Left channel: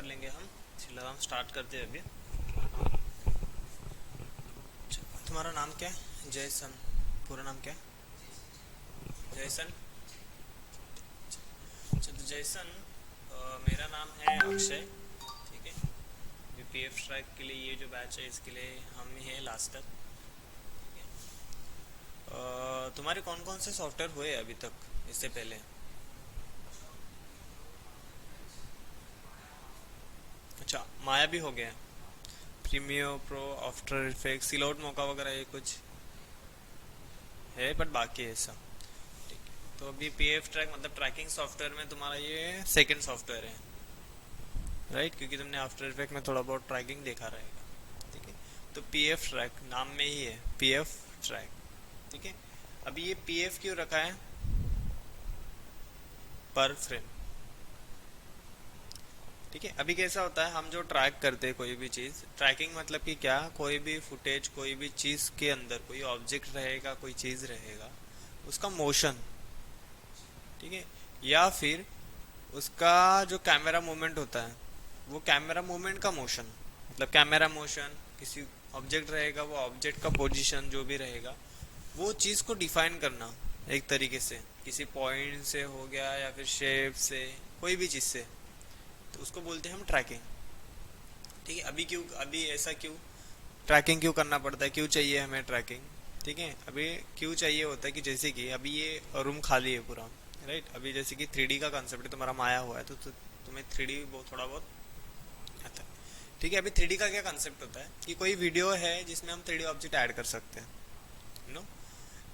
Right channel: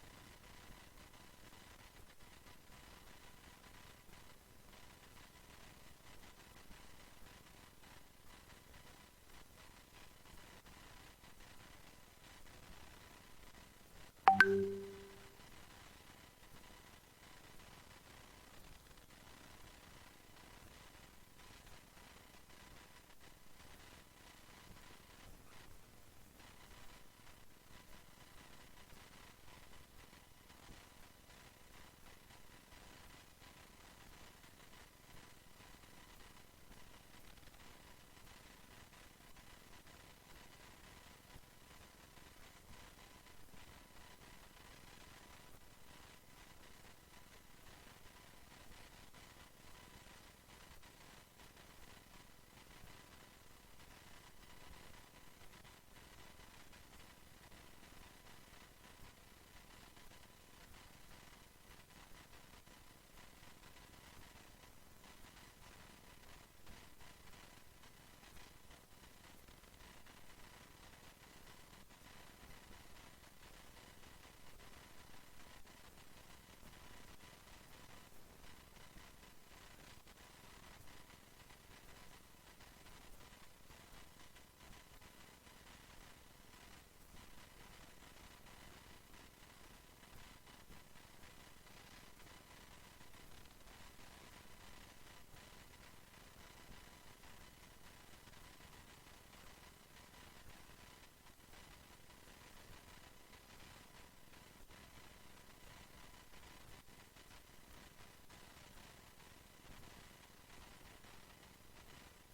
कर लेंगे हम। चलो हम स्टार्ट करते हैं अभी। तुम्हारा नाम क्या है? जयसन। पूरा नाम क्या है? जयसन। चलो जयसन। मेरा नाम है अक्षय। ठीक है। पीएफ ट्रैक के लिए ये जो बैच है इसके लिए हम ही हैं लास्ट तक। तुम्हारे कौन कौन से सॉफ्टवेयर हुए अभी तक इससे पहले? अच्छा, माया भी हो गया। प्रीमियर प्रो, आफ्टर इफेक्ट्स, सिलौट मौका वगैरह ये कुछ है बट बाकी है सब। तो अभी पीएफ ट्रैक मतलब ट्रैकिंग सॉफ्टवेयर में तुम्हारा ये सेकंड सॉफ्टवेयर है, राइट? क्योंकि तुमने आफ्टर इफेक्ट में थोड़ा बहुत ट्रैकिंग देखा रहेगा। ठीक है। तो पीएफ ट्रैक नाम में ही है पीएफ ट्रैक। ठीक है। अभी ये पीएफ क्यों रखा है? पर फ्रेम। ठीक है। अभी कैसा होता है, हम जो ट्रैक करते हैं कोई भी चीज़, ट्रैकिंग मतलब कि क्या, कोई भी फुटेज कोई भी चीज़ के अंदर कोई ऑब्जेक्ट रहेगा, कोई चीज़ रहेगा, उसका मोशन। ठीक है। या फिर उसका जो कैमरा मूवमेंट होता है, वो कैमरा मूवमेंट का मोशन, मतलब कैमरा मोशन, किसी ऑब्जेक्ट रहेगा वो ऑब्जेक्ट का पोजीशन जो भी रहेगा, वो चीज़ को डिफाइन करना एक तरीके से, किसी पॉइंट से हो गया या फिर शेप से, कोई भी चीज़ से, तो उसको बोलते हैं हम ट्रैकिंग। ठीक है। अभी क्यों, अभी ऐसा क्यों ट्रैकिंग क्यों करना पड़ता है, क्यों चाहिए हमें ट्रैकिंग? ठीक है। अभी क्यों चाहिए होता है कि जैसे कि अभी ये रूम खाली है पूरा, राइट? अभी जैसे कि 3D का कंसेप्ट है, तुम्हारा माया हुआ है तो तुम्हें 3D थोड़ा बहुत आता है। ठीक है। अभी 3D का क्या कंसेप्ट होता है कि कोई वीडियो है जिसमें हम 3D ऑब्जेक्ट ऐड कर सकते हैं, नो?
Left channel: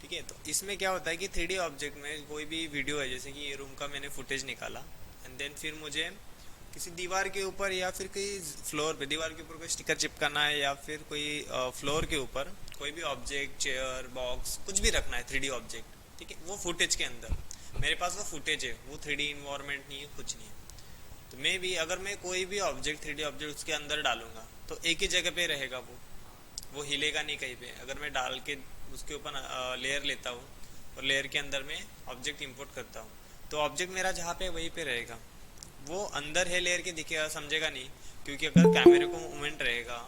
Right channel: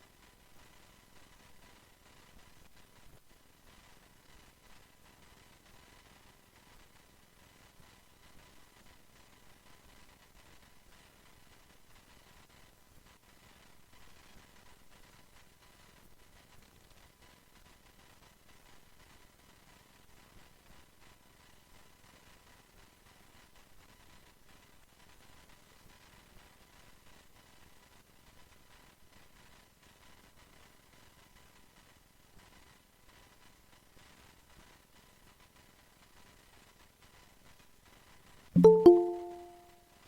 ठीक है। तो इसमें क्या होता है कि 3D ऑब्जेक्ट में कोई भी वीडियो है, जैसे कि ये रूम का मैंने फुटेज निकाला, एंड देन फिर मुझे किसी दीवार के ऊपर या फिर कोई फ्लोर पे, दीवार के ऊपर कोई स्टिकर चिपकाना है, या फिर कोई फ्लोर के ऊपर कोई भी ऑब्जेक्ट, चेयर, बॉक्स, कुछ भी रखना है 3D ऑब्जेक्ट। ठीक है। वो फुटेज के अंदर मेरे पास वो फुटेज है, वो 3D इन्वायरमेंट नहीं है, कुछ नहीं है। तो मैं भी अगर मैं कोई भी ऑब्जेक्ट 3D ऑब्जेक्ट उसके अंदर डालूंगा तो एक ही जगह पे रहेगा वो हिलेगा नहीं कहीं पे। अगर मैं डाल के उसके ऊपर लेयर लेता हूँ और लेयर के अंदर मैं ऑब्जेक्ट इंपोर्ट करता हूँ, तो ऑब्जेक्ट मेरा जहाँ पे वहीं पे रहेगा। वो अंदर है लेयर के, दिखेगा, समझेगा नहीं, क्योंकि अगर कैमरे को मूवमेंट रहेगा।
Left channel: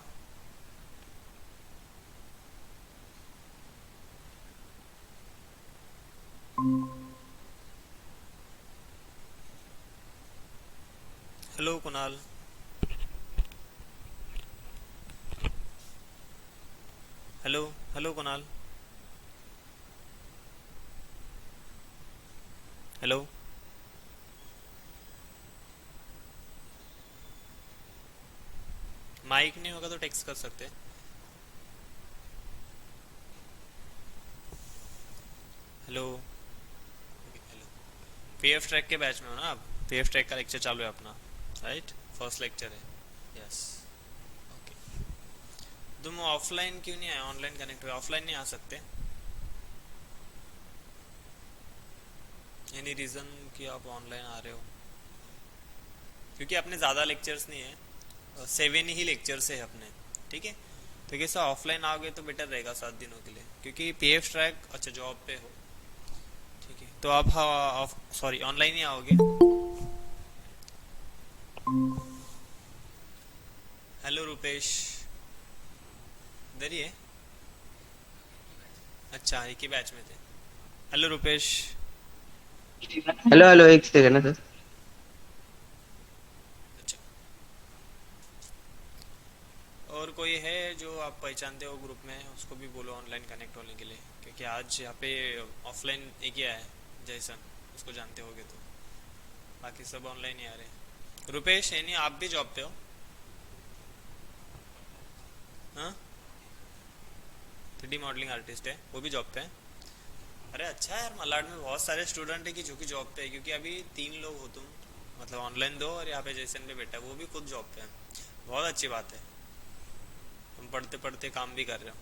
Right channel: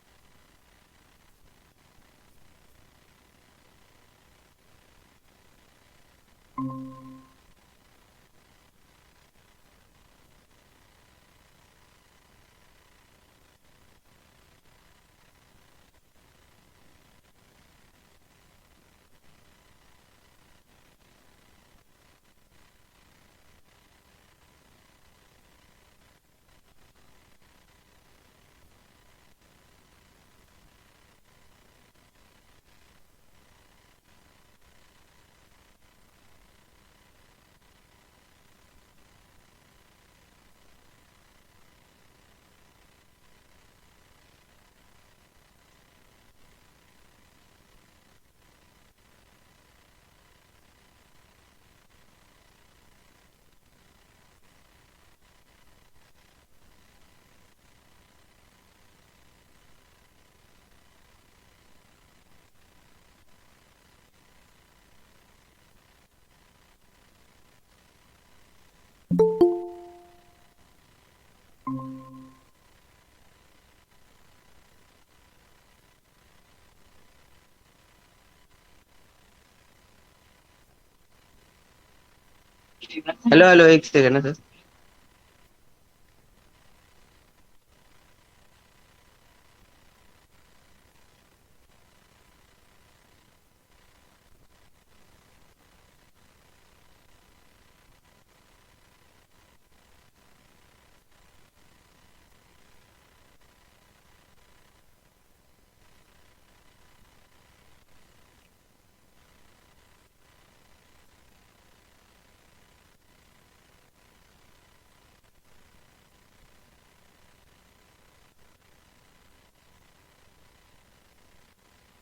Hello Kunal. Hello. Hello Kunal. Hello. Mic नहीं होगा तो टेक्स्ट कर सकते हैं। हेलो। पीएफ ट्रैक के बैच में हो ना आप? पीएफ ट्रैक का लेक्चर चालू है अपना, राइट? फर्स्ट लेक्चर है। यस। ओके। तुम ऑफलाइन क्यों नहीं आए, ऑनलाइन कनेक्ट हुए, ऑफलाइन नहीं आ सकते? एनी रीज़न कि आप ऑनलाइन आ रहे हो? क्योंकि अपने ज़्यादा लेक्चर्स नहीं है, 7 ही लेक्चर्स है अपने। ठीक है। तो कैसा ऑफलाइन आओगे तो बेटर रहेगा 7 दिनों के लिए, क्योंकि पीएफ ट्रैक, अच्छा जॉब पे हो। ठीक है। तो आप हाँ, सॉरी ऑनलाइन ही आओगे। हेलो रुपेश। इधर ही है? अच्छा, एक ही बैच में थे। हेलो रुपेश। हेलो हेलो, एक सेकंड ना सर। अच्छा। और कोई है जो आप पहचानते हो ग्रुप में, उसको भी बोलो ऑनलाइन कनेक्ट होने के लिए, क्योंकि आज यहाँ पे ऑफलाइन एक ही आया है, जैसन, उसको जानते होगे तो। बाकी सब ऑनलाइन ही आ रहे हैं। रुपेश है नहीं, आप भी जॉब पे हो? हाँ। 3D मॉडलिंग आर्टिस्ट है, वो भी जॉब पे है? अरे अच्छा है यार, मलाड में बहुत सारे स्टूडेंट है कि जो कि जॉब पे है, क्योंकि अभी 3 लोग हो तुम, मतलब ऑनलाइन दो और यहाँ पे जैसन पे बैठा है, वो भी खुद जॉब पे है। बहुत अच्छी बात है, तुम पढ़ते पढ़ते काम भी कर रहे हो।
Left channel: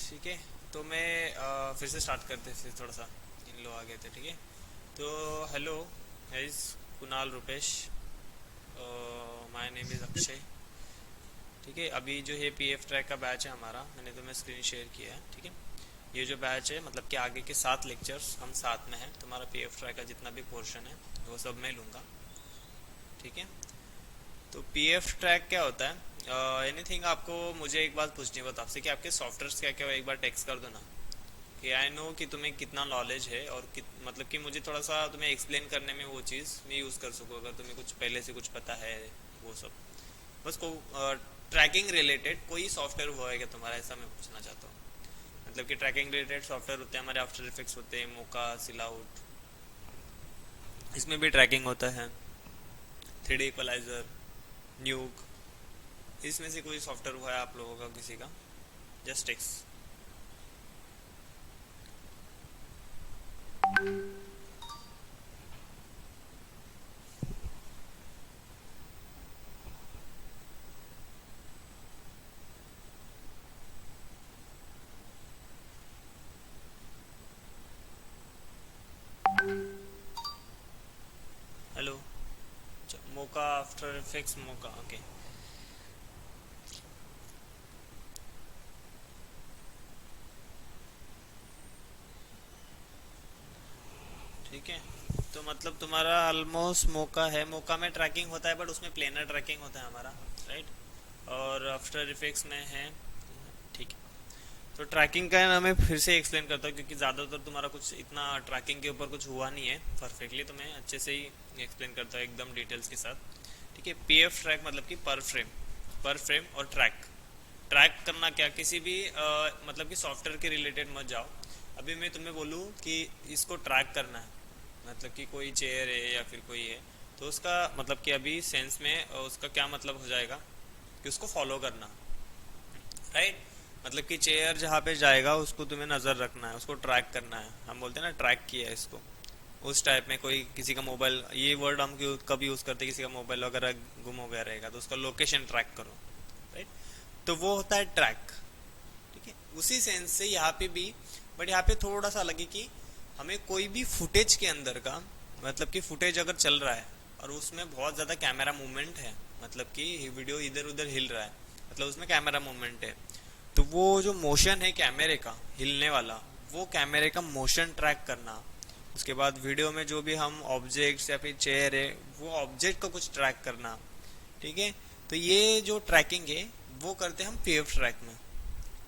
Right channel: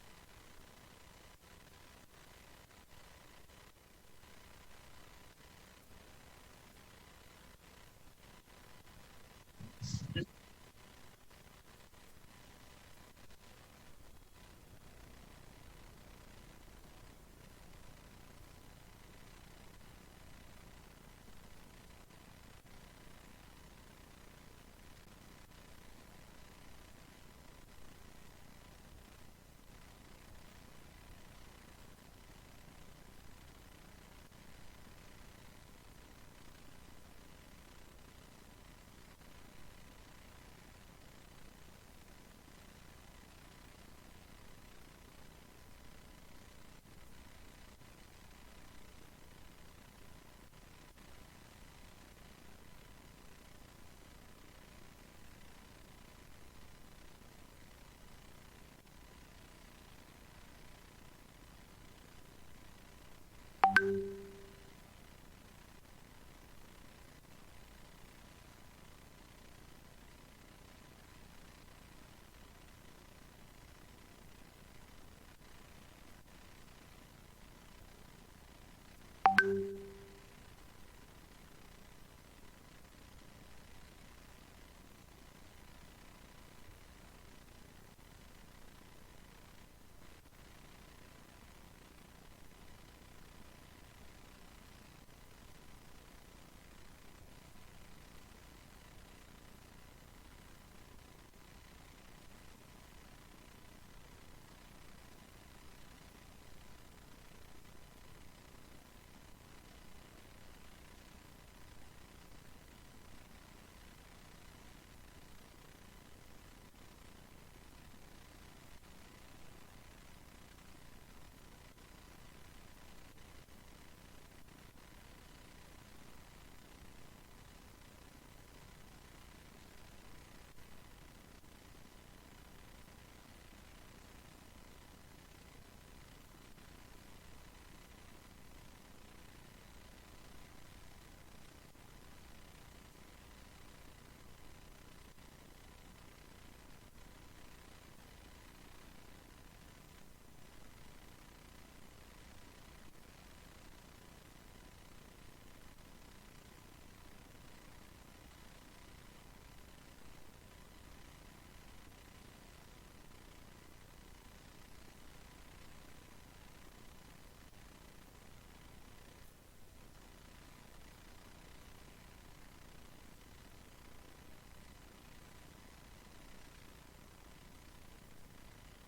ठीक है। तो मैं फिर से स्टार्ट करते फिर थोड़ा सा, इन लोग आ गए थे। ठीक है। तो hello guys, Kunal, Rupesh, my name is Akshay. ठीक है। अभी जो है पीएफ ट्रैक का बैच है हमारा, मैंने तुम्हें स्क्रीन शेयर किया है। ठीक है। ये जो बैच है मतलब कि आगे के 7 लेक्चर्स हम साथ में हैं, तुम्हारा पीएफ ट्रैक का जितना भी पोर्शन है वो सब मैं लूँगा। ठीक है। तो पीएफ ट्रैक क्या होता है? एनीथिंग आपको मुझे एक बात पूछनी है आपसे कि आपके सॉफ्टवेयर्स क्या क्या हो, एक बार टेक्स्ट कर दो ना, कि आई नो कि तुम्हें कितना नॉलेज है और मतलब कि मुझे थोड़ा सा तुम्हें एक्सप्लेन करने में वो चीज़ मैं यूज़ कर सकूँ, अगर तुम्हें कुछ पहले से कुछ पता है वो सब। बस को ट्रैकिंग रिलेटेड कोई सॉफ्टवेयर हुआ है क्या तुम्हारा, ऐसा मैं पूछना चाहता हूँ। मतलब कि ट्रैकिंग रिलेटेड सॉफ्टवेयर होते हैं हमारे, आफ्टर इफेक्ट्स होते हैं, मोका, सिलाउट, इसमें भी ट्रैकिंग होता है, 3D इक्वलाइजर, न्यूक, इसमें से कोई सॉफ्टवेयर हुआ है आप लोगों का किसी का? Just text. Hello. Mocha, After Effects, Mocha, okay. ठीक है। तो मतलब तुम्हारा ऑलमोस्ट मोका है, मोका में ट्रैकिंग होता है बट उसमें प्लेनर ट्रैकिंग होता है हमारा, राइट। और आफ्टर इफेक्ट्स में है, ठीक है। तो ट्रैकिंग का है ना, मैं फिर से एक्सप्लेन करता हूँ क्योंकि ज़्यादातर तुम्हारा कुछ इतना ट्रैकिंग के ऊपर कुछ हुआ नहीं है परफेक्टली, तो मैं अच्छे से ही एक्सप्लेन करता हूँ एकदम डिटेल्स के साथ। ठीक है। पीएफ ट्रैक मतलब कि पर फ्रेम और ट्रैक। ट्रैक करना क्या, किसी भी मतलब कि सॉफ्टवेयर के रिलेटेड मत जाओ। अभी मैं तुम्हें बोलूँ कि इसको ट्रैक करना है, मतलब कि कोई चेयर है या फिर कोई है, तो उसका मतलब कि अभी सेंस में उसका क्या मतलब हो जाएगा कि उसको फॉलो करना, राइट। मतलब कि चेयर जहाँ पे जाएगा उसको तुम्हें नज़र रखना है, उसको ट्रैक करना है, हम बोलते हैं ना ट्रैक किया है इसको। उस टाइप में कोई किसी का मोबाइल, ये वर्ड हम कब यूज़ करते हैं, किसी का मोबाइल वगैरह गुम हो गया रहेगा तो उसका लोकेशन ट्रैक करो, राइट। तो वो होता है ट्रैक। ठीक है। उसी सेंस से यहाँ पे भी, बट यहाँ पे थोड़ा सा अलग है कि हमें कोई भी फुटेज के अंदर का, मतलब कि फुटेज अगर चल रहा है और उसमें बहुत ज़्यादा कैमरा मूवमेंट है, मतलब कि वीडियो इधर उधर हिल रहा है, मतलब उसमें कैमरा मूवमेंट है, तो वो जो मोशन है कैमरे का हिलने वाला, वो कैमरे का मोशन ट्रैक करना। उसके बाद वीडियो में जो भी हम ऑब्जेक्ट्स या फिर चेयर है, वो ऑब्जेक्ट को कुछ ट्रैक करना। ठीक है। तो ये जो ट्रैकिंग है वो करते हैं हम पीएफ ट्रैक में।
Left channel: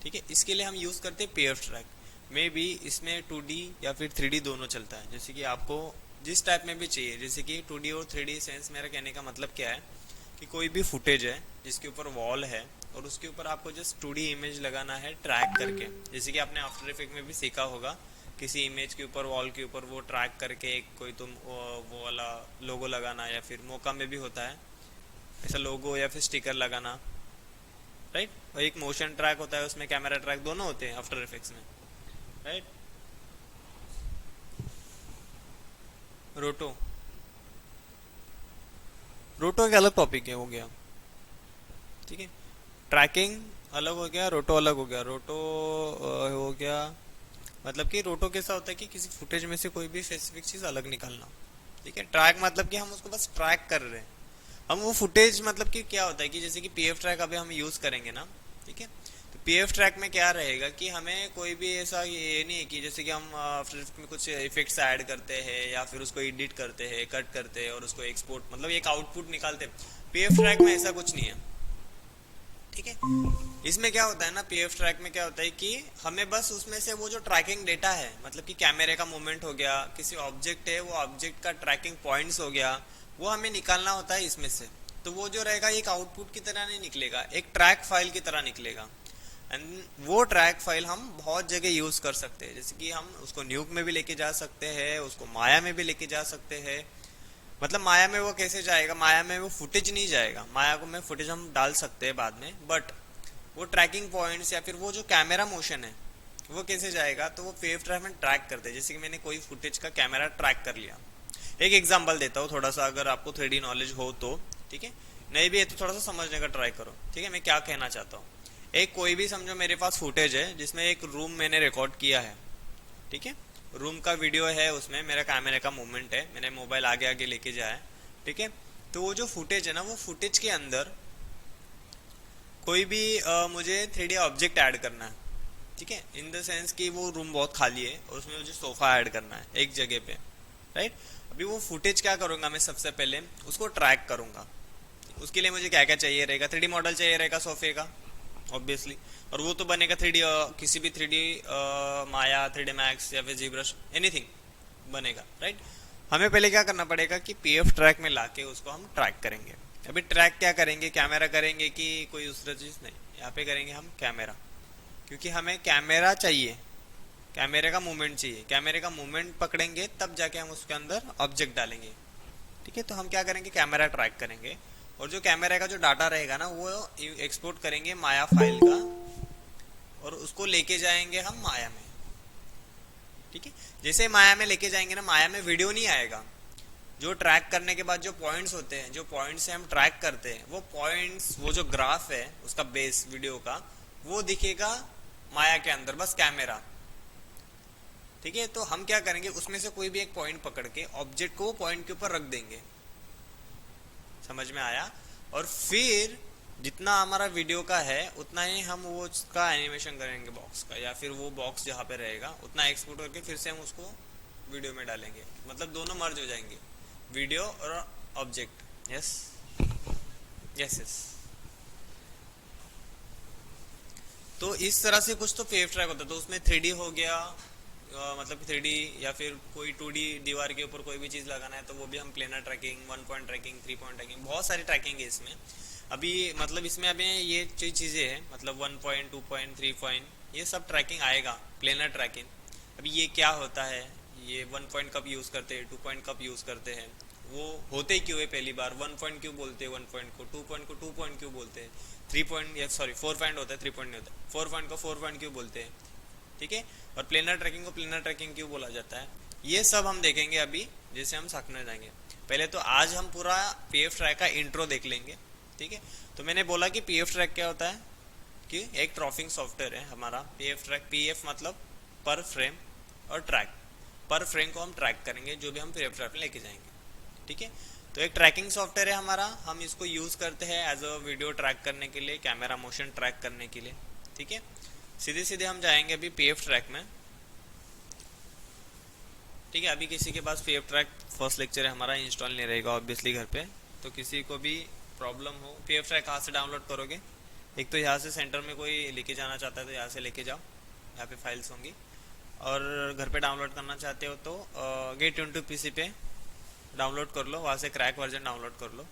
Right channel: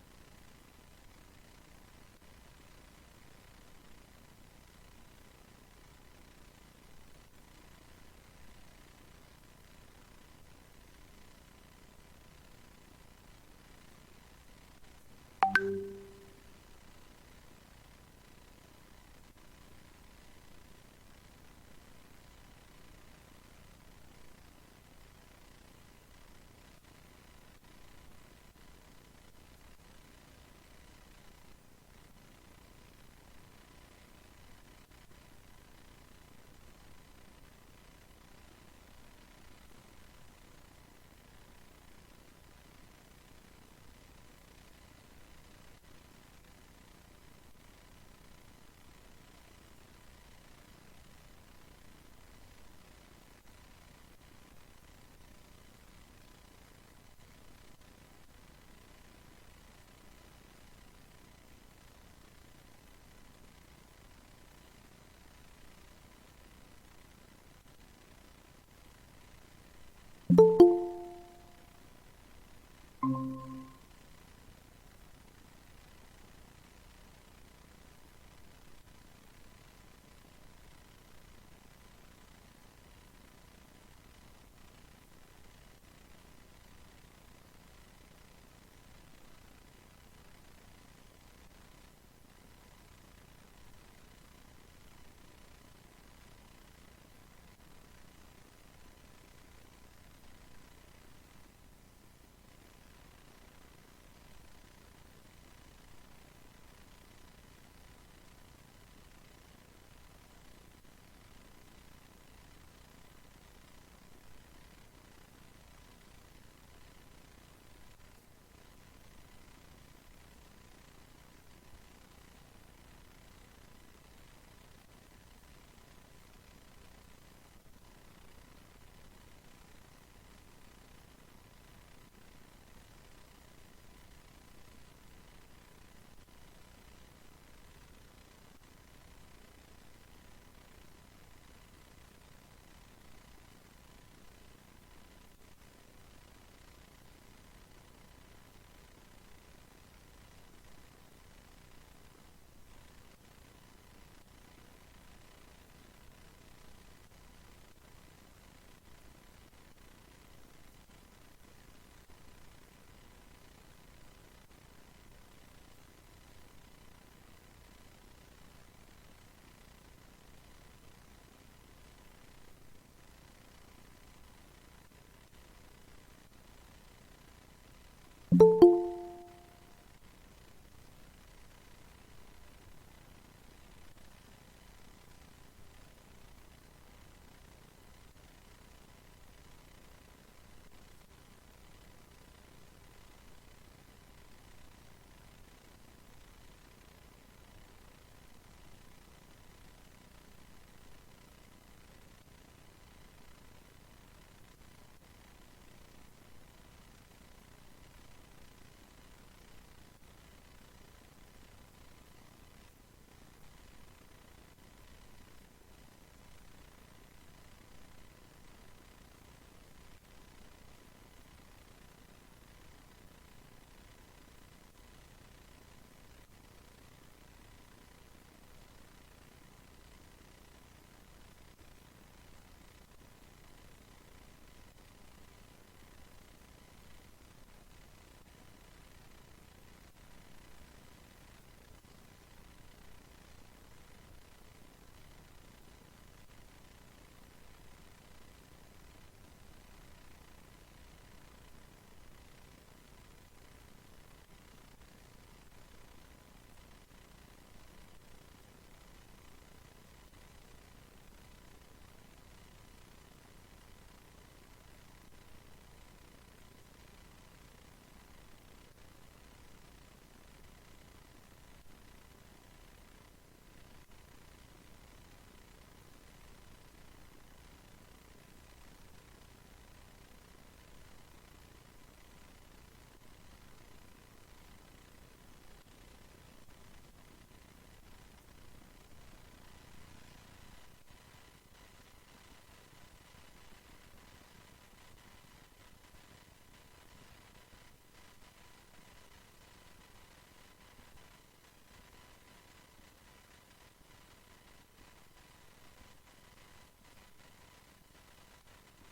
ठीक है। इसके लिए हम यूज़ करते हैं पीएफ ट्रैक में भी, इसमें 2D या फिर 3D दोनों चलता है, जैसे कि आपको जिस टाइप में भी चाहिए, जैसे कि 2D और 3D सेंस, मेरा कहने का मतलब क्या है कि कोई भी फुटेज है जिसके ऊपर वॉल है और उसके ऊपर आपको जस्ट 2D इमेज लगाना है ट्रैक करके, जैसे कि आपने आफ्टर इफेक्ट में भी सीखा होगा, किसी इमेज के ऊपर वॉल के ऊपर वो ट्रैक करके एक कोई तुम वो वाला लोगो लगाना, या फिर मोका में भी होता है ऐसा लोगो या फिर स्टिकर लगाना, राइट। और एक मोशन ट्रैक होता है, उसमें कैमरा ट्रैक दोनों होते हैं आफ्टर इफेक्ट्स में, राइट। रोटो, रोटो एक अलग टॉपिक है, हो गया। ठीक है। ट्रैकिंग अलग हो गया, रोटो अलग हो गया। रोटो हो गया, मतलब कि रोटो कैसा होता है कि किसी फुटेज में से कोई भी स्पेसिफिक चीज़ अलग निकालना। ठीक है। ट्रैक मतलब कि हम उसको बस ट्रैक कर रहे हैं, हम वो फुटेज, मतलब कि क्या होता है कि जैसे कि पीएफ ट्रैक अभी हम यूज़ करेंगे ना, ठीक है। तो पीएफ ट्रैक में क्या रहेगा कि हमें कोई भी ऐसा ये नहीं है कि जैसे कि हम आफ्टर इफेक्ट में कुछ इफेक्ट्स ऐड करते हैं या फिर उसको एडिट करते हैं, कट करते हैं और उसको एक्सपोर्ट, मतलब एक आउटपुट निकालते हैं। पीएफ ट्रैक में ऐसा कुछ नहीं है। ठीक है। इसमें क्या होता है ना, पीएफ ट्रैक में क्या होता है कि हमें बस उसमें से वो जो ट्रैकिंग डेटा है, मतलब कि कैमरे का मूवमेंट हो गया, किसी ऑब्जेक्ट है वो ऑब्जेक्ट का ट्रैकिंग पॉइंट्स हो गया, वो हमें निकालना होता है इसमें से। तो वो जो रहेगा एक आउटपुट की तरह नहीं निकलेगा, एक ट्रैक फाइल की तरह निकलेगा। एंड वो ट्रैक फाइल हम बहुत जगह यूज़ कर सकते हैं, जैसे कि हम उसको न्यूक में भी लेके जा सकते हैं, उसको माया में भी लेके जा सकते हैं। मतलब माया में वो कैसे जाएगा, माया में वो फुटेज नहीं जाएगा, माया को में फुटेज हम डाल सकते हैं बाद में, बट वो ट्रैकिंग पॉइंट्स या फिर वो जो कैमरा मोशन है वो कैसे जाएगा, तो वो पीएफ ट्रैक में ट्रैक करते हैं। जैसे कि मैंने कोई फुटेज का कैमरा ट्रैक कर लिया, एक एग्जांपल देता हूँ थोड़ा सा, अगर आपको 3D नॉलेज हो तो, ठीक है। नहीं भी है तो थोड़ा सा समझने का ट्राई करो, ठीक है। मैं क्या कहना चाहता हूँ, एक कोई भी समझो मेरे पास फुटेज है जिसमें एक रूम मैंने रिकॉर्ड किया है, ठीक है। रूम का वीडियो है, उसमें मेरा कैमरे का मूवमेंट है, मैंने मोबाइल आगे आगे लेके जाया है, ठीक है। तो वो जो फुटेज है ना, वो फुटेज के अंदर कोई भी मुझे 3D ऑब्जेक्ट ऐड करना है, ठीक है। इन द सेंस कि वो रूम बहुत खाली है और उसमें मुझे सोफ़ा ऐड करना है एक जगह पे, राइट। अभी वो फुटेज क्या करूँगा, मैं सबसे पहले उसको ट्रैक करूँगा। उसके लिए मुझे क्या क्या चाहिए रहेगा, 3D मॉडल चाहिए रहेगा सोफे का ऑब्वियसली। और वो तो बनेगा 3D, किसी भी 3D माया, 3D मैक्स या फिर जीब्रश, एनीथिंग बनेगा, राइट। हमें पहले क्या करना पड़ेगा कि पीएफ ट्रैक में लाके उसको हम ट्रैक करेंगे। अभी ट्रैक क्या करेंगे, कैमरा करेंगे कि कोई दूसरा चीज़ नहीं, यहाँ पे करेंगे हम कैमरा, क्योंकि हमें कैमरा चाहिए, कैमरे का मूवमेंट चाहिए। कैमरे का मूवमेंट पकड़ेंगे तब जाके हम उसके अंदर ऑब्जेक्ट डालेंगे। ठीक है, तो हम क्या करेंगे, कैमरा ट्रैक करेंगे। और जो कैमरे का जो डाटा रहेगा ना, वो एक्सपोर्ट करेंगे माया फाइल का, और उसको लेके जाएंगे हम माया में। ठीक है, जैसे माया में लेके जाएंगे ना, माया में वीडियो नहीं आएगा। जो ट्रैक करने के बाद जो पॉइंट्स होते हैं, जो पॉइंट्स से हम ट्रैक करते हैं, वो पॉइंट्स, वो जो ग्राफ है उसका बेस वीडियो का, वो दिखेगा माया के अंदर, बस कैमरा। ठीक है, तो हम क्या करेंगे, उसमें से कोई भी एक पॉइंट पकड़ के ऑब्जेक्ट को पॉइंट के ऊपर रख देंगे। समझ में आया। और फिर जितना हमारा वीडियो का है उतना ही हम वो उसका एनिमेशन करेंगे बॉक्स का, या फिर वो बॉक्स जहाँ पे रहेगा उतना एक्सपोर्ट करके फिर से हम उसको वीडियो में डालेंगे। मतलब दोनों मर्ज हो जाएंगे, वीडियो और ऑब्जेक्ट। Yes yes yes. तो इस तरह से कुछ तो वेव ट्रैक होता है। तो उसमें 3D हो गया, मतलब 3D, या फिर कोई 2D दीवार के ऊपर कोई भी चीज़ लगाना है तो वो भी हम planar tracking, 1 point tracking, 3 point tracking, बहुत सारी ट्रैकिंग है इसमें। अभी मतलब इसमें अभी ये जो चीज़ें हैं, मतलब 1 पॉइंट, 2 पॉइंट, 3 पॉइंट, ये सब ट्रैकिंग आएगा, प्लेनर ट्रैकिंग। अभी ये क्या होता है, ये 1 पॉइंट कब यूज़ करते हैं, 2 पॉइंट कब यूज़ करते हैं, वो होते क्यों है पहली बार, 1 पॉइंट क्यों बोलते हैं 1 पॉइंट को, 2 पॉइंट को 2 पॉइंट क्यों बोलते हैं, 3 पॉइंट, या सॉरी 4 पॉइंट होता है, 3 पॉइंट नहीं होता, 4 पॉइंट को 4 पॉइंट क्यों बोलते हैं। ठीक है, और प्लेनर ट्रैकिंग को प्लेनर ट्रैकिंग क्यों बोला जाता है, ये सब हम देखेंगे अभी जैसे हम सीखने जाएंगे। पहले तो आज हम पूरा पीएफ ट्रैक का इंट्रो देख लेंगे। ठीक है, तो मैंने बोला कि पीएफ ट्रैक क्या होता है, कि एक ट्रॉफिंग सॉफ्टवेयर है हमारा पीएफ ट्रैक। पीएफ मतलब पर फ्रेम, और ट्रैक, पर फ्रेम को हम ट्रैक करेंगे जो भी हम पीएफ ट्रैक में लेके जाएंगे। ठीक है, तो एक ट्रैकिंग सॉफ्टवेयर है हमारा, हम इसको यूज़ करते हैं एज अ वीडियो ट्रैक करने के लिए, कैमरा मोशन ट्रैक करने के लिए। ठीक है, सीधे सीधे हम जाएंगे अभी पीएफ ट्रैक में। ठीक है, अभी किसी के पास पीएफ ट्रैक फर्स्ट लेक्चर है हमारा, इंस्टॉल नहीं रहेगा ऑब्वियसली घर पे। तो किसी को भी प्रॉब्लम हो, पीएफ ट्रैक कहाँ से डाउनलोड करोगे, एक तो यहाँ से सेंटर में कोई लेके जाना चाहता है तो यहाँ से लेके जाओ, यहाँ पे फाइल्स होंगी। और घर पे डाउनलोड करना चाहते हो तो गेट इनटू पीसी पे डाउनलोड कर लो, वहाँ से क्रैक वर्जन डाउनलोड कर लो।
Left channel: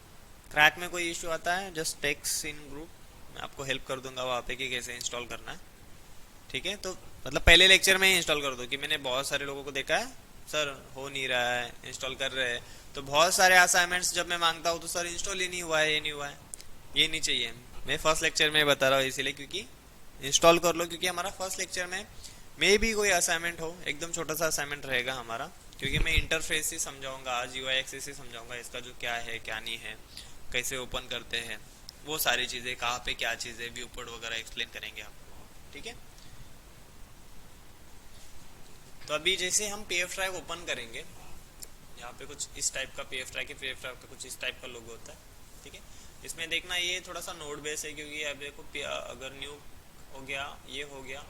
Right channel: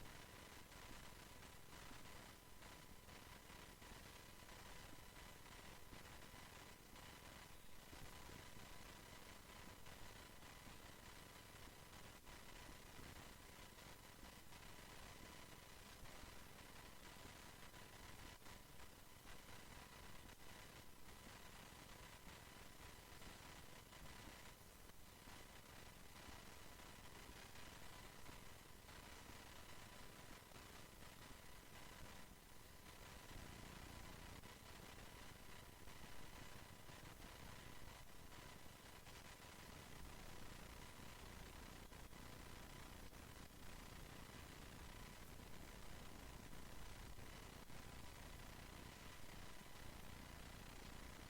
क्रैक में कोई इशू आता है जस्ट टेक्स्ट इन ग्रुप, मैं आपको हेल्प कर दूंगा वहाँ पे कि कैसे इंस्टॉल करना है। ठीक है, तो मतलब पहले लेक्चर में ही इंस्टॉल कर दो, कि मैंने बहुत सारे लोगों को देखा है सर हो नहीं रहा है, इंस्टॉल कर रहे हैं तो बहुत सारे असाइनमेंट्स जब मैं मांगता हूँ तो सर इंस्टॉल ही नहीं हुआ है, ये नहीं हुआ है। ये नहीं चाहिए, मैं फर्स्ट लेक्चर में बता रहा हूँ इसीलिए, क्योंकि इंस्टॉल कर लो, क्योंकि हमारा फर्स्ट लेक्चर में मे भी कोई असाइनमेंट हो, एकदम छोटा सा असाइनमेंट रहेगा हमारा, क्योंकि मैं इंटरफेस ही समझाऊंगा आज, यूआई एक्सेस ही समझाऊंगा, इसका जो क्या है क्या नहीं है, कैसे ओपन करते हैं, वो सारी चीज़ें, कहाँ पे क्या चीज़ें, व्यू पोर्ट वगैरह एक्सप्लेन करेंगे हम। ठीक है, तो अभी जैसे हम पीएफ ड्राइव ओपन करेंगे, यहाँ पे कुछ इस टाइप का पीएफ ड्राइव, पीएफ ड्राइव का कुछ इस टाइप का लोगो होता है। ठीक है, इसमें देखना ये थोड़ा सा नोड बेस है, क्योंकि अब देखो अगर न्यू हो गया, ये हो गया,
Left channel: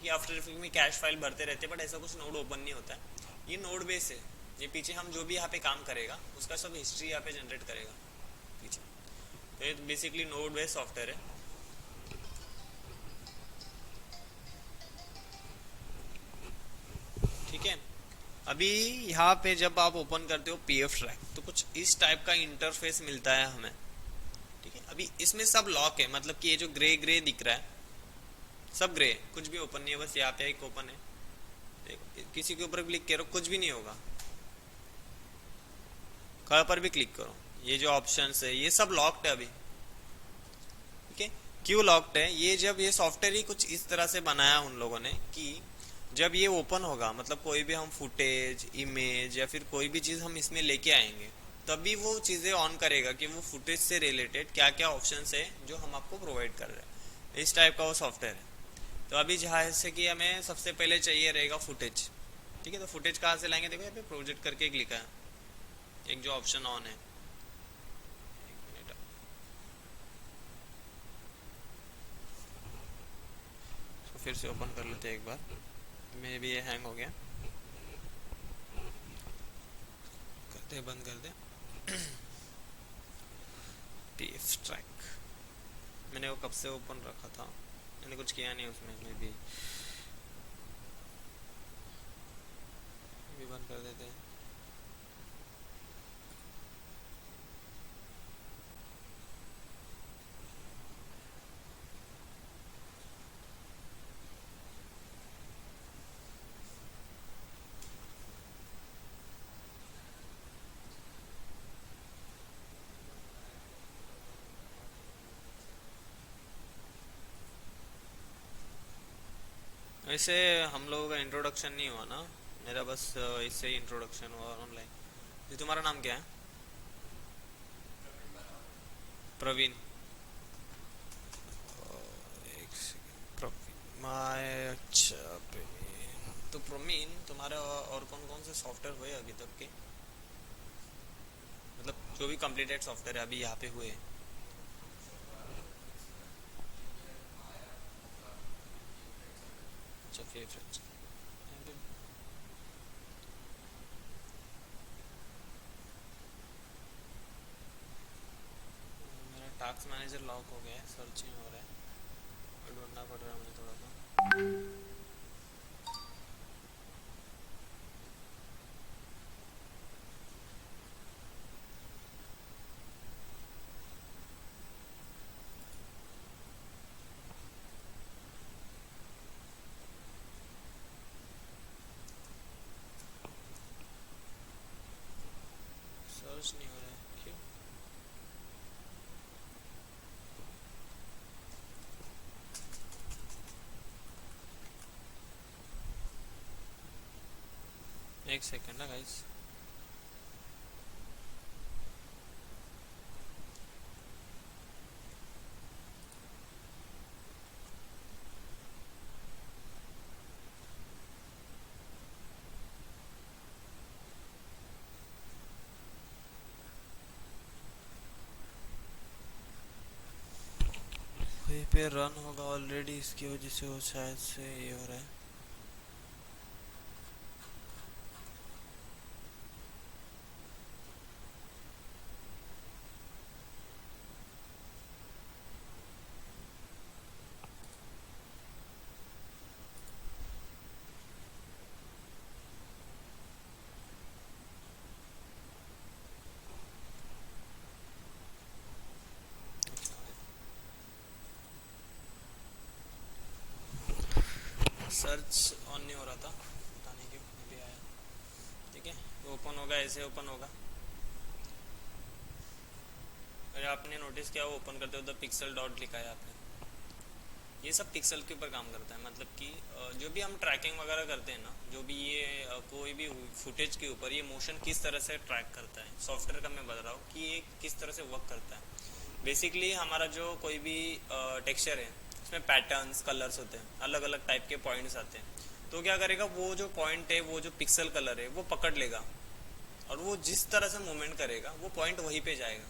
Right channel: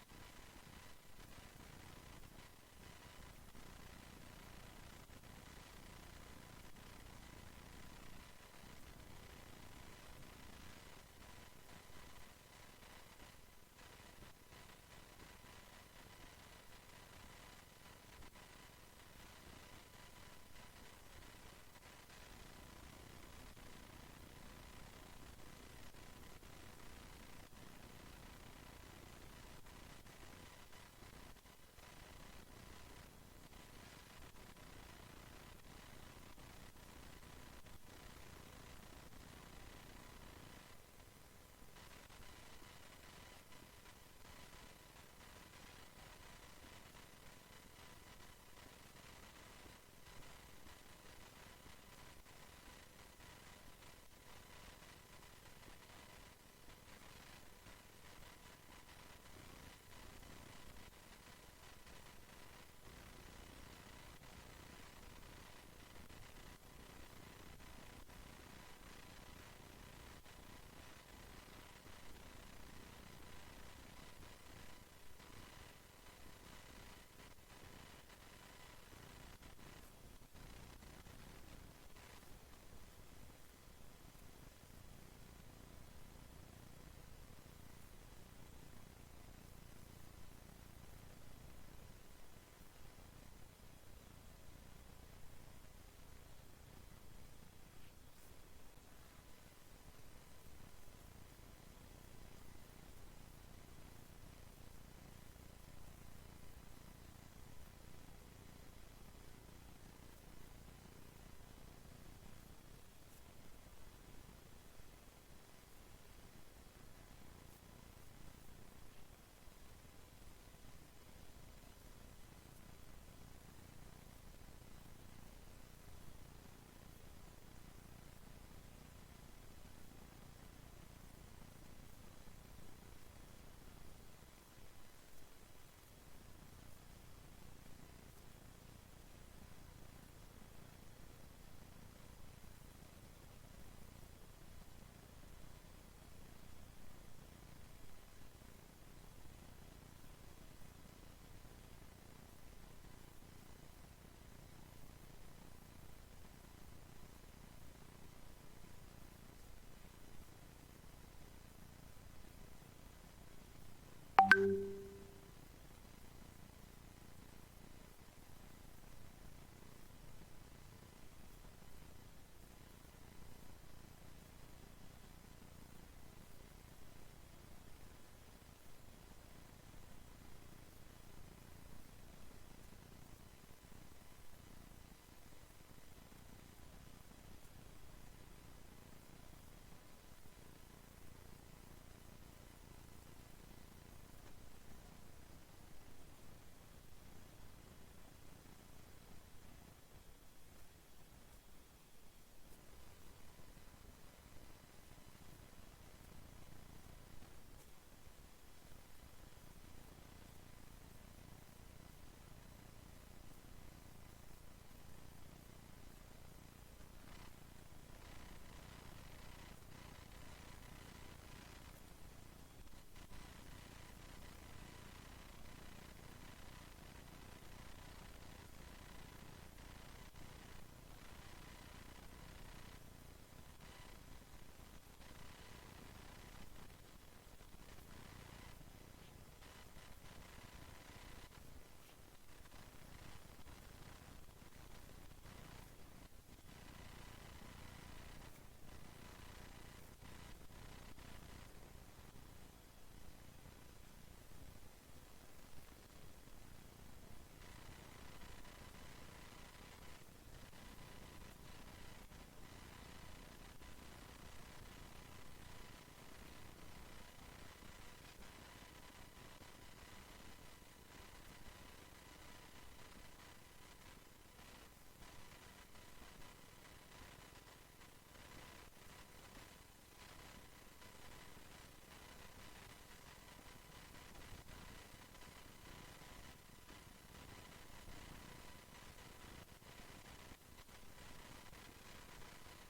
कि आफ्टर इफेक्ट में कैश फाइल भरते रहते हैं, बट ऐसा कुछ नोड ओपन नहीं होता है। ये नोड बेस है, ये पीछे हम जो भी यहाँ पे काम करेगा उसका सब हिस्ट्री यहाँ पे जनरेट करेगा पीछे। तो ये बेसिकली नोड बेस सॉफ्टवेयर है। ठीक है, अभी यहाँ पे जब आप ओपन करते हो पीएफ ट्रैक तो कुछ इस टाइप का इंटरफेस मिलता है हमें। ठीक है, अभी इसमें सब लॉक है, मतलब कि ये जो ग्रे ग्रे दिख रहा है सब ग्रे, कुछ भी ओपन नहीं है, बस यहाँ पे एक ओपन है। किसी के ऊपर क्लिक करो कुछ भी नहीं होगा, कहाँ पर भी क्लिक करो, ये जो ऑप्शंस है ये सब लॉक्ड है अभी। ठीक है, क्यों लॉक्ड है, ये जब ये सॉफ्टवेयर ही कुछ इस तरह से बनाया उन लोगों ने कि जब ये ओपन होगा, मतलब कोई भी हम फुटेज, इमेज या फिर कोई भी चीज़ हम इसमें लेके आएंगे, तभी वो चीज़ें ऑन करेगा कि वो फुटेज से रिलेटेड क्या क्या ऑप्शंस है जो हम आपको प्रोवाइड कर रहे हैं। इस टाइप का वो सॉफ्टवेयर है। तो अभी जहाँ से कि हमें सबसे पहले चाहिए रहेगा फुटेज। ठीक है, तो फुटेज कहाँ से लाएंगे, देखो यहाँ पे प्रोजेक्ट करके एक लिखा है, एक जो ऑप्शन ऑन है। तो फिर से ओपन कर लेते हैं एक बार, मे भी ये हैंग हो गया, ऐसे ओपन रखा था, मैंने कुछ किया नहीं उसमें, मैं भी बंद कर देते। वैसे हम लोगों का इंट्रोडक्शन नहीं हुआ ना, मेरा बस इससे ही इंट्रोडक्शन हुआ ऑनलाइन। ये तुम्हारा नाम क्या है? प्रवीण। एक सेकंड, प्रवीण माय, अच्छा प्रवीण। तो प्रवीण तुम्हारे और कौन कौन से सॉफ्टवेयर हुए अभी तक के, मतलब जो भी कंप्लीटेड सॉफ्टवेयर है अभी यहाँ पे हुए? अच्छा फेवरेट। मेरा टास्क मैनेजर लॉक हो गया है, सर्च नहीं हो रहा है, ढूंढना पड़ रहा है मुझे थोड़ा सा। सर्च नहीं हो रहा है क्यों? एक सेकंड ना गाइस। वहीं पे रन होगा ऑलरेडी, इसकी वजह से वो शायद से ये हो रहा है। सर्च ऑन नहीं हो रहा था, पता नहीं क्यों भी आया। ठीक है, तो ओपन होगा, ऐसे ओपन होगा। अगर आपने नोटिस किया, वो ओपन करते हो तो पिक्सल डॉट लिखा है आपने, ये सब पिक्सल के ऊपर काम करता है। मतलब कि जो भी हम ट्रैकिंग वगैरह करते हैं ना, जो भी ये कोई भी फुटेज के ऊपर ये मोशन किस तरह से ट्रैक करता है, सॉफ्टवेयर का मैं बता रहा हूँ कि ये किस तरह से वर्क करता है। बेसिकली हमारा जो कोई भी टेक्सचर है, उसमें पैटर्न्स कलर्स होते हैं, अलग अलग टाइप के पॉइंट्स आते हैं। तो क्या करेगा, वो जो पॉइंट है, वो जो पिक्सल कलर है वो पकड़ लेगा, और वो जिस तरह से मूवमेंट करेगा वो पॉइंट वहीं पे जाएगा।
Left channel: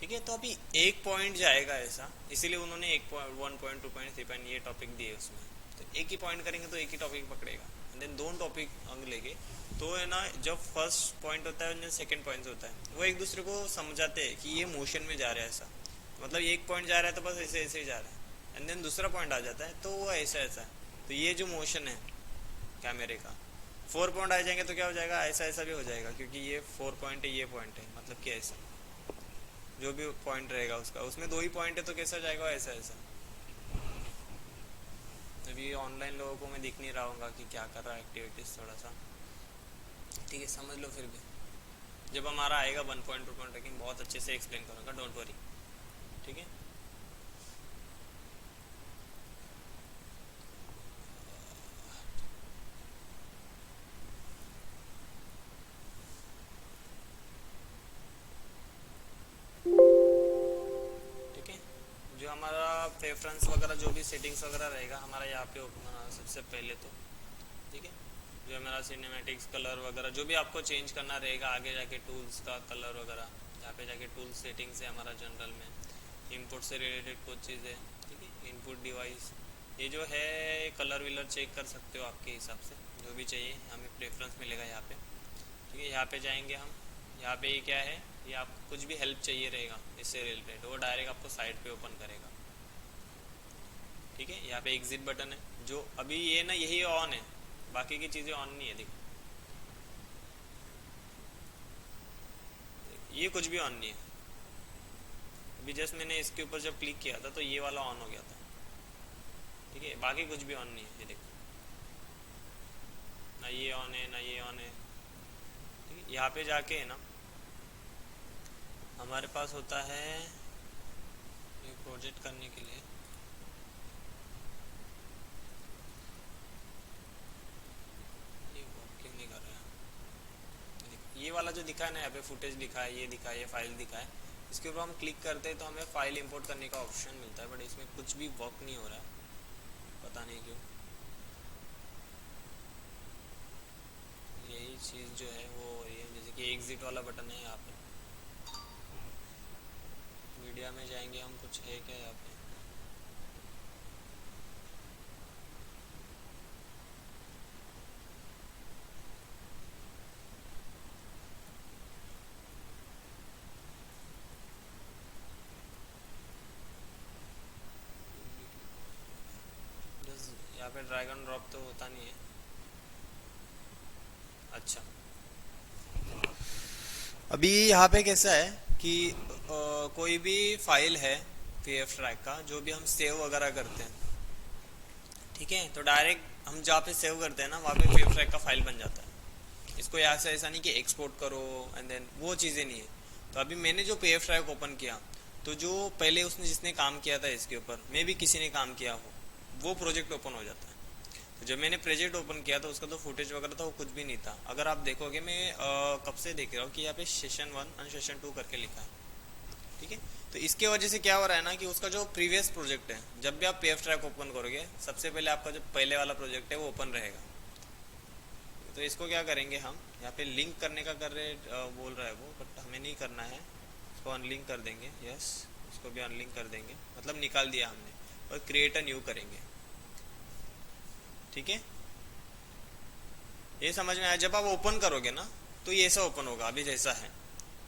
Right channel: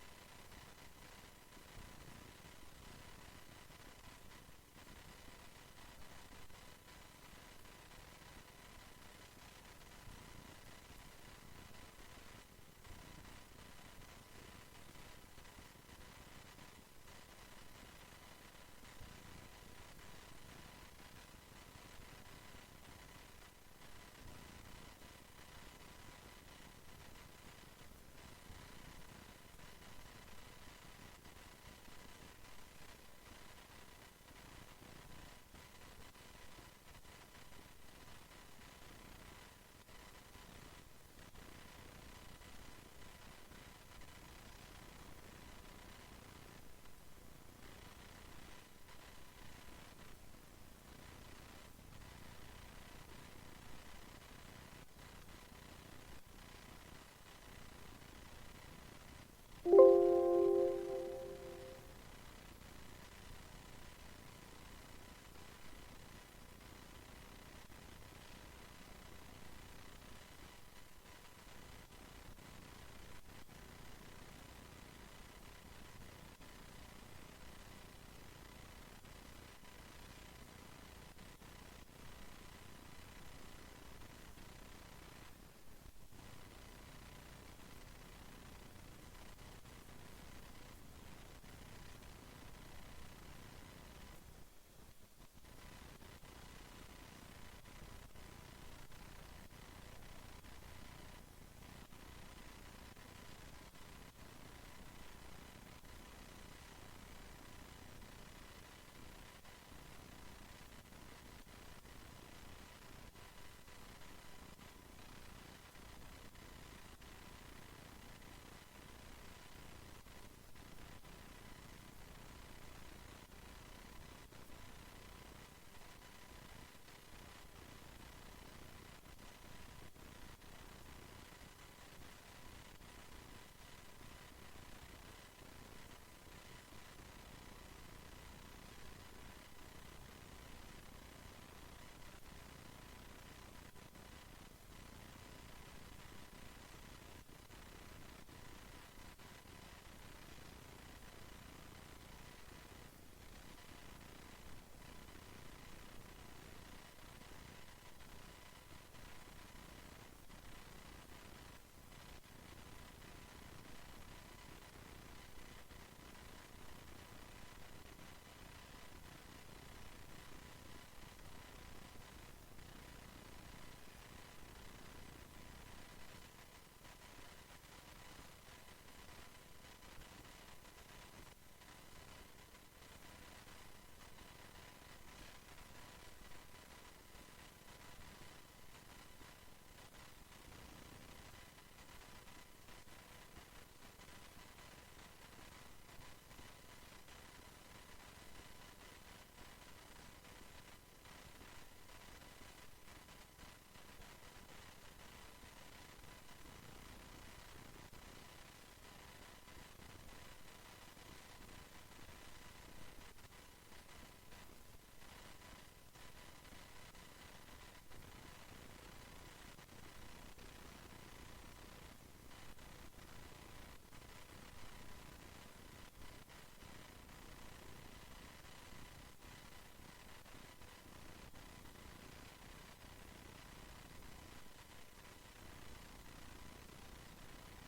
ठीक है, तो अभी एक पॉइंट जाएगा ऐसा, इसीलिए उन्होंने एक पॉइंट, 1.2.3 ये टॉपिक दिए उसमें। तो एक ही पॉइंट करेंगे तो एक ही टॉपिक पकड़ेगा, एंड देन दोनों टॉपिक अंग लेंगे। तो है ना, जब फर्स्ट पॉइंट होता है और सेकंड पॉइंट होता है, वो एक दूसरे को समझाते हैं कि ये मोशन में जा रहा है ऐसा, मतलब एक पॉइंट जा रहा है तो बस ऐसे ऐसे ही जा रहा है, एंड देन दूसरा पॉइंट आ जाता है तो वो ऐसा ऐसा है। तो ये जो मोशन है कैमरे का, 4 पॉइंट आ जाएंगे तो क्या हो जाएगा, ऐसा ऐसा भी हो जाएगा, क्योंकि ये 4 पॉइंट है, ये पॉइंट है, मतलब कि ऐसा जो भी पॉइंट रहेगा उसका, उसमें दो ही पॉइंट है तो कैसा जाएगा, ऐसा ऐसा। तो ये ऑनलाइन लोगों को मैं दिख नहीं रहा हूँ कि क्या कर रहा है एक्टिविटीज़, थोड़ा सा ठीक है समझ लो। फिर भी जब हमारा आएगा 1.2 ट्रैकिंग बहुत अच्छे से एक्सप्लेन करूँगा, डोंट वरी। ठीक है, ठीक है। जो हमारा प्रेफरेंस वगैरह, जो भी सेटिंग्स वगैरह रहेगा हमारा यहाँ पे सबसे पहले तो, ठीक है, जो हमारा सिनेमैटिक्स कलर वगैरह जो भी आपको चेंज करना रहेगा, आगे जाके टूल्स का कलर वगैरह, यहाँ पे जाके टूल सेटिंग्स है हमारा जनरल में, इनपुट से रिलेटेड कुछ चीज़ है, ठीक है, इनपुट डिवाइस, ये जो है कलर विलर चेक कर सकते हो आपके हिसाब से, जो भी चाहिए हमें प्रेफरेंस मिलेगा यहाँ पे। ठीक है, यहाँ पे जाएंगे हम, यहाँ पे ये क्या है, ये आपको कुछ भी हेल्प चाहिए रहेगा इससे रिलेटेड, वो डायरेक्ट आपको साइट पे ओपन करेगा। ठीक है, यहाँ पे एग्जिट बटन है, जो अभी ये ना यही ऑन है, बाकी की चीज़ें ऑन नहीं है, देखो ये कुछ भी ऑन नहीं है। अभी जस्ट मैंने इसके ऊपर जब क्लिक किया था तो ये वाला ऑन हो गया था, ठीक है, बाकी कुछ भी ऑन नहीं है, ये देखो ना ये ऑन है ना ये ऑन है। यहाँ पे जाके है ना हमारे पास होता है ये प्रोजेक्ट करने के लिए, ये क्यों नहीं कर रहा है, ये वाला जो दिखा है ना यहाँ पे फुटेज दिखा है, ये दिखा है, ये फाइल दिखा है, इसके ऊपर हम क्लिक करते हैं तो हमें फाइल इंपोर्ट करने का ऑप्शन मिलता है, बट इसमें कुछ भी वर्क नहीं हो रहा है, पता नहीं क्यों। यही चीज़ जो है वो हो रही है, जैसे कि एग्जिट वाला बटन है यहाँ पे, मीडिया में जाएंगे हम, कुछ है क्या यहाँ पे, बस यहाँ पे ड्रैग एंड ड्रॉप तो होता नहीं है। अच्छा, अभी यहाँ पे कैसा है कि कोई भी फाइल है पीएफ ट्रैक का, जो भी हम सेव वगैरह करते हैं, ठीक है, तो डायरेक्ट हम जहाँ पे सेव करते हैं ना वहाँ पे पीएफ ट्रैक का फाइल बन जाता है। इसको यहाँ से ऐसा नहीं कि एक्सपोर्ट करो एंड देन वो चीज़ें नहीं है। तो अभी मैंने जो पीएफ ट्रैक ओपन किया, तो जो पहले उसने जिसने काम किया था इसके ऊपर, मे भी किसी ने काम किया हो, वो प्रोजेक्ट ओपन हो जाता है। जब मैंने प्रोजेक्ट ओपन किया था उसका तो फुटेज वगैरह था वो कुछ भी नहीं था। अगर आप देखोगे मैं कब से देख रहा हूँ कि यहाँ पे सेशन 1 और सेशन 2 करके लिखा है, ठीक है। तो इसके वजह से क्या हो रहा है ना कि उसका जो प्रीवियस प्रोजेक्ट है, जब भी आप पीएफ ट्रैक ओपन करोगे सबसे पहले आपका जो पहले वाला प्रोजेक्ट है वो ओपन रहेगा। तो इसको क्या करेंगे हम, यहाँ पे लिंक करने का कर रहे बोल रहा है वो, बट हमें नहीं करना है, इसको अनलिंक कर देंगे, यस, इसको भी अनलिंक कर देंगे, मतलब निकाल दिया हमने, और क्रिएट अ न्यू करेंगे, ठीक है। ये समझ में आया, जब आप ओपन करोगे ना तो ये ऐसा ओपन होगा अभी जैसा है।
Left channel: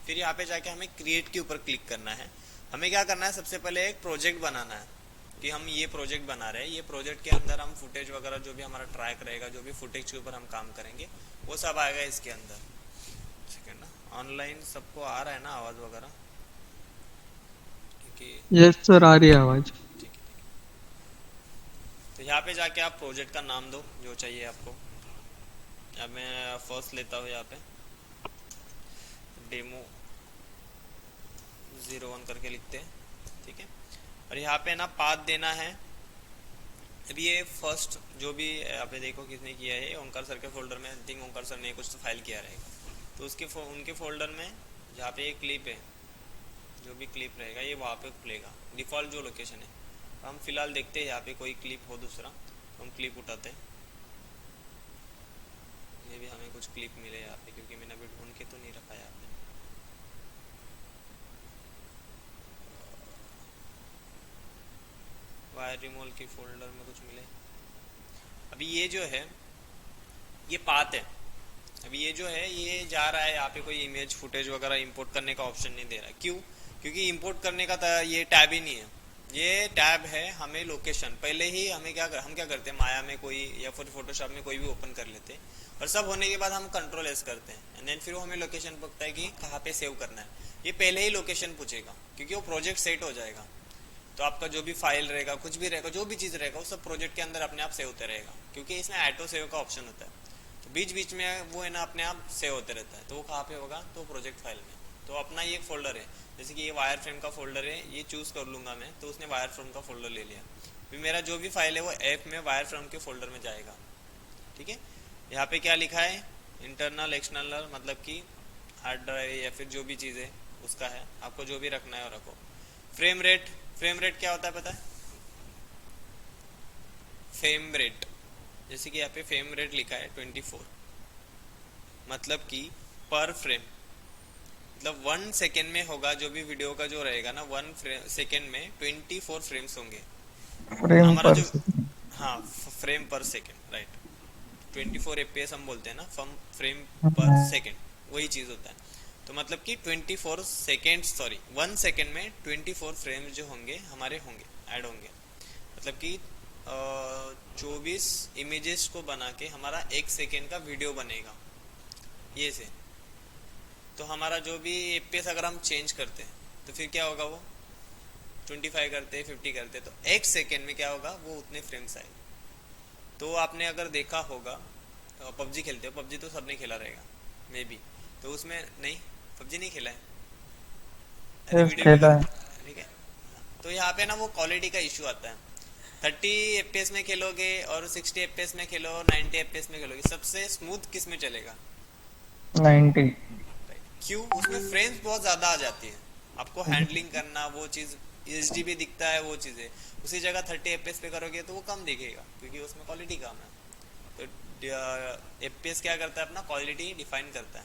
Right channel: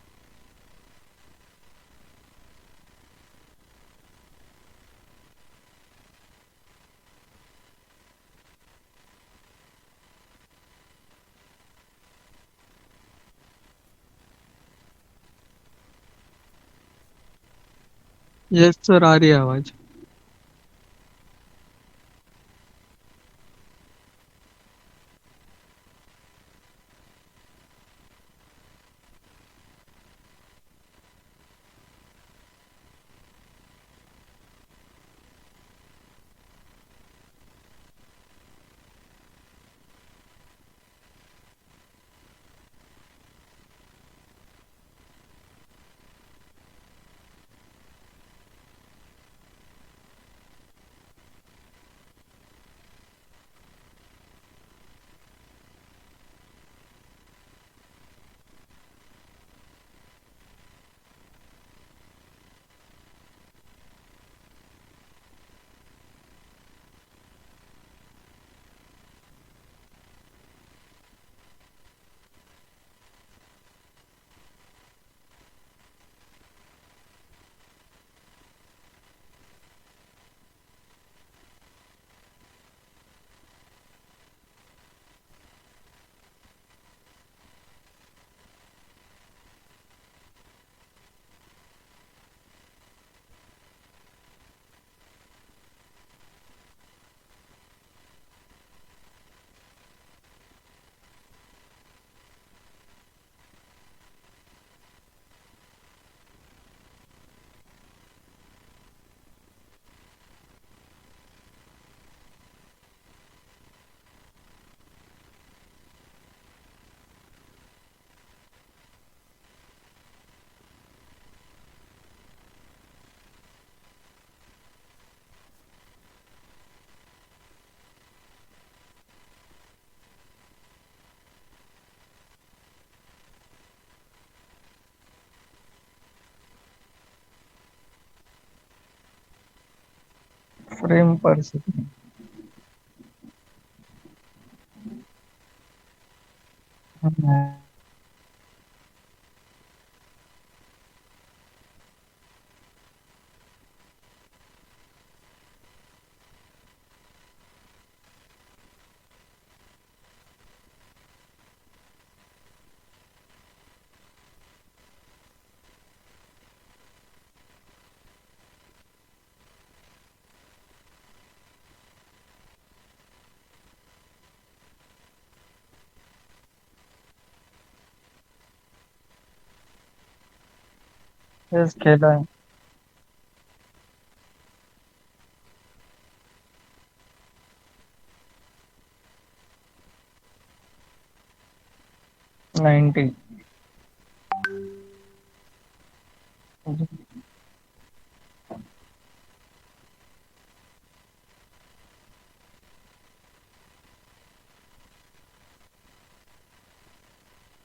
फिर यहाँ पे जाके हमें क्रिएट के ऊपर क्लिक करना है। हमें क्या करना है, सबसे पहले एक प्रोजेक्ट बनाना है कि हम ये प्रोजेक्ट बना रहे हैं, ये प्रोजेक्ट के अंदर हम फुटेज वगैरह जो भी हमारा ट्रैक रहेगा, जो भी फुटेज के ऊपर हम काम करेंगे वो सब आएगा इसके अंदर। सेकंड ना, ऑनलाइन सबको आ रहा है ना आवाज़ वगैरह, क्योंकि यस सर, आ रही है आवाज। ठीक है। तो यहाँ पे जाके आप प्रोजेक्ट का नाम दो जो चाहिए आपको। अब मैं फर्स्ट लेता हूँ यहाँ पे डेमो 01 करके लिखते हैं, ठीक है। और यहाँ पे ना पाथ देना है। अभी ये फर्स्ट जो भी यहाँ पे देखो किसने किया है, ओंकार सर के फोल्डर में, आई थिंक ओंकार सर ने कुछ तो फाइल किया रहेगा, तो उसके उनके फोल्डर में जहाँ पे ये क्लिप है, जो भी क्लिप रहेगा ये वहाँ पे खुलेगा, डिफ़ॉल्ट जो लोकेशन है। तो हम फिलहाल देखते हैं यहाँ पे कोई क्लिप हो दूसरा, तो हम क्लिप उठाते हैं, ये भी हमें कुछ क्लिप मिले यहाँ पे, क्योंकि मैंने अभी ढूंढ के तो नहीं रखा यहाँ पे। वायर रिमूवल के फोल्डर में कुछ मिले। अभी ये जो है ये पाथ है। अभी ये जो है ये जा रहा है, यहाँ पे कोई इमेज फुटेज वगैरह इंपोर्ट करने का ऑप्शन नहीं दे रहा है। क्यों? क्योंकि इंपोर्ट करने का ये टैब ही नहीं है। ये टैब है हमें लोकेशन, पहले ही हमें हम क्या करते हैं, माया में कोई या फिर फोटोशॉप में कोई भी ओपन कर लेते हैं, और सब होने के बाद हम कंट्रोल एस करते हैं, एंड देन फिर वो हमें लोकेशन पूछता है कि कहाँ पे सेव करना है। ये पहले ही लोकेशन पूछेगा, क्योंकि वो प्रोजेक्ट सेट हो जाएगा। तो आपका जो भी फाइल रहेगा, कुछ भी रहेगा, जो भी चीज़ रहेगा, वो सब प्रोजेक्ट के अंदर अपने आप सेव होते रहेगा, क्योंकि इसमें ऑटो सेव का ऑप्शन होता है। तो बीच बीच में वो है ना अपने आप सेव होते रहता है। तो वो कहाँ पे होगा, तो प्रोजेक्ट फाइल में। तो अपना ये फोल्डर है, जैसे कि ये वायर फ्रेम का फोल्डर है, ये चूज़ कर लूँगा मैं, तो उसने वायर फ्रेम का फोल्डर ले लिया। फिर मेरा जो भी फाइल है वो ऐप में वायर फ्रेम के फोल्डर में जाएगा, ठीक है। यहाँ पे क्या लिखा है, इंटरनल एक्सटर्नल, मतलब कि हार्ड ड्राइव या फिर जो भी चीज़ है उसका है, आपको जो भी रखना है वो रखो। फ्रेम रेट, फ्रेम रेट क्या होता है पता है? फ्रेम रेट, जैसे कि यहाँ पे फ्रेम रेट लिखा है 24, मतलब कि पर फ्रेम, मतलब 1 सेकेंड में होगा जो भी वीडियो का जो रहेगा ना, 1 सेकेंड में 24 फ्रेम्स होंगे। फ्रेम हमारा पर जो, सेकंड। हाँ, फ्रेम पर सेकेंड, राइट, 24 FPS हम बोलते हैं ना, फ्रेम पर हाँ, सेकेंड, वही चीज़ होता है। तो मतलब कि 24 सेकेंड, सॉरी 1 सेकेंड में 24 फ्रेम्स जो होंगे हमारे होंगे, ऐड होंगे, मतलब कि चौबीस इमेजेस को बना के हमारा 1 सेकेंड का वीडियो बनेगा ये से। तो हमारा जो भी एफपीएस अगर हम चेंज करते हैं तो फिर क्या होगा, वो 25 करते 50 करते तो 1 सेकेंड में क्या होगा, वो उतने फ्रेम्स आए। तो आपने अगर देखा होगा पबजी खेलते हो, पबजी तो सबने खेला रहेगा मे बी, तो उसमें नहीं, पबजी नहीं खेला है, अरे यस वीडियो भी खेला है। ठीक है। तो यहाँ पे ना वो क्वालिटी का इशू आता है। 30 एफपीएस में खेलोगे और 60 एफपीएस में खेलो और 90 एफपीएस में खेलोगे, सबसे स्मूथ किस में चलेगा? 90। क्यों? उसमें फ्रेम्स बहुत ज़्यादा आ जाती है, आपको हैंडलिंग करना वो चीज़, एचडी भी दिखता है वो चीज़ें, उसी जगह 30 एफपीएस पे करोगे तो वो कम दिखेगा क्योंकि उसमें क्वालिटी कम है। तो एफपीएस क्या करता है, अपना क्वालिटी डिफाइन करता है।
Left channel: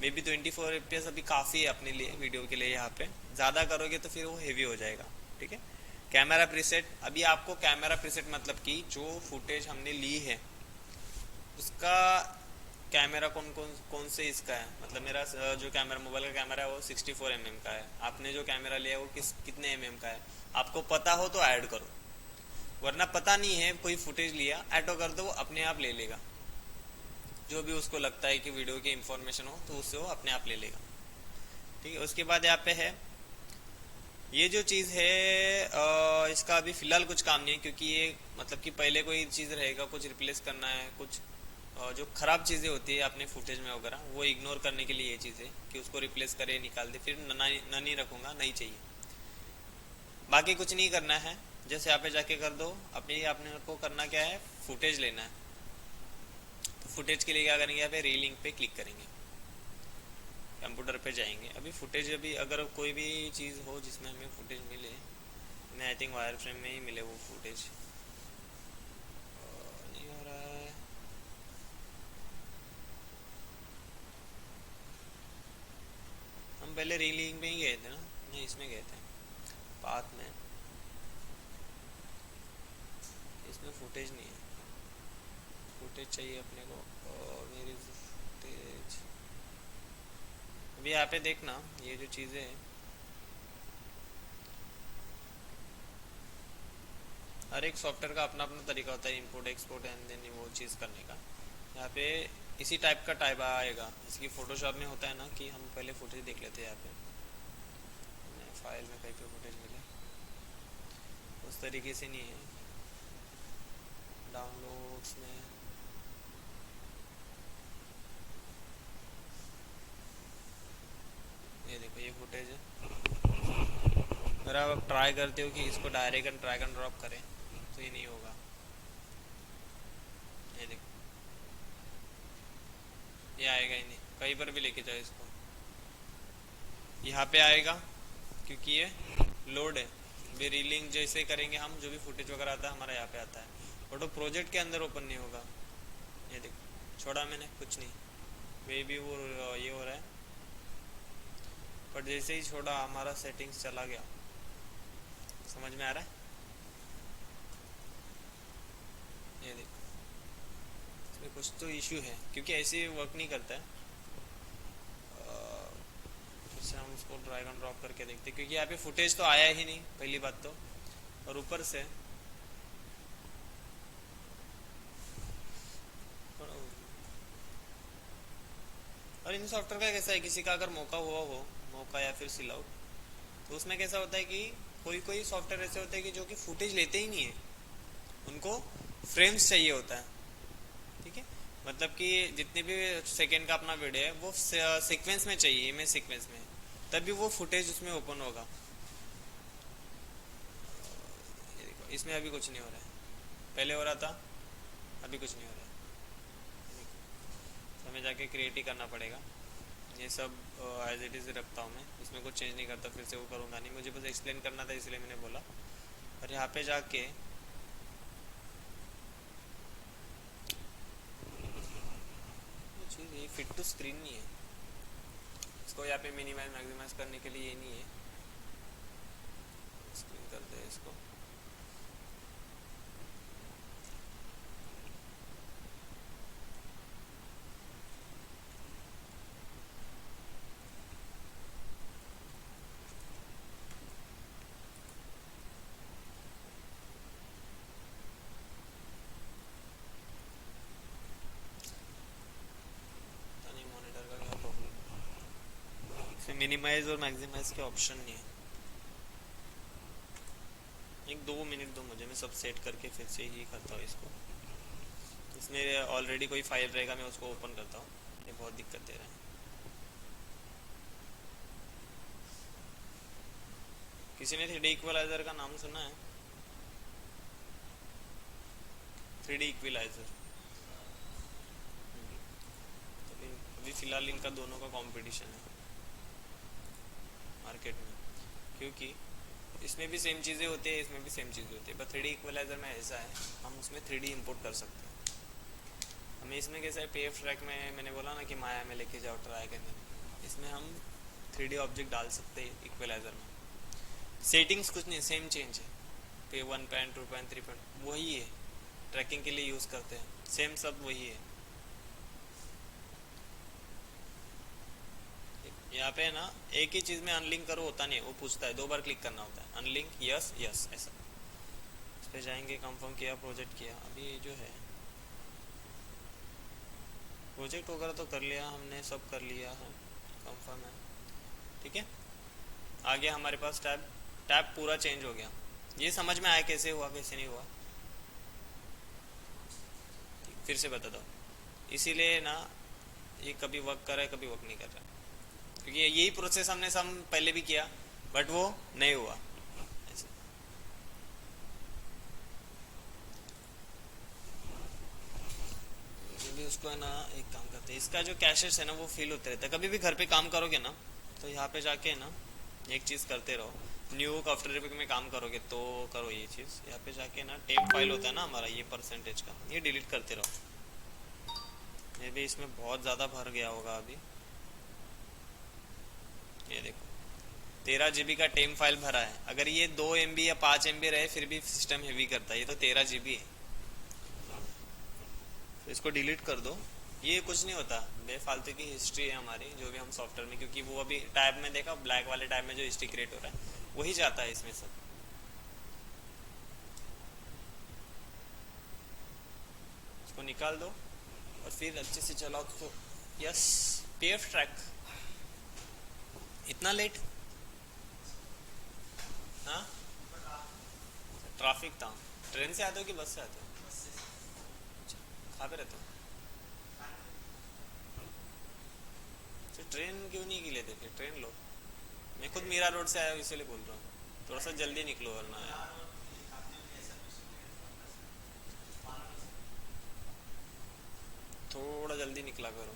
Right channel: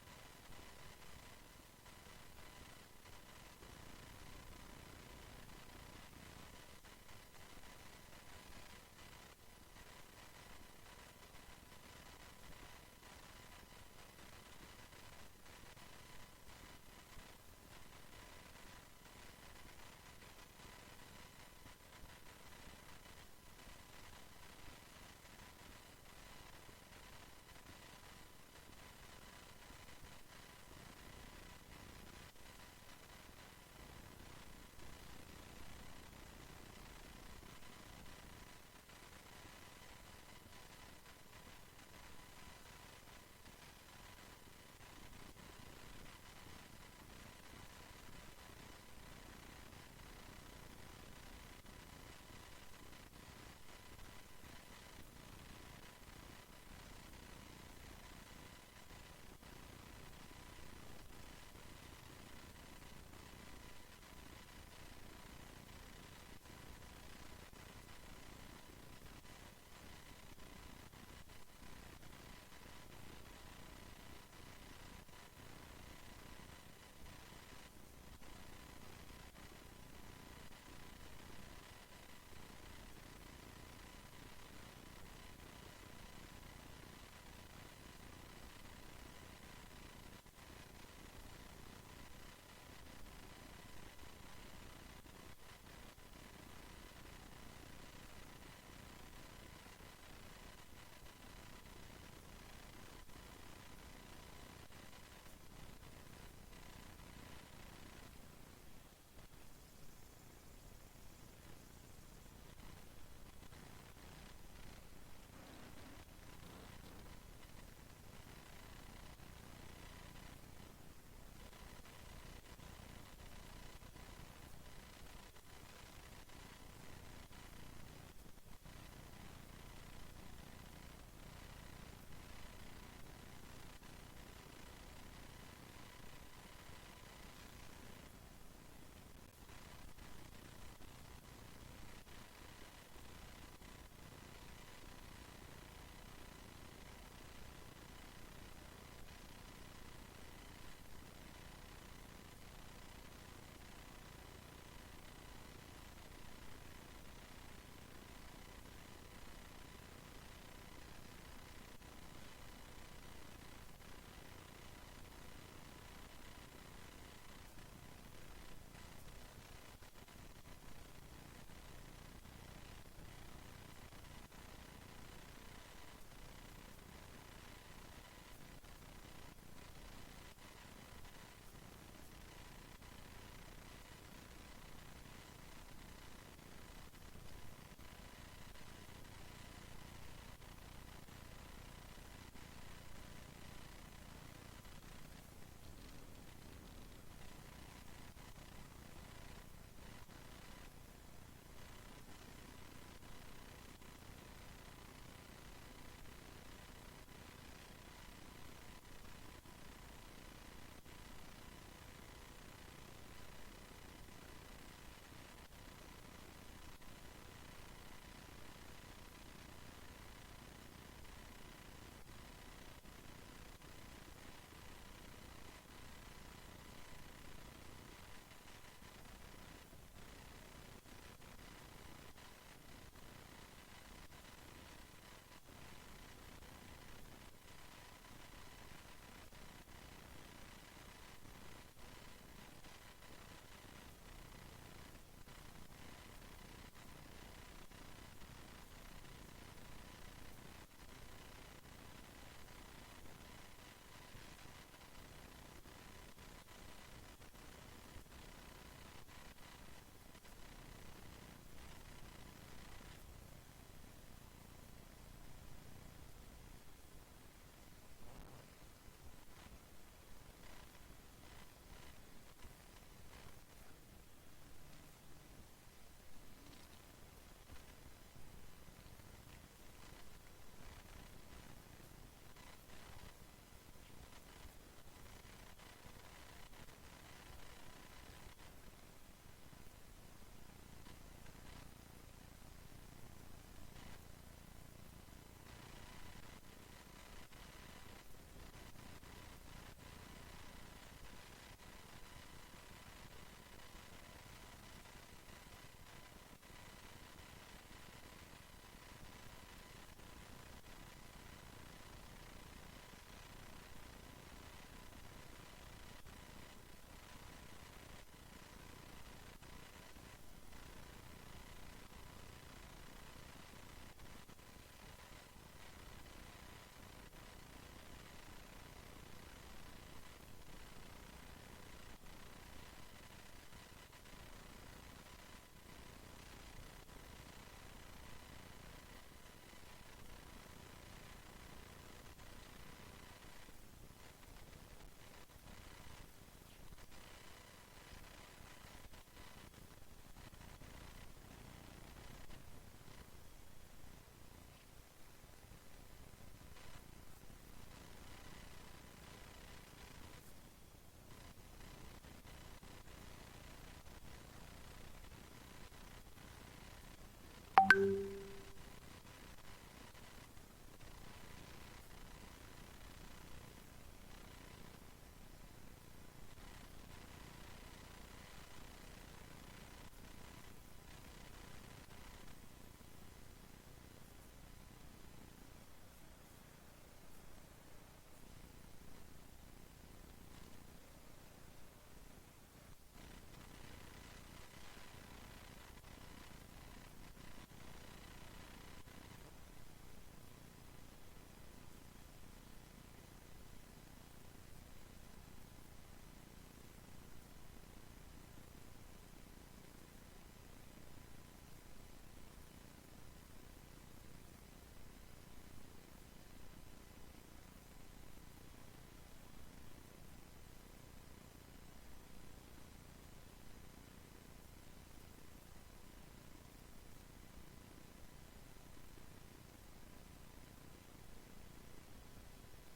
मे बी 24 एफपीएस अभी काफ़ी है अपने लिए, वीडियो के लिए। यहाँ पे ज़्यादा करोगे तो फिर वो हेवी हो जाएगा, ठीक है। कैमरा प्रीसेट, अभी आपको कैमरा प्रीसेट मतलब कि जो फुटेज हमने ली है उसका कैमरा कौन कौन कौन से इसका है, मतलब मेरा जो कैमरा मोबाइल का कैमरा है वो 64 mm का है, आपने जो कैमरा लिया है वो कितने का है, आपको पता हो तो ऐड करो, वरना पता नहीं है कोई फुटेज लिया ऐड कर दो, वो अपने आप ले लेगा। जो भी उसको लगता है कि वीडियो की इंफॉर्मेशन हो तो उससे वो अपने आप ले लेगा, ठीक है। उसके बाद यहाँ पे है ये जो चीज़ है, इसका अभी फ़िलहाल कुछ काम नहीं है क्योंकि ये मतलब कि पहले कोई चीज़ रहेगा, कुछ रिप्लेस करना है, कुछ जो ख़राब चीज़ें होती है अपने फुटेज में वगैरह वो इग्नोर करने के लिए ये चीज़ है कि उसको रिप्लेस करे, निकाल दे, फिर नहीं रखूँगा, नहीं चाहिए। बाकी कुछ नहीं करना है, जैसे यहाँ पे जाके कर दो। अपने को करना क्या है, फुटेज लेना है। तो फुटेज के लिए क्या करेंगे, यहाँ पे रीलिंक पे क्लिक करेंगे, कंप्यूटर पे जाएंगे। अभी फुटेज, अभी अगर कोई भी चीज़ हो जिसमें हमें फुटेज मिले, मैं आई थिंक वायर फ्रेम में ही मिले वो फुटेज, नहीं हो रहा है। हम पहले रीलिंग में ही गए थे ना, नहीं इसमें गए थे बाद में, इसमें फुटेज नहीं है, फुटेज चाहिए अपने को। और मेरी फुटेज अभी यहाँ पे देखना, ये जो चीज़ें हैं, हर एक सॉफ्टवेयर का अपना अपना तरीका होता है, इंपोर्ट एक्सपोर्ट एंड देन वो चीज़ करने का। यहाँ पे इसी टाइप का टाइप आएगा, इसकी फोटोशॉप में होता है ना कि हम पहले फुटेज देख लेते हैं। यहाँ पे फाइल में कहीं पे फुटेज मिले, उस तरीके से नहीं है डाउनलोड्स में। ये देखो ये फुटेज है। अगर आप ट्राई करते हो कि इसको डायरेक्ट ड्रैग एंड ड्रॉप करें तो ये नहीं होगा। ये देखो ये आएगा ही नहीं, कहीं पर भी लेके जाओ इसको, यहाँ पे आएगा क्योंकि ये लोड है। वे रीलिंग जैसे करेंगे हम, जो भी फुटेज वगैरह आता है हमारा यहाँ पे आता है, बट वो प्रोजेक्ट के अंदर ओपन नहीं होगा। ये देखो छोड़ा मैंने, कुछ नहीं, मे भी वो ये हो रहा है, बट जैसे ही छोड़ा हमारा सेटिंग्स चला गया। समझ में आ रहा है? ये देखो इसमें कुछ तो इशू है क्योंकि ऐसे वर्क नहीं करता है। जैसे हम उसको ड्रैग एंड ड्रॉप करके देखते हैं, क्योंकि यहाँ पे फुटेज तो आया ही नहीं पहली बात तो, और ऊपर से और इन सॉफ्टवेयर का कैसा है, किसी का अगर मौका हुआ हो, मौका या फिर सिल आउट, तो उसमें कैसा होता है कि कोई कोई सॉफ्टवेयर ऐसे होते हैं कि जो कि फुटेज लेते ही नहीं है, उनको फ्रेम्स चाहिए होता है, ठीक है। मतलब कि जितने भी सेकेंड का अपना वीडियो है वो सीक्वेंस में चाहिए, इमेज सीक्वेंस में, तभी वो फुटेज उसमें ओपन होगा। इसमें अभी कुछ नहीं हो रहा है, पहले हो रहा था, अभी कुछ नहीं हो रहा है। हमें जाके क्रिएट ही करना पड़ेगा। ये सब एज इट इज़ रखता हूँ मैं, इसमें कुछ चेंज नहीं करता, फिर से वो करूँगा नहीं, मुझे बस एक्सप्लेन करना था इसलिए मैंने बोला। और यहाँ पे जाके ये फिट टू स्क्रीन नहीं है, इसको यहाँ पे मिनिमाइज मैक्सिमाइज करने के लिए ये नहीं है, स्क्रीन कर दे इसको। मिनिमाइज और मैक्सिमाइज के ऑप्शन नहीं है। एक 2 मिनट दो मुझे, मैं सब सेट करके फिर से ही करता हूँ इसको। इसमें ऑलरेडी कोई फाइल रहेगा, मैं उसको ओपन करता हूँ, ये बहुत दिक्कत दे रहा है। किसी ने 3D इक्वलाइजर का नाम सुना है? 3D इक्वलाइजर अभी फिलहाल इनका दोनों का कंपटीशन है मार्केट में, क्योंकि इसमें भी सेम चीज़ें होती है, इसमें भी सेम चीज़ें होती है, पर 3D इक्वलाइजर में ऐसा है हम उसमें 3D इंपोर्ट कर सकते हैं। हमें इसमें कैसा है, PF ट्रैक में मैंने बोला ना कि माया में लेके जाओ ट्राई करने, इसमें हम 3D ऑब्जेक्ट डाल सकते हैं इक्वलाइजर में। सेटिंग्स कुछ नहीं, सेम चेंज है, पे 1.2.3 वही है, ट्रैकिंग के लिए यूज़ करते हैं, सेम सब वही है। यहाँ पे ना एक ही चीज़ में अनलिंक करो होता नहीं है, वो पूछता है 2 बार क्लिक करना होता है, अनलिंक यस यस ऐसा। इस पे जाएंगे, कंफर्म किया, प्रोजेक्ट किया। अभी जो है प्रोजेक्ट वगैरह तो कर लिया हमने, सब कर लिया है, कंफर्म है, ठीक है। आ गया हमारे पास टैब, टैब पूरा चेंज हो गया। ये समझ में आया कैसे हुआ कैसे नहीं हुआ, फिर से बता दो। इसीलिए ना ये कभी वर्क कर रहा है कभी वर्क नहीं कर रहा है, क्योंकि यही प्रोसेस हमने सब पहले भी किया बट वो नहीं हुआ। भी उसको है ना, एक काम करते हैं, इसका जो कैशेस है ना वो फिल होते रहता है। कभी भी घर पे काम करोगे ना तो यहाँ पे जाके ना एक चीज़ करते रहो, न्यू आफ्टर इफेक्ट में काम करोगे तो करो ये चीज़, यहाँ पे जाके ना टेप फाइल होता है ना हमारा ये परसेंटेज का, ये डिलीट करते रहो। ये भी इसमें बहुत ज़्यादा भर गया होगा अभी, ये देखो 13 GB का टेम फाइल भरा है। अगर ये 2 MB या 5 MB रहे फिर भी सिस्टम हेवी करता है, ये तो 13 GB है, तो इसको डिलीट कर दो। ये कुछ नहीं होता, बेफालतू की हिस्ट्री है हमारी जो भी हम सॉफ्टवेयर में, क्योंकि वो अभी टैब में देखा, ब्लैक वाले टैब में जो हिस्ट्री क्रिएट हो रहा है वही जाता है इसमें सब। इसको निकाल दो और फिर अच्छे से चलाओ तो। यस, PF ट्रैक इतना लेट, हाँ ट्रैफिक था। ट्रेन से आते हो कि बस से आते हो? कहाँ पे रहते हो? फिर ट्रेन क्यों नहीं की लेते, फिर ट्रेन लो। मैं खुद मीरा रोड से आया हूँ इसीलिए बोल रहा हूँ, थोड़ा सा जल्दी निकलो वरना यार। थोड़ा जल्दी निकला करो,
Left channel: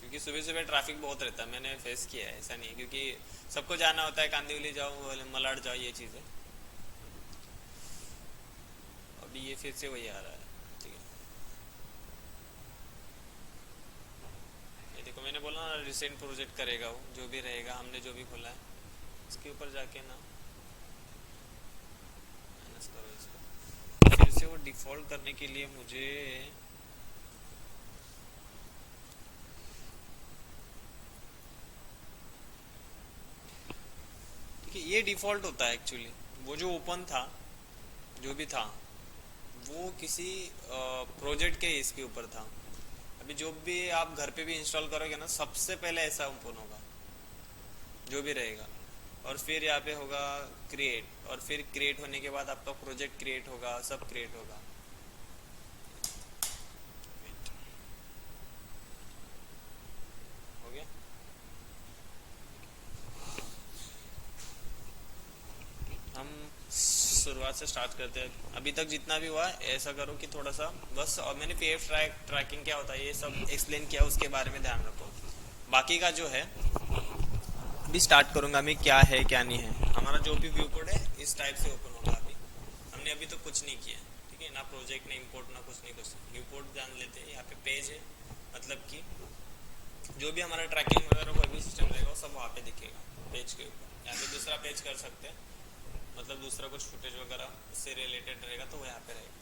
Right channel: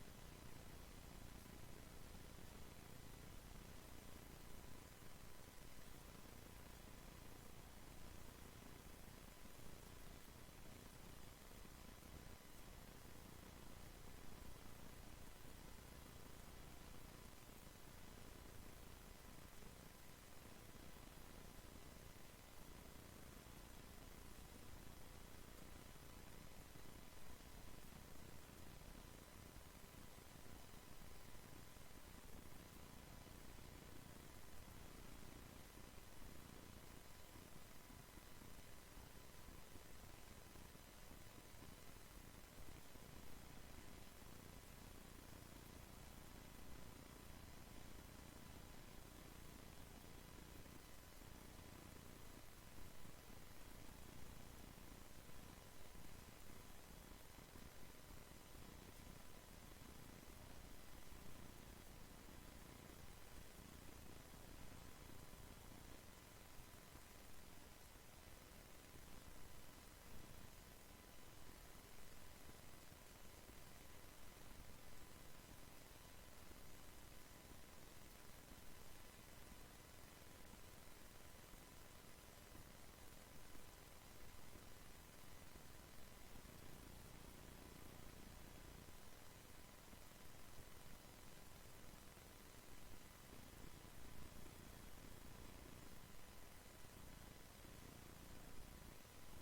क्योंकि सुबह सुबह ट्रैफिक बहुत रहता है, मैंने फेस किया है, ऐसा नहीं क्योंकि सबको जाना होता है, कांदिवली जाओ मलाड जाओ ये चीज़ है। अभी ये फिर से वही आ रहा है, ठीक है। ये देखो मैंने बोला ना रिसेंट प्रोजेक्ट करेगा वो, जो भी रहेगा हमने जो भी खोला है इसके ऊपर जाके ना माइनस करो इसको। फिर से वो डिफ़ॉल्ट करने के लिए मुझे ठीक है, ये डिफ़ॉल्ट होता है एक्चुअली। वो जो ओपन था जो भी था वो किसी प्रोजेक्ट के इसके ऊपर था। अभी जो भी आप घर पे भी इंस्टॉल करोगे ना सबसे पहले ऐसा ओपन होगा जो भी रहेगा, और फिर यहाँ पे होगा क्रिएट, और फिर क्रिएट होने के बाद आपका प्रोजेक्ट क्रिएट होगा, सब क्रिएट होगा। हो गया, हम शुरुआत से स्टार्ट करते हैं। अभी तक जितना भी हुआ ऐसा करो कि थोड़ा सा बस, और मैंने PF ट्रैकिंग क्या होता है ये सब एक्सप्लेन किया, उसके बारे में ध्यान रखो। बाकी का जो है अभी स्टार्ट करूंगा मैं, क्या है क्या नहीं है। हमारा जो भी व्यू कोड है इस टाइप से ओपन होगा। अभी हमने अभी तो कुछ नहीं किया, ठीक है ना, प्रोजेक्ट ना इंपोर्ट ना कुछ नहीं, कुछ व्यू कोड जान लेते हैं। यहाँ पे पेज है, मतलब कि जो भी हमारा ट्रैकिंग वगैरह कोई भी सिस्टम रहेगा वो सब वहाँ पे दिखेगा पेज के ऊपर। यहाँ पे दूसरा पेज कर सकते हैं, मतलब दूसरा कुछ फुटेज वगैरह उससे रिलेटेड रहेगा तो वो यहाँ पे रहेगा।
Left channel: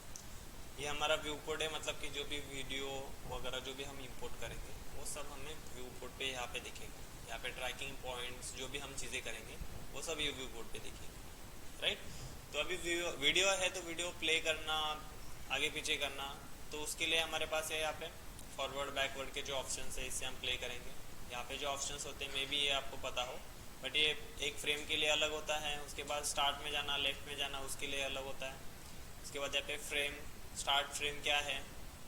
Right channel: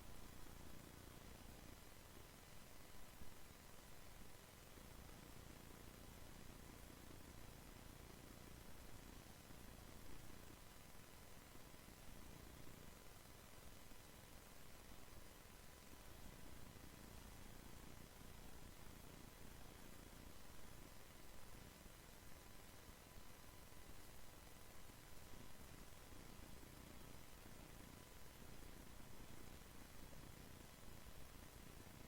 ये हमारा व्यू कोड है, मतलब कि जो भी वीडियो वगैरह जो भी हम इंपोर्ट करेंगे वो सब हमें व्यू कोड पे यहाँ पे दिखेगा। यहाँ पे ट्रैकिंग पॉइंट्स जो भी हम चीज़ें करेंगे वो सब ये व्यू कोड पे दिखेगा, राइट। तो अभी वीडियो है तो वीडियो प्ले करना, आगे पीछे करना, तो उसके लिए हमारे पास है यहाँ पे फॉरवर्ड बैकवर्ड के जो ऑप्शन है इससे हम प्ले करेंगे। यहाँ पे जो ऑप्शंस होते हैं मे बी ये आपको पता हो, बट ये एक फ्रेम के लिए अलग होता है, उसके बाद स्टार्ट में जाना, लेफ्ट में जाना, उसके लिए अलग होता है। उसके बाद यहाँ पे फ्रेम, स्टार्ट फ्रेम क्या है,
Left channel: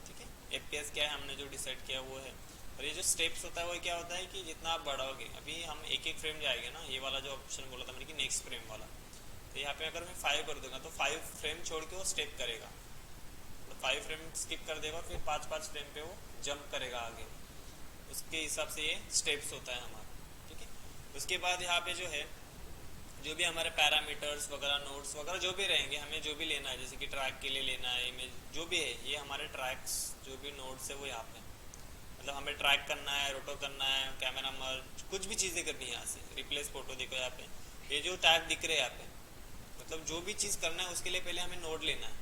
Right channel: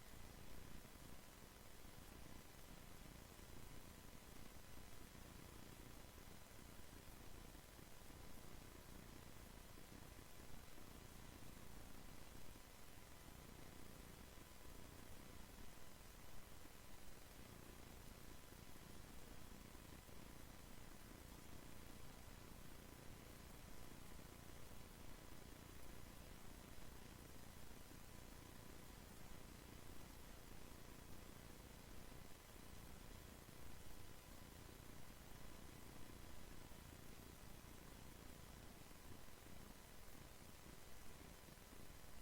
ठीक है, एफपीएस क्या है, हमने जो डिसाइड किया वो है। और ये जो स्टेप्स होता है वो क्या होता है कि जितना आप बढ़ाओगे, अभी हम एक एक फ्रेम जाएंगे ना, ये वाला जो ऑप्शन बोला था मैंने कि नेक्स्ट फ्रेम वाला, तो यहाँ पे अगर मैं 5 कर दूंगा तो 5 फ्रेम छोड़ के वो स्टेप करेगा, तो 5 फ्रेम स्किप कर देगा, फिर 5 फ्रेम पे वो जंप करेगा आगे। उसके हिसाब से ये स्टेप्स होता है हमारा, ठीक है। उसके बाद यहाँ पे जो है, जो भी हमारे पैरामीटर्स वगैरह, नोट्स वगैरह जो भी रहेंगे, हमें जो भी लेना है, जैसे कि ट्रैक के लिए लेना है, इमेज जो भी है, ये हमारे ट्रैक्स जो भी नोट्स है वो यहाँ पे, मतलब हमें ट्रैक करना है, रोटो करना है, कैमरा मर्ज, कुछ भी चीज़ें करनी है यहाँ से, रिप्लेस फोटो देखो यहाँ पे, ये जो टैग दिख रहे हैं यहाँ पे, मतलब जो भी चीज़ करना है उसके लिए पहले हमें नोड लेना है।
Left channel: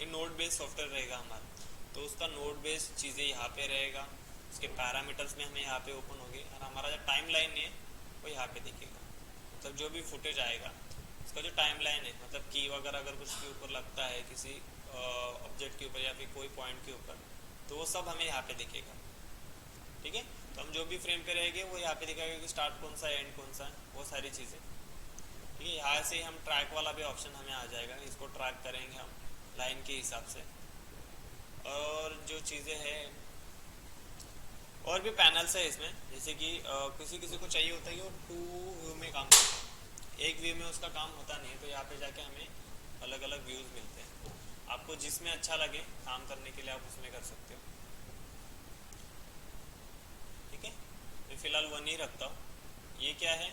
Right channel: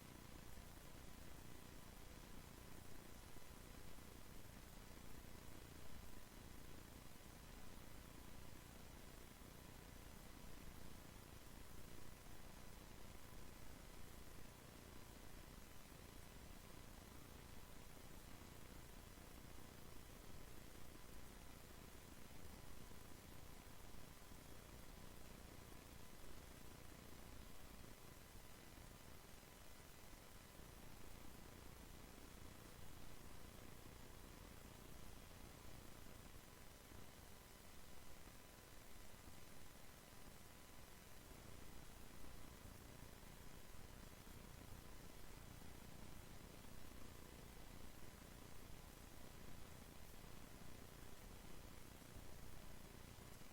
ये नोड बेस्ड सॉफ्टवेयर रहेगा हमारा, तो उसका नोड बेस्ड चीज़ें यहाँ पे रहेगा। उसके पैरामीटर्स में हमें यहाँ पे ओपन होगी, और हमारा जो टाइम लाइन है वो यहाँ पे दिखेगा, मतलब जो भी फुटेज आएगा उसका जो टाइम लाइन है, मतलब की वगैरह अगर कुछ के ऊपर लगता है, किसी ऑब्जेक्ट के ऊपर या फिर कोई पॉइंट के ऊपर, तो वो सब हमें यहाँ पे दिखेगा, ठीक है। तो हम जो भी फ्रेम पे रहेंगे वो यहाँ पे दिखाएगा कि स्टार्ट कौन सा है, एंड कौन सा है, वो सारी चीज़ें, ठीक है। यहाँ से हम ट्रैक वाला भी ऑप्शन हमें आ जाएगा, इसको ट्रैक करेंगे हम लाइन के हिसाब से। और जो चीज़ें हैं, और भी पैनल्स है इसमें, जैसे कि किसी किसी को चाहिए होता है कि वो 2 व्यू में काम करता है, एक व्यू में उसका काम होता नहीं है, तो यहाँ पे जाके हमें अलग अलग व्यूज़ मिलते हैं। आपको जिसमें अच्छा लगे काम करने के लिए आप उसमें कर सकते हो, ठीक है। मैं फ़िलहाल 1 ही रखता हूँ। ये क्या है,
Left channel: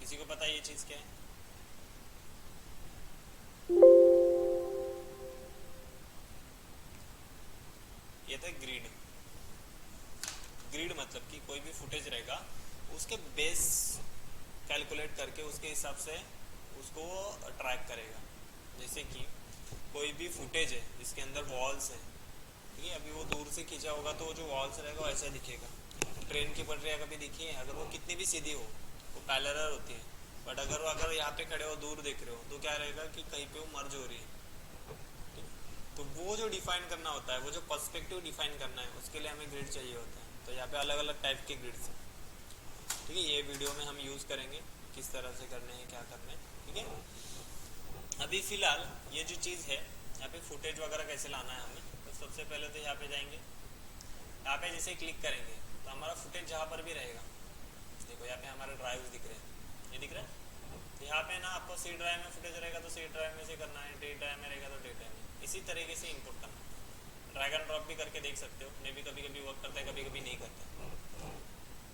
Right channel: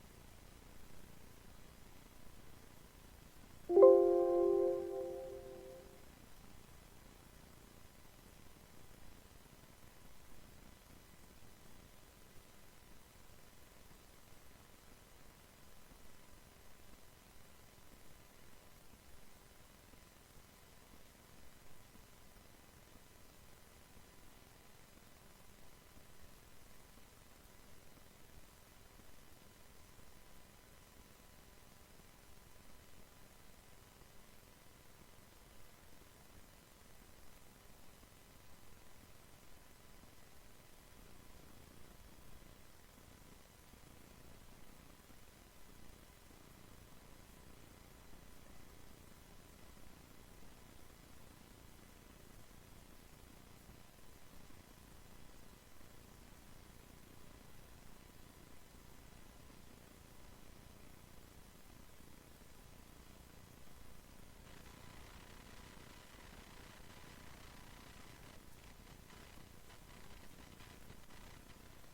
किसी को पता है ये चीज़ क्या है? ये था ग्रिड। ग्रिड मतलब कि कोई भी फुटेज रहेगा उसके बेस कैलकुलेट करके उसके हिसाब से उसको ट्रैक करेगा। जैसे कि कोई भी फुटेज है जिसके अंदर वॉल्स है, ठीक है, अभी वो दूर से खींचा होगा तो जो वॉल्स रहेगा वो ऐसा दिखेगा। ट्रेन की पटरियाँ कभी दिखी है, अगर वो कितनी भी सीधी हो वो पैरेलल होती है, बट अगर यहाँ पे खड़े हो दूर देख रहे हो तो क्या रहेगा कि कहीं पे वो मर्ज हो रही है। तो वो जो डिफाइन करना होता है, वो जो पर्सपेक्टिव डिफाइन करना है, उसके लिए हमें ग्रिड चाहिए होता है। तो यहाँ पे अलग अलग टाइप के ग्रिड्स हैं, ठीक है। ये वीडियो में हम यूज़ करेंगे किस तरह से करने हैं, क्या करना है, ठीक है। अभी फ़िलहाल ये जो चीज़ है, यहाँ पे फुटेज वगैरह कैसे लाना है हमें, तो सबसे पहले तो यहाँ पे जाएंगे, यहाँ पे जैसे क्लिक करेंगे तो हमारा फुटेज जहाँ पर भी रहेगा, देखो यहाँ पे हमारे ड्राइव दिख रहे हैं, ये दिख रहा है। यहाँ पे ना आपको सी ड्राइव में फुटेज रहेगा तो सी ड्राइव में से करना है, डी ड्राइव में रहेगा तो डी ड्राइव में, इसी तरीके से इनपुट करना है। ड्रैग एंड ड्रॉप भी करके देख सकते हो, मैं भी कभी कभी वर्क करता है, कभी कभी नहीं करता,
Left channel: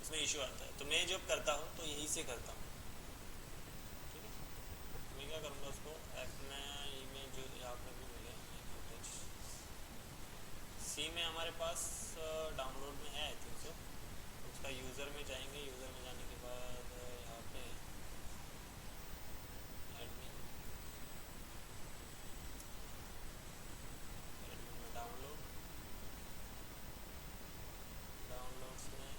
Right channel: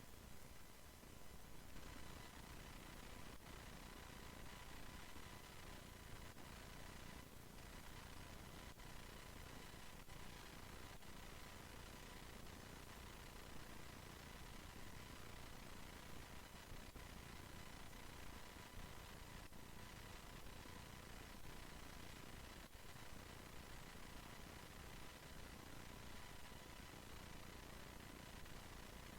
इसमें इशू आता है। तो मैं जब करता हूँ तो यही से करता हूँ, मैं क्या करूँगा उसको ऐप में इमेज जो यहाँ पे भी मिले सी में हमारे पास डाउनलोड में है, तो उसका यूज़र में जाएंगे, यूज़र में जाने के बाद यहाँ पे डाउनलोड, डाउनलोड्स में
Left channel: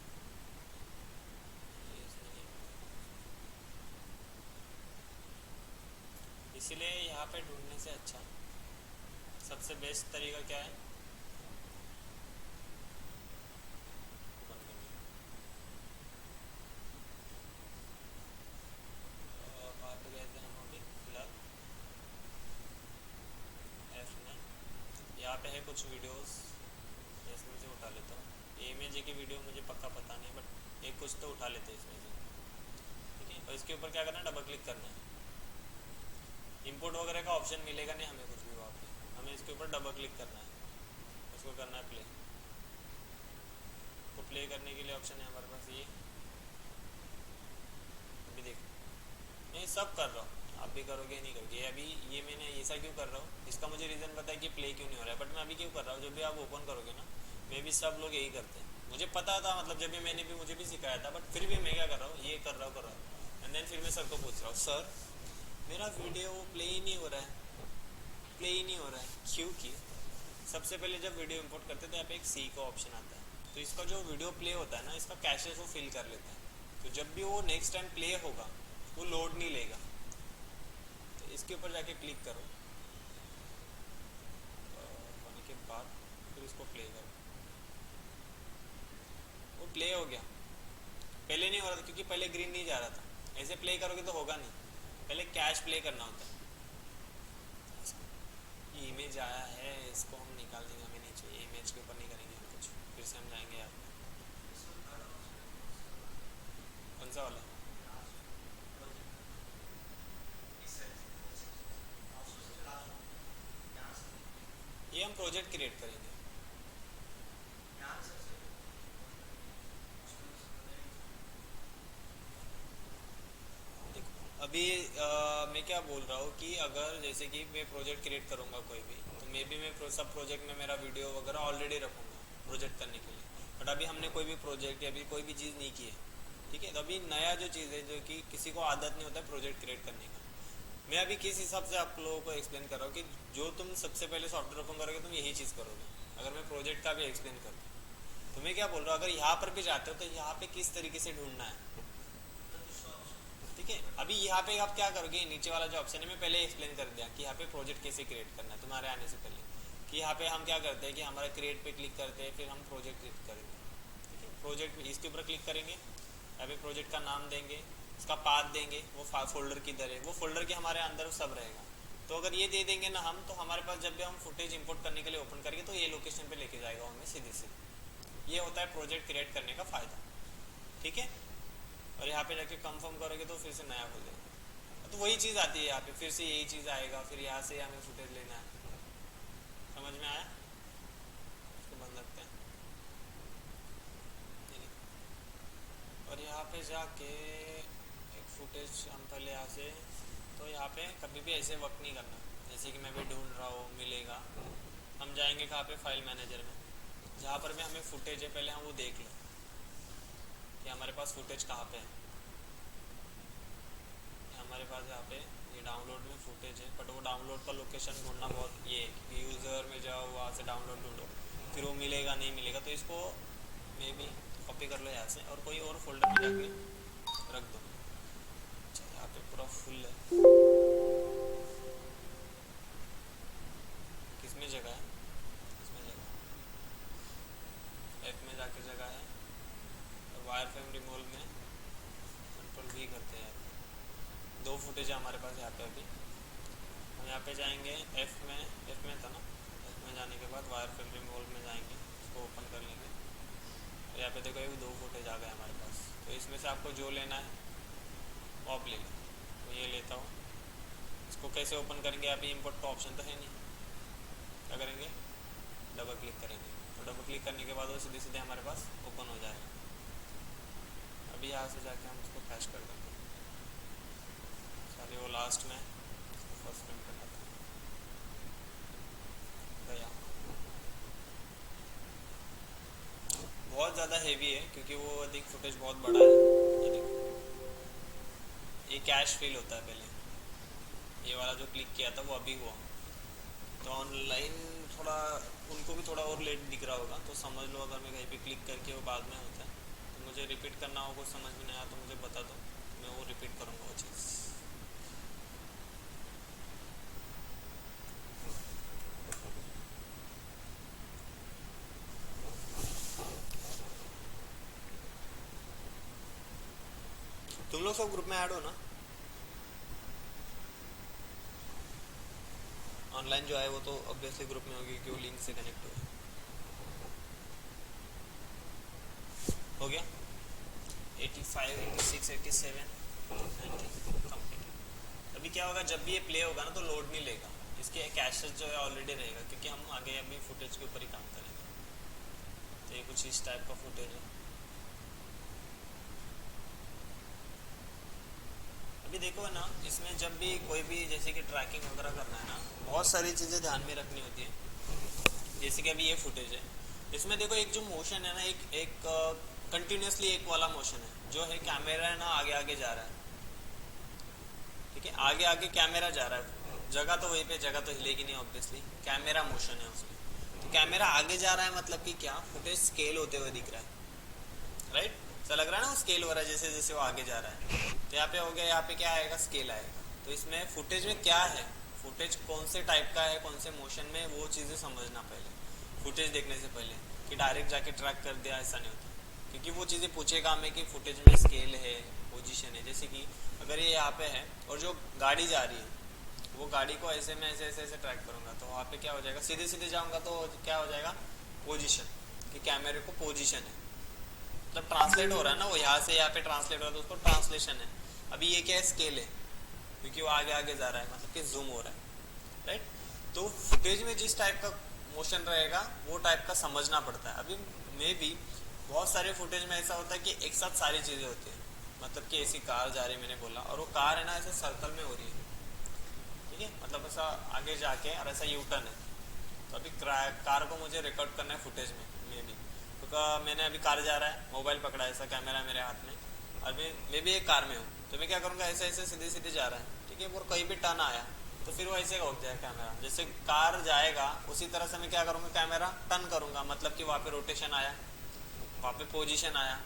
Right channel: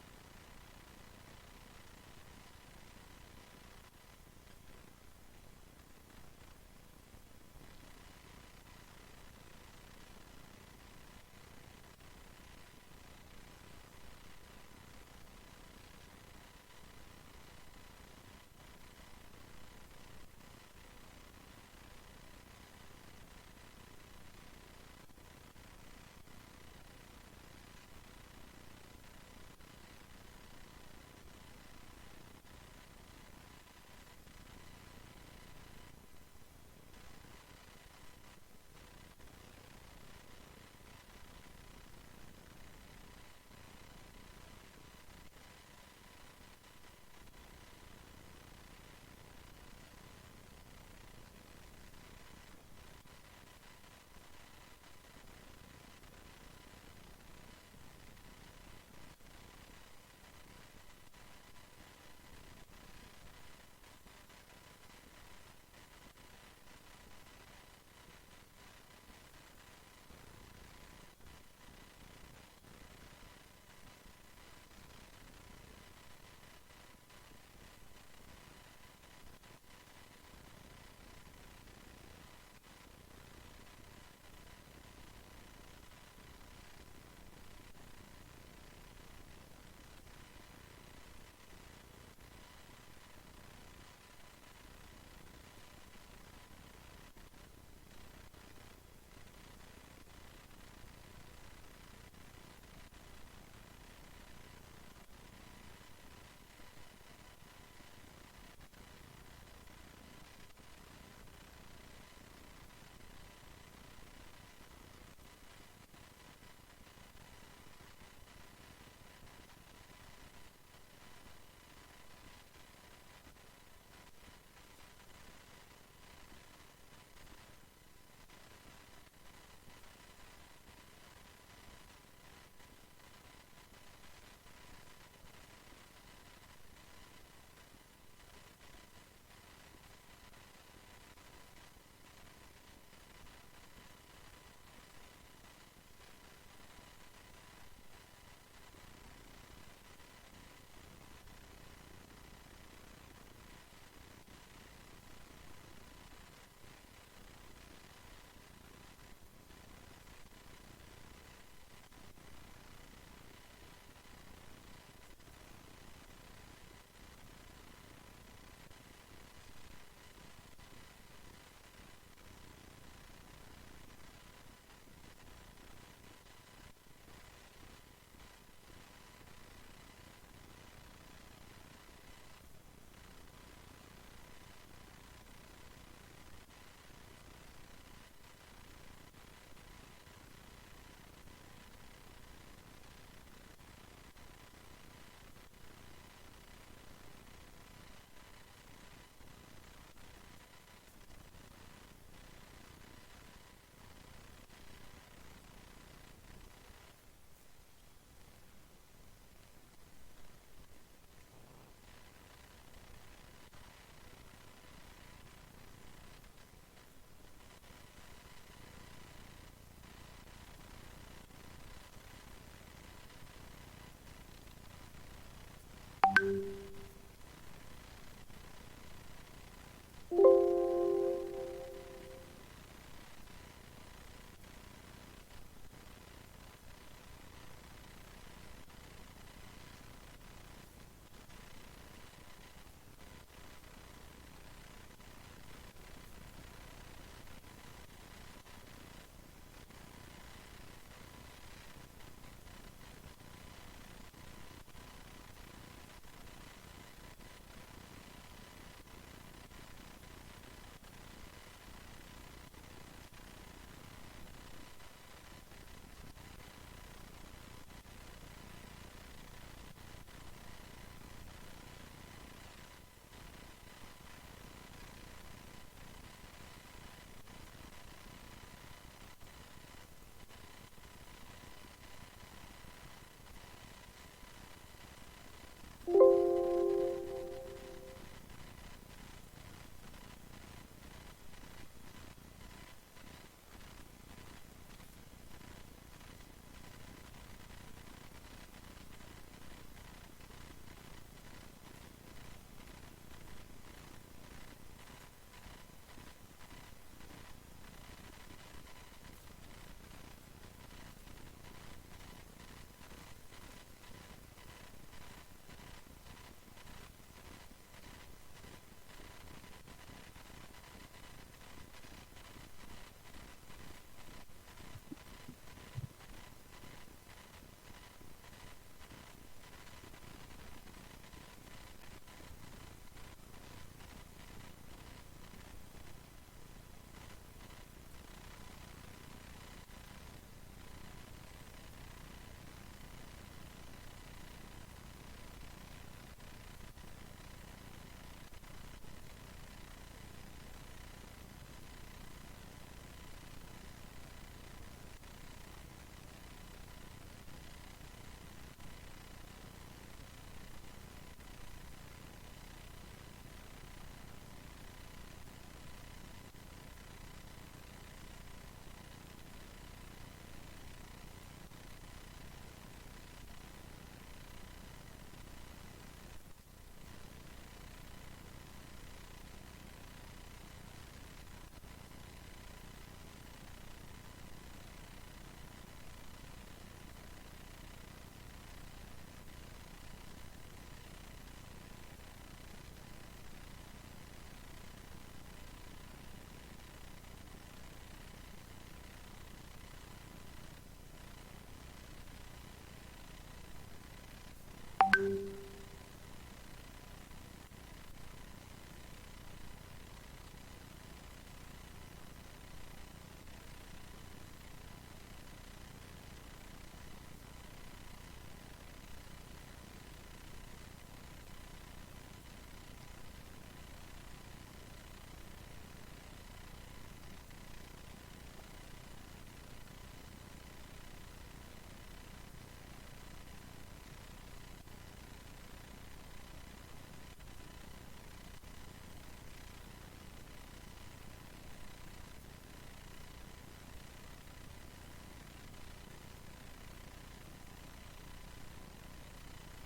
इसीलिए यहाँ पे ढूंढने से अच्छा सबसे बेस्ट तरीका क्या है, कहाँ पे गए थे हम अभी फिलहाल, एफ में, यहाँ पे है कुछ वीडियोस, इसमें से उठा लेता हूँ। ये इमेज की वीडियो मुझे पक्का पता नहीं, बट एक कुछ तो उठा लेते हैं इसमें से, ठीक है। और इसके ऊपर क्या करना है, डबल क्लिक करना है। इंपोर्ट वगैरह का ऑप्शन मिलेगा नहीं हमें कुछ भी वहाँ पे, हमें इसके ऊपर डबल क्लिक करना है, उसको करना है प्ले। तो प्ले करने के लिए ऑप्शन है हमारे पास ये, अभी देखो मैं सब कर रहा हूँ, आप भी करोगे नहीं करोगे। अभी ये मैंने ऐसा क्यों कर रहा हूँ, इसका मुझे रीज़न पता है कि प्ले क्यों नहीं हो रहा है, बट मैं अभी क्यों कर रहा हूँ, जब भी आप ओपन करोगे ना, मे भी सब लोग यही करते हैं, मुझे पता था, मतलब जब भी मैंने भी मुझे भी सिखाया था, बट फिर भी मैं क्या कर रहा हूँ, ये कर रहा हूँ, एंड देन फिर मैं सर को पूछ रहा हूँ, सर मेरा वीडियो प्ले ही नहीं हो रहा है, प्ले ही नहीं हो रहा है, क्योंकि सबसे पहले जब वीडियो इंपोर्ट करते थे यहाँ पे एक सी का ऑप्शन आता है, तो इसका जो वीडियो प्ले होता है ना, इसका कैशेस वो फिल कर लेता है, तो जब भी वो नेक्स्ट टाइम प्ले होगा वो लोड नहीं लेगा। तो इसके ऊपर जाके क्लिक करो, होने के बाद फिर उसको प्ले करो, वो प्ले हो गया, पहले नहीं हो रहा था क्योंकि पहले ग्रीन नहीं जा रहा था। ऐसे प्ले करोगे तो होगा नहीं, पहले कैश प्ले करना होता है। ये इमेज आया है, इसको हम निकाल देंगे, हमें नहीं चाहिए इमेज के ऊपर नहीं करेंगे कुछ। फिर से हम जाएंगे यार, कौन सा वाला? ये हम प्रोजेक्ट क्रिएट करेंगे। अभी मैं क्या बोल रहा हूँ कि अगर जैसे कि मैं प्रोजेक्ट क्रिएट करूँगा कोई भी, तो मे बी मैं सब प्रोजेक्ट में मेरा वीडियो वगैरह ऑलरेडी रखूँगा प्रोजेक्ट करने के लिए। बट अभी हमने कोई भी प्रोजेक्ट या अभी कोई भी चीज़ नहीं की है, ठीक है। तो अभी नया जो चीज़ है, जो कि किसी को आदत नहीं होता है प्रोजेक्ट क्रिएट करने का, मैं अभी किस हिसाब से आप लोगों को एक्सप्लेन कर रहा हूँ कि जो तुम सबसे पहले सॉफ्टवेयर ओपन करोगे तुम यही चीज़ करोगे। अगर मैं प्रोजेक्ट का भी एक्सप्लेन करूँ तो मैं क्या बोल रहा हूँ, अगर यहाँ पर भी जाते हो तो यहाँ पे किस तरीके से ढूंढना है, ठीक है। अभी यहाँ पे आप क्या करोगे, नीचे वाला जो ऑप्शन है मैं पहले एक्सप्लेन कर दिया कि यहाँ पे प्रोजेक्ट कैसे क्रिएट करना है तुम्हारे आने से पहले। कि यहाँ पे हम क्या करते हैं कि हमारा क्रिएट पे क्लिक करते हैं, फिर हम प्रोजेक्ट क्लिक करेंगे। प्रोजेक्ट इसके ऊपर क्लिक करेंगे, यहाँ पे प्रोजेक्ट का नाम देंगे, इसका पाथ देंगे, वो फोल्डर किधर है, वो फोल्डर के हमारे अंदर सब रहेगा। तो अगर ये दे देंगे ना हम, तो हमारे पास जब भी हम फुटेज इंपोर्ट करने के लिए ओपन करेंगे तो ये लोकेशन पे लेके जाएगा हमें सीधे से। ये होता है प्रोजेक्ट क्रिएट करने का फ़ायदा, ठीक है। और यहाँ पे जाके कंफर्म करोगे तो फिर से नया खोलेगा, तो वही चीज़ आती है यहाँ पे, फिर से यही चीज़ आएगा, फिर यहाँ से हमें फुटेज लेना है। समझ में आया? इसको बंद करते हैं, ठीक है। और यहाँ पे जाके एक फुटेज हम पहले यहाँ से, तो यहाँ पे कभी भी ऐसे वर्क नहीं करना। जैसे कि मैं भी ढूंढ रहा हूँ, मिलेगा, हम जाएंगे कहाँ पे, फाइल मैनेजर में, जहाँ पर भी हमें फुटेज है पहले हम वो देख लें कि हमारे पास फुटेज कहाँ पे है। हमारे पास यहाँ पे ये डाउनलोड में फुटेज है, बट वो डाउनलोड का लोकेशन ढूंढना बहुत ये है। यूज़र में जाओ, वहाँ से डाउनलोड ढूंढो, फिर वो मिलेगा नहीं मिलेगा। तो इसको मे बी कॉपी कर लो यहाँ से और कोई और फोल्डर में जाके रख दो। अच्छा, यहाँ पे पूरा फुल है, किसमें जगह है, इसमें जगह, ऐप में जाके जगह है, और वायर फ्रेम रिमूवल में कंट्रोल भी करते हैं। दो फुटेज है हमारे पास यहाँ पे। अभी हम यहाँ पे जाएंगे एफ में था ना, एफ में जाने के बाद वायर फ्रेम रिमूवल में जाएंगे, इसको ओपन कर लेंगे। और यहाँ पे देखो ये दो फुटेज आ गए हमारे पास। तो इसमें से आपको जो लेना है वो आप ले लो। तो ये लेता हूँ, इसको कैसे ओपन करेंगे, अभी इम्पोर्ट का ऑप्शन तो है नहीं, क्या करेंगे, डबल क्लिक करेंगे। और डबल क्लिक करने के बाद वो सीधे सीधे हमारे पास ओपन हो जाएगा। अभी यहाँ से जाके हम इसको फ्लैश कर देंगे, वो लास्ट में फर्स्ट में गया। बहुत ज़्यादा हेवी है क्योंकि वो अधिक फुटेज बहुत बड़ा है। ये कैश फील होता है पहले, ये वाला जो क्लिक किया था वो अभी हुआ। तो ऑनलाइन थोड़ा उनको भी थोड़ा और लेट दिख रहा होगा, तो समझ लो अगर मैं कहीं पे क्लिक करके वो बाद में होता है, तो मुझे रिपीट करना हो, कुछ समझ में नहीं आया तो मुझे बता दो, मैं वो रिपीट करूँगा वो चीज़। तुम लोग सब ग्रुप में ऐड हो ना? ऑनलाइन जो है वो तो ऑब्वियसली ग्रुप में होगी क्योंकि लिंक से कनेक्ट हो गया। 85, 86, 87, 90 कंप्लीट। अभी क्या होगा, जब भी ये प्ले होगा ना तो लोड नहीं लेगा, इसके कैशेस जो है ऑलरेडी रहेगा क्योंकि हम आगे अभी फुटेज के ऊपर ही काम करेंगे। तो ये कुछ इस टाइप का फुटेज है। अभी देखो ना, इसमें जब भी कोई भी जैसे कि ट्रैकिंग वगैरह करना है ना, बहुत सारी चीज़ें ध्यान में रखनी होती है। जैसे कि अभी ये फुटेज है, इसमें देखो एक जो मोशन है ना, एक कंटिन्यूसली एक वाला मोशन है, जो है कैमरा है ना आगे आगे जा रहा है, ठीक है, आगे आगे कैमरा जा रहा है। जगह तो वहीं पे, जगह तो हिलेगी नहीं ऑब्वियसली, कैमरा मोशन है उसमें। तो कैमरा आगे जा रहा है मतलब कि क्या, फुटेज स्केल होते हुए दिख रहा है, राइट। ऐसा लग रहा है ना वो स्केल हो रहा है जैसे जैसे वो आगे जा रहा है। तो यहाँ पे हो गया, यहाँ पे क्या आएगा, स्केल आएगा। तो इसमें फुटेज में क्या है, फुटेज कौन से टाइप का है, कौन से मोशन में, वो चीज़ें समझना पहले फुटेज देखने से पहले, कि डायरेक्ट जाके ट्रैक कर दिया, ऐसा नहीं होता। क्योंकि वो चीज़ें पूछेगा हमें कि फुटेज में स्केल है, पोजीशन है। जैसे कि अगर ये यहाँ पे है और जो गाड़ी जा रही है वो गाड़ी को ऐसे मैं ऐसे ऐसे ऐसे ट्रैक करूँगा तो वहाँ पे क्या हो जाएगा, सीधे सीधे जाऊँगा तो क्या हो जाएगा, पोजीशन, कि कैमरे को पोजीशन है, मतलब ट्रांसलेट हो रहा है ना, वो यहाँ से यहाँ पे ट्रांसलेट हो रहा है तो उसको ट्रांसलेशन है। अभी ये क्या है, स्केल है, क्योंकि वो आगे आगे जा रहा है, मतलब कि जूम हो रहा है, राइट। तो फुटेज में जिस टाइप का मोशन रहेगा वो टाइप का समझना पड़ता है। अभी मे भी बहुत सारे फुटेज में ऐसा होता है कि एक साथ सारी चीज़ें होती है, मतलब कि ऐसी कार जा रही है मैंने बोला, और वो कार है ना ऐसे सर्कल में हो रही है, ठीक है, मतलब ऐसा आगे जाके और ऐसा यू टर्न है। तो अभी कार को मुझे रिकॉर्ड करना है फुटेज में, मे भी तो मैंने अभी कार जा रहा है, मोबाइल पकड़ा है, ऐसा कैमरा है मेरे हाथ में, और मैं भी एक कार में हूँ, तो मैं क्या करूँगा, ऐसे ऐसे सीधे सीधे जा रहा है, ठीक है, और कहीं भी टर्न आया तो फिर वो ऐसे हो जाए कैमरा, जैसे कार जाएगा उसी तरह से मैं क्या करूँगा, कैमरा टर्न करूँगा, मतलब कि वहाँ पे रोटेशन आया, वहाँ पे पोजीशन आया,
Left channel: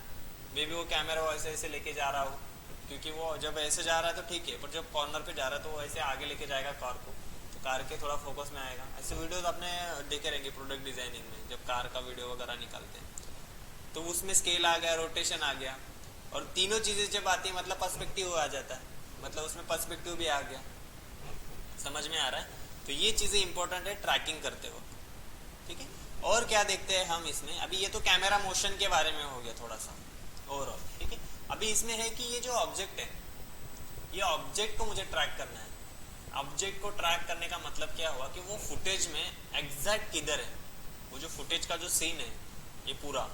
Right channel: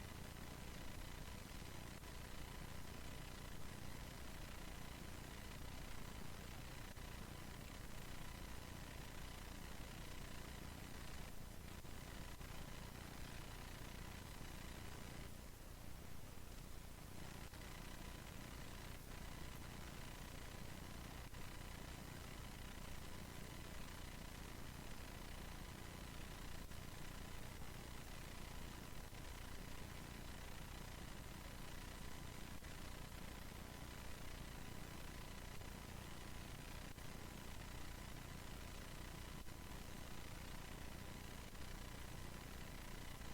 मैं भी वो कैमरा वो ऐसे ऐसे लेके जा रहा हूँ, क्योंकि वो जब ऐसे जा रहा है तो ठीक है, पर जब कॉर्नर पे जा रहा है तो वो ऐसे आगे लेके जाएगा कार को, तो कार के थोड़ा फोकस में आएगा। ऐसे वीडियोस आपने देखे रहेंगे प्रोडक्ट डिजाइनिंग में, जब कार का वीडियो वगैरह निकालते हैं तो उसमें स्केल आ गया, रोटेशन आ गया, और तीनों चीज़ें जब आती है मतलब पर्सपेक्टिव आ जाता है, मतलब उसमें पर्सपेक्टिव भी आ गया, समझ में आ रहा है। तो ये चीज़ें इंपॉर्टेंट है ट्रैकिंग करते वक्त, ठीक है। और क्या देखते हैं हम इसमें, अभी ये तो कैमरा मोशन के बारे में हो गया थोड़ा सा ओवरऑल, ठीक है। अभी इसमें है कि ये जो ऑब्जेक्ट है, ये ऑब्जेक्ट को मुझे ट्रैक करना है। ऑब्जेक्ट को ट्रैक करने का मतलब क्या हुआ कि वो फुटेज में एग्जैक्ट किधर है, वो जो फुटेज का जो सीन है ये पूरा,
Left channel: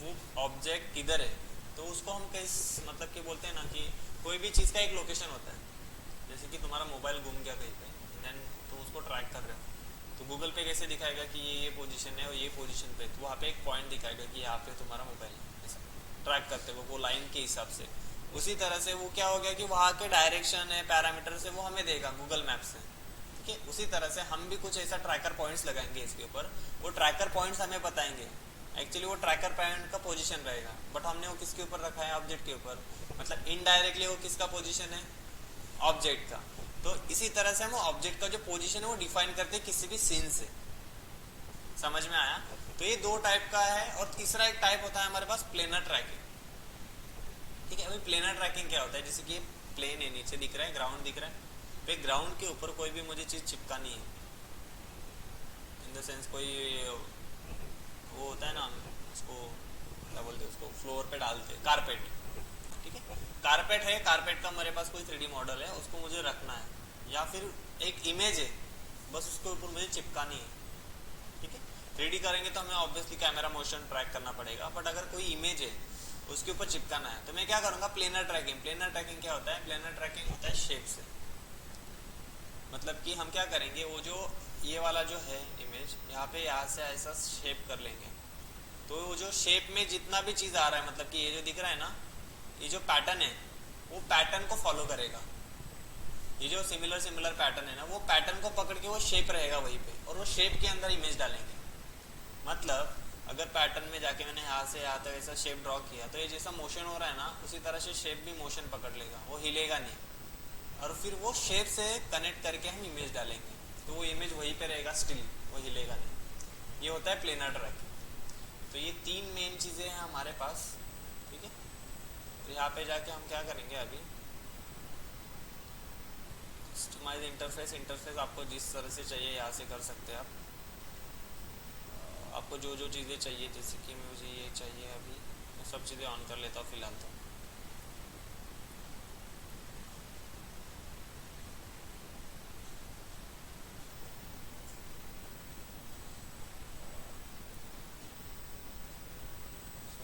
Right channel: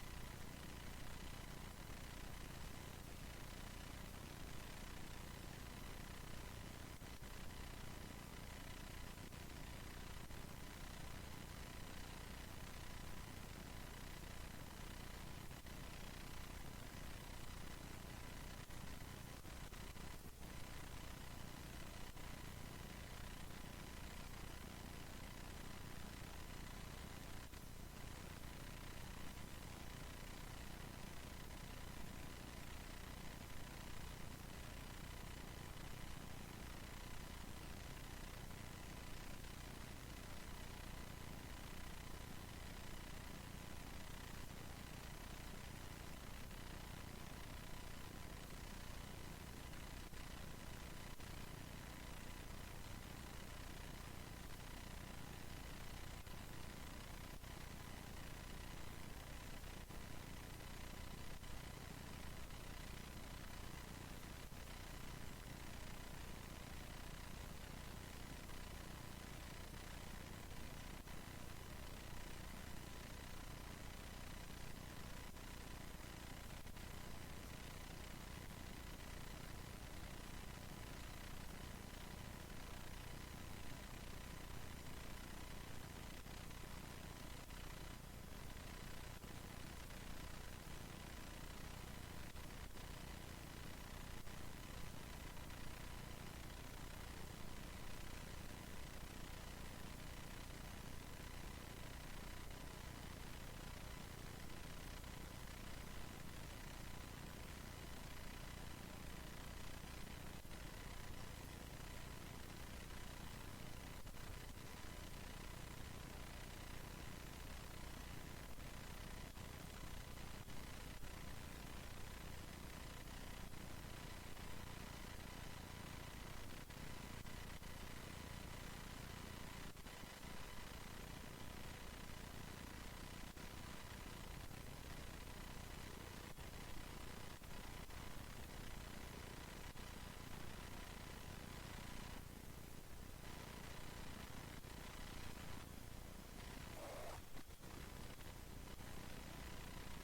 वो ऑब्जेक्ट किधर है, तो उसको हम किस मतलब कि बोलते हैं ना कि कोई भी चीज़ का एक लोकेशन होता है, जैसे कि तुम्हारा मोबाइल गुम गया कहीं पे, देन तुम उसको ट्रैक कर रहे हो, तो गूगल पे कैसे दिखाएगा कि ये पोजीशन है और ये पोजीशन पे, तो वहाँ पे एक पॉइंट दिखाएगा कि यहाँ पे तुम्हारा मोबाइल है, ट्रैक करते हो वो लाइन के हिसाब से। उसी तरह से वो क्या हो गया कि वहाँ के डायरेक्शन है, पैरामीटर से वो हमें देगा गूगल मैप से, ठीक है। उसी तरह से हम भी कुछ ऐसा ट्रैकर पॉइंट्स लगाएंगे इसके ऊपर, वो ट्रैकर पॉइंट्स हमें बताएंगे, एक्चुअली वो ट्रैकर पॉइंट का पोजीशन रहेगा, बट हमने वो किसके ऊपर रखा है, ऑब्जेक्ट के ऊपर, मतलब इनडायरेक्टली वो किसका पोजीशन है, ऑब्जेक्ट का। तो इसी तरह से हम ऑब्जेक्ट का जो पोजीशन है वो डिफाइन करते हैं किसी भी सीन से, समझ में आया। तो ये दो टाइप का है, और तीसरा एक टाइप होता है हमारे पास प्लेनर ट्रैकिंग, ठीक है। अभी प्लेनर ट्रैकिंग क्या होता है, जैसे कि प्लेन है, नीचे दिख रहा है, ग्राउंड दिख रहा है, तो ग्राउंड के ऊपर कोई भी मुझे चीज़ चिपकानी है, इन द सेंस कोई वो होता है ना, उसको क्या बोलते हैं, उसको फ्लोर पे डालते हैं, कारपेट, ठीक है। कारपेट है, कारपेट का हमारे पास कोई 3D मॉडल है, उसको मुझे रखना है, या फिर एक इमेज है बस उसके ऊपर मुझे चिपकानी है, ठीक है। 3D करेंगे तो हमें ऑब्वियसली कैमरा मोशन ट्रैक करना पड़ेगा, बट अगर कोई इमेज है उसके ऊपर चिपकाना है तो मैं क्या करूँगा, प्लेनर ट्रैकिंग। प्लेनर ट्रैकिंग क्या होता है, प्लेनर ट्रैकिंग होता है शेप से, मतलब कि हम क्या करेंगे, वो जो ये वाला जो है इमेज, यहाँ से ऐसा शेप कर लेंगे, तो वो जो शेप में जितना भी चीज़ आ रहा है, मतलब कि ये जो दिख रहा है ना, ये जो पैटर्न है वो पैटर्न को फॉलो करेगा, ये जो सिमिलर सिमिलर पैटर्न है ना, वो पैटर्न को पकड़ के वो शेप रहेगा वहीं पे, और वो शेप के अंदर इमेज डालेंगे। मतलब अगर पैटर्न में जाके मैंने यहाँ से यहाँ तक ऐसा शेप ड्रॉ किया, तो ये जैसा मोशन हो रहा है ना उसी तरह से शेप भी मोशन पकड़ लेगा, वो हिलेगा नहीं, और फिर वो शेप से कनेक्ट करके हम इमेज डालेंगे, तो वो इमेज वहीं पे रहेगा स्टिल, वो हिलेगा नहीं। ये होता है प्लेनर ट्रैक। तो ये तीन मेन चीज़ें हैं हमारे पास, ठीक है। तो यहाँ पे जाके हम क्या करेंगे, अभी कस्टमाइज इंटरफेस, इंटरफेस आपको जिस तरह से चाहिए यहाँ से कर सकते हैं आप, आपको जो जो चीज़ें चाहिए, जैसे कि मुझे ये चाहिए, अभी मैं सब चीज़ें ऑन कर लेता हूँ फिलहाल तो।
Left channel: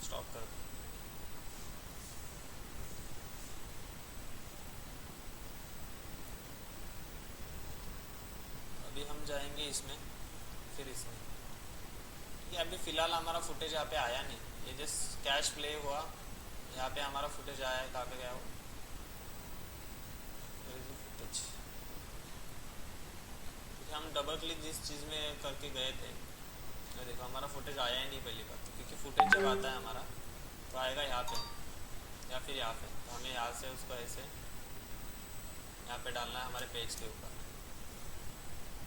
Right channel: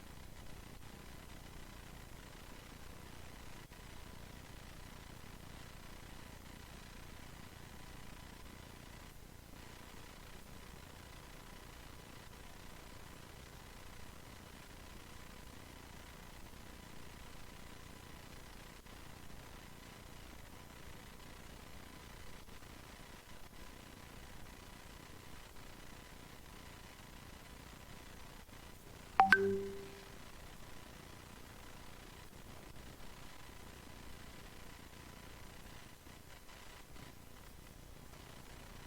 स्टॉप कर दूँ, अभी हम जाएंगे इसमें, फिर इसमें, ये अभी फ़िलहाल हमारा फुटेज यहाँ पे आया नहीं, ये जस्ट कैश प्ले हुआ, यहाँ पे हमारा फुटेज आया है, कहाँ पे गया वो फुटेज, हम डबल क्लिक जिस चीज़ में करके गए थे, ये देखो हमारा फुटेज आया ही नहीं पहली बार, तो क्योंकि फुटेज जब आता है हमारा तो आएगा यहाँ पे या फिर यहाँ पे, तो हमें यहाँ से उसको ऐसे यहाँ पे डालना है हमारे पेज के ऊपर,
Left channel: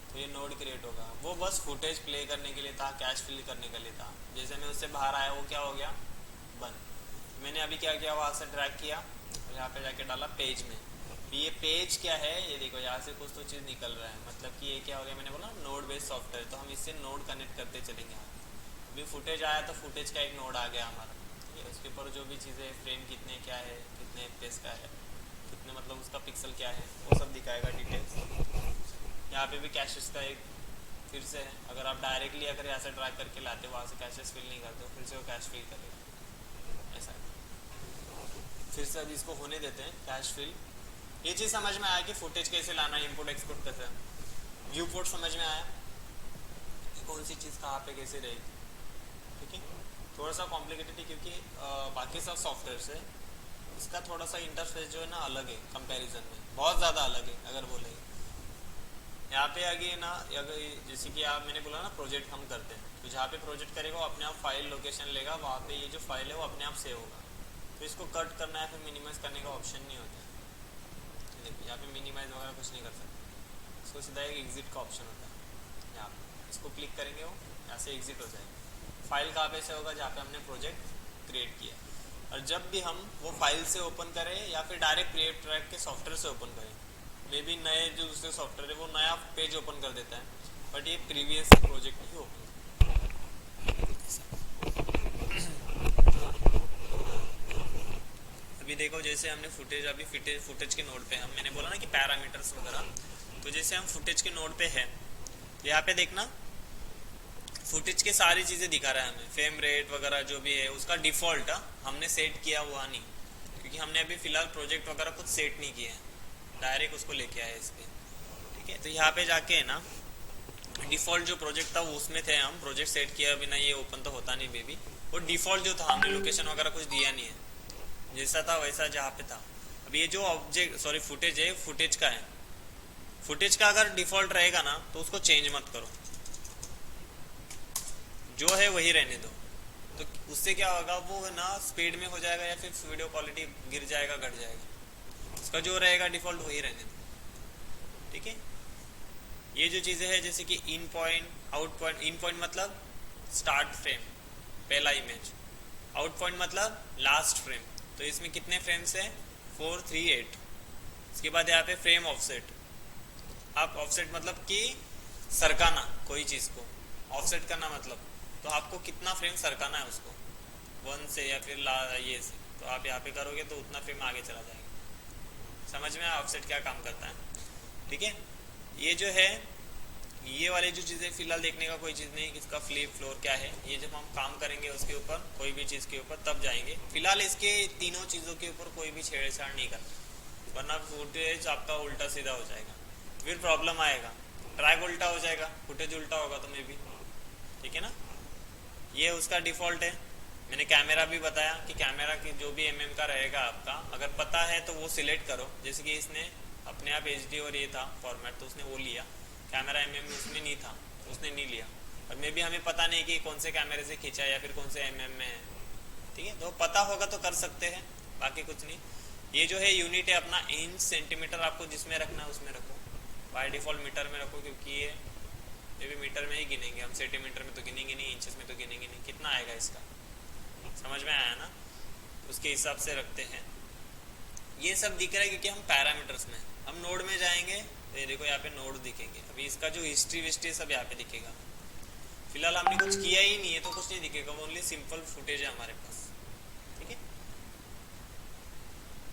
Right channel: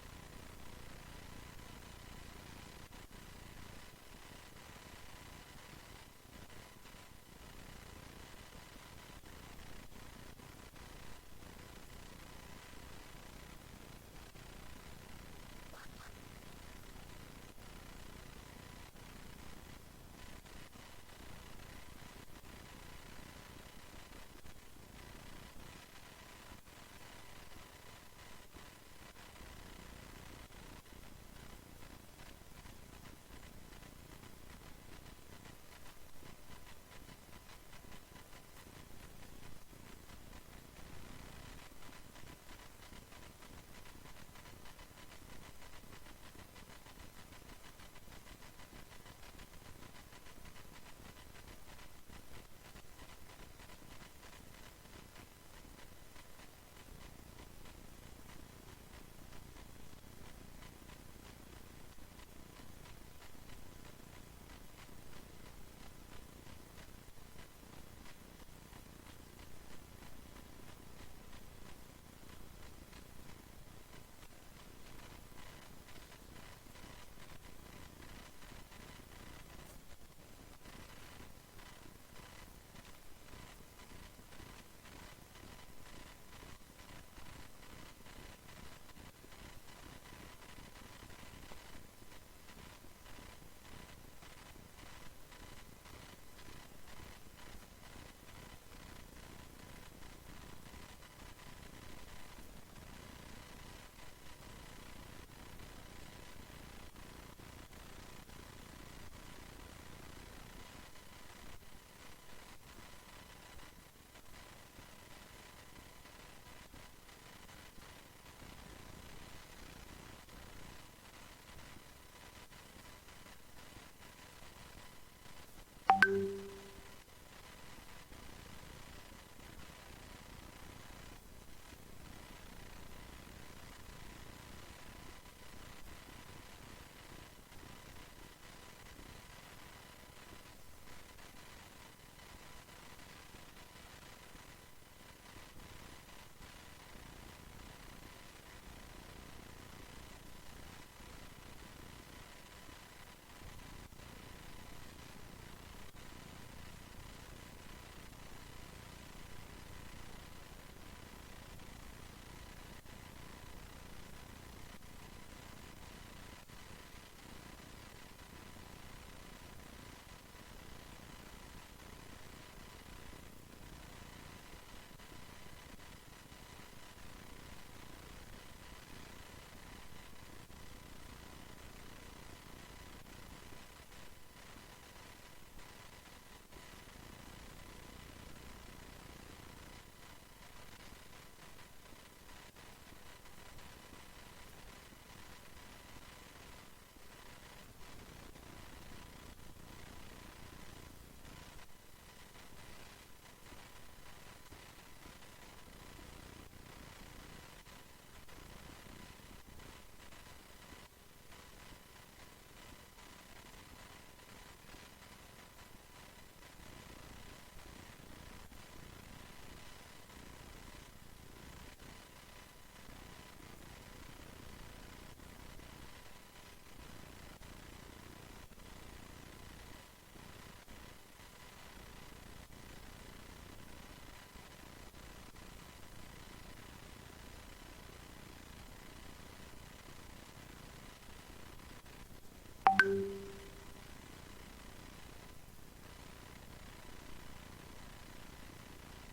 तो ये नोड क्रिएट होगा। वो बस फुटेज प्ले करने के लिए था, कैश फिल करने के लिए था। जैसे मैं उससे बाहर आया वो क्या हो गया, बन। मैंने अभी क्या किया, वहाँ से ड्रैग किया, यहाँ पे जाके डाला पेज में। ये पेज क्या है, ये देखो यहाँ से कुछ तो चीज़ निकल रहा है, मतलब कि ये क्या हो गया, मैंने बोला नोड बेस्ड सॉफ्टवेयर, तो हम इससे नोड कनेक्ट करते चलेंगे। अभी फुटेज आया तो फुटेज का एक नोड आ गया हमारा, ये उसके ऊपर जो भी चीज़ें, फ्रेम कितने क्या है, कितने एफपीएस का है, कितने मतलब उसका पिक्सल क्या है, वो सब दिखाएगा डिटेल्स। यहाँ पे भी कैशेस का एक फिर से है, अगर आप डायरेक्टली अगर यहाँ से ड्रैग करके लाते, वहाँ से कैशेस फिल नहीं करते, फिर से वो कैश फिल करेगा ऐसा। फिर से अभी इसको होने देते हैं कैश फिल। ये चीज़ समझ में आया कि फुटेज कैसे लाना है, इंपोर्ट एक्सपोर्ट कैसे, व्यू पोर्ट समझ में आया कि कौन सी चीज़ कहाँ पे कैसे रहेगी। ठीक है, थोड़ा सा कॉम्प्लिकेटेड है क्योंकि बाकी सब सॉफ्टवेयर से इसका थोड़ा सा इंटरफेस जो है ना अलग है कंपैरिजन में, बहुत ज़्यादा अलग है अगर बोले। यहाँ पे आगे ना, अगर जैसे कि आप, मैंने बोला ना प्रोजेक्ट हम करते हैं, तो जहाँ पे प्रोजेक्ट करेगा वो अपने आप फाइल लोकेशन लेगा, वहाँ पे ये जो फाइल है वो अपने आप सेव होगा। तो इसको कट करना है फिर मिनिमाइज करने का ऑप्शन नहीं होता है। देखो यहाँ पे मिनिमाइज वगैरह कुछ नहीं कर सकते, इसको सीधा एक एग्जिट का ऑप्शन होता है। यहाँ पे इसको क्लिक करेंगे, वो यहाँ से एग्जिट हो जाएगा। फाइल कहाँ पे से होगा, जहाँ पे हमने प्रोजेक्ट क्रिएट किया। और जब भी हम वो फाइल से ओपन करें या फिर डायरेक्ट क्रिएट ट्रैक के सॉफ्टवेयर से ओपन करें, मे बी नए जो दूसरे सॉफ्टवेयर है वो नया पेज ओपन कर देता है, बट ये प्रीवियस प्रोजेक्ट ही ओपन। अभी देखो जैसे हमने फुटेज, अभी फुटेज के नोड पे हम, मैंने बोला ना कि पैरामीटर्स वगैरह, तो जैसे हम फुटेज के नोड पे है, यहाँ पे देखना फुटेज के सारी चीज़ें दिखा रहा है हमें, फ्रेम रेट वगैरह जो भी है उसका डिफ़ॉल्ट हमने सेट किया हुआ नहीं, क्योंकि हमने अभी फ़िलहाल प्रोजेक्ट वगैरह कुछ सेट नहीं किया है, डायरेक्ट उसको लेके आए इस पर। ठीक है, तो यहाँ पे जाके है ना डिफ़ॉल्ट जो प्रोजेक्ट था वो उसमें थे हम, प्रोजेक्ट सेट किया बिना ये ओपन तो होता नहीं बेबी। वो डिफ़ॉल्ट जो था हमने लोकेशन वगैरह कुछ दिया नहीं है, जैसा था वैसा जहाँ पे था। अब ये जो ऑब्जेक्ट सॉरी फुटेज है, फुटेज का है, फुटेज का अगर डिफ़ॉल्ट रहेगा ना तो उसको चेंज मत करो, जो है वही रहने दो। तो उससे क्या होगा, वो ना स्पीड में हो जाएगा या फिर वीडियो क्वालिटी गिर जाएगा, घट जाएगा। उसका जो रहेगा डिफ़ॉल्ट वही रहने दो। ठीक है, ये जो चीज़ें हैं जैसे कि इन पॉइंट, आउट पॉइंट, इन पॉइंट मतलब स्टार्ट फ्रेम पहला इमेज, आउट पॉइंट मतलब लास्ट फ्रेम, तो इसमें कितने फ्रेम्स हैं, 4 3 8। इसके बाद यहाँ पे फ्रेम ऑफसेट, आप ऑफसेट मतलब कि सरकाना कोई चीज़ को, ऑफसेट करना मतलब तो आपको कितना फ्रेम सरकाना है उसको, 1 से या फिर ये से, तो आप यहाँ पे करोगे तो उतना फ्रेम आगे चला जाएगा। समझ में आया ऑफसेट क्या काम करता है। ठीक है, ये जो है ये वाली जो चीज़ें फिलहाल देखने का कोई चीज़ नहीं, इसका फ्लिप फ्लोर क्या है, ये जब हम काम करेंगे उसके ऊपर कोई भी चीज़ के ऊपर तब जाएंगे। फिलहाल इसके तीनों चीज़ों के ऊपर कोई भी छेड़छाड़ नहीं करना, वरना फुटेज आपका उल्टा सीधा हो जाएगा, फिर प्रॉब्लम आएगा, ट्रैक उल्टा हो जाएगा, फुटेज उल्टा होगा तो मे भी। ठीक है ना, ये उसका डिफ़ॉल्ट है। मैंने कैमरा भी बताया कि कैमरा की जो भी का रहेगा आपका, अगर पता है तो वो सिलेक्ट करो, जैसे कि इसने अपने आप HD और ये था फॉर्मेट तो उसने वो लिया, कैमरा में उसमें नहीं था तो उसने नहीं लिया, और मे भी हमें पता नहीं कि कौन से कैमरे से खींचा या फिर कौन से में है। ठीक है, तो पता होगा तो कर सकते हैं, बाकी कुछ नहीं। ये जो है यूनिट है अपना इंच सेंटीमीटर, आपको जिसमें रखना है उसमें रखो, बाय डिफ़ॉल्ट मीटर में रखो, क्योंकि ये भी मीटर में ही गिनेंगे हम, सेंटीमीटर में तो गिनेंगे नहीं, इंचेस में तो गिनेंगे नहीं। कितना आएगा इसका, समझ में आया ना, उसके हिसाब से रखते हैं। ये सब दिख रहा है क्योंकि हम पैरामीटर्स में, हम नोड में जाएंगे तो ये देखो यहाँ पे नोड दिखेंगे, अभी इसका जो हिस्ट्री विस्ट्री सब यहाँ पे दिखेगा। फिलहाल हमने कुछ किया ही नहीं है तो कुछ नहीं दिखेगा, ओनली सिंपल फुटेज है हमारे पास। ठीक है,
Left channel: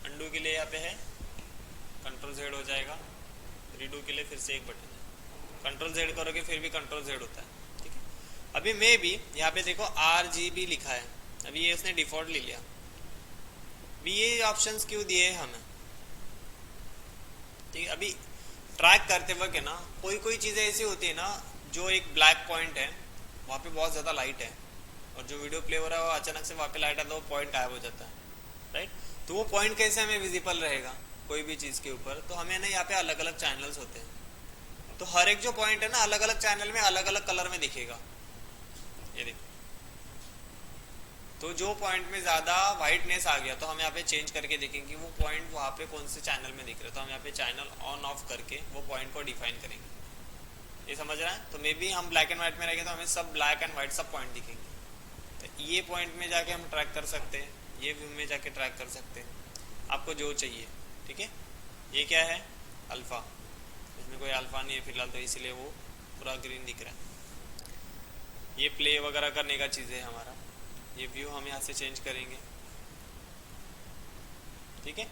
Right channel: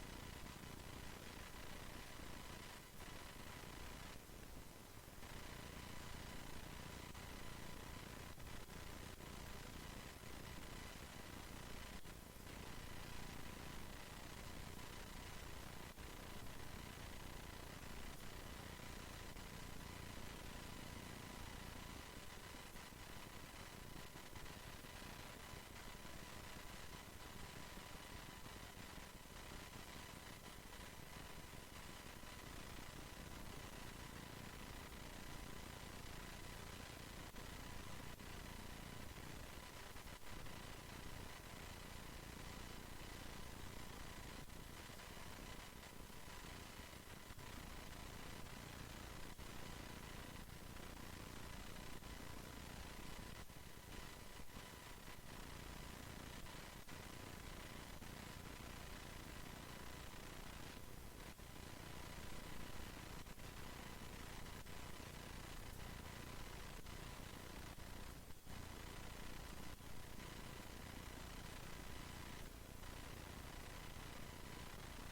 अंडू के लिए यहाँ पे है Ctrl Z हो जाएगा, रीडू के लिए फिर से एक बटन है, Ctrl Z करोगे फिर भी Ctrl Z होता है। ठीक है, अभी मैं भी यहाँ पे देखो RGB लिखा है, अभी ये उसने डिफ़ॉल्ट ले लिया। अभी ये ऑप्शंस क्यों दिए हमें, ठीक है, अभी ट्रैक करते वक्त है ना कोई कोई चीज़ें ऐसी होती है ना, जो एक ब्लैक पॉइंट है वहाँ पे बहुत ज़्यादा लाइट है, और जो वीडियो प्ले हो रहा है वो अचानक से वहाँ पे लाइट आता है, वो पॉइंट गायब हो जाता है, राइट। तो वो पॉइंट कैसे हमें विजिबल रहेगा कोई भी चीज़ के ऊपर, तो हमें ना यहाँ पे अलग अलग चैनल्स होते हैं, तो हर एक जो पॉइंट है ना अलग अलग चैनल में अलग अलग कलर में दिखेगा। ये देखो, तो जो पॉइंट में ज़्यादा वाइटनेस आ गया तो हम यहाँ पे चेंज करके देखेंगे वो पॉइंट वहाँ पे कौन से चैनल में दिख रहा है, तो हम यहाँ पे चैनल ऑन ऑफ करके वो पॉइंट को डिफाइन करेंगे। ये समझ रहा है, तो मे बी हम ब्लैक एंड वाइट में रहेंगे तो हमें सब ब्लैक एंड वाइट सब पॉइंट दिखेंगे। ये पॉइंट में जाके हम ट्रैक कर सकते हैं, ये व्यू में जाके ट्रैक कर सकते हैं, आपको जो चाहिए। ठीक है, ये क्या है, अल्फ़ा, इसमें कोई अल्फ़ा नहीं है फिलहाल, तो इसलिए वो पूरा ग्रीन दिख रहा है। ये प्ले वगैरह करने का चीज़ है हमारा। ये व्यू हम यहाँ से चेंज करेंगे। ठीक है,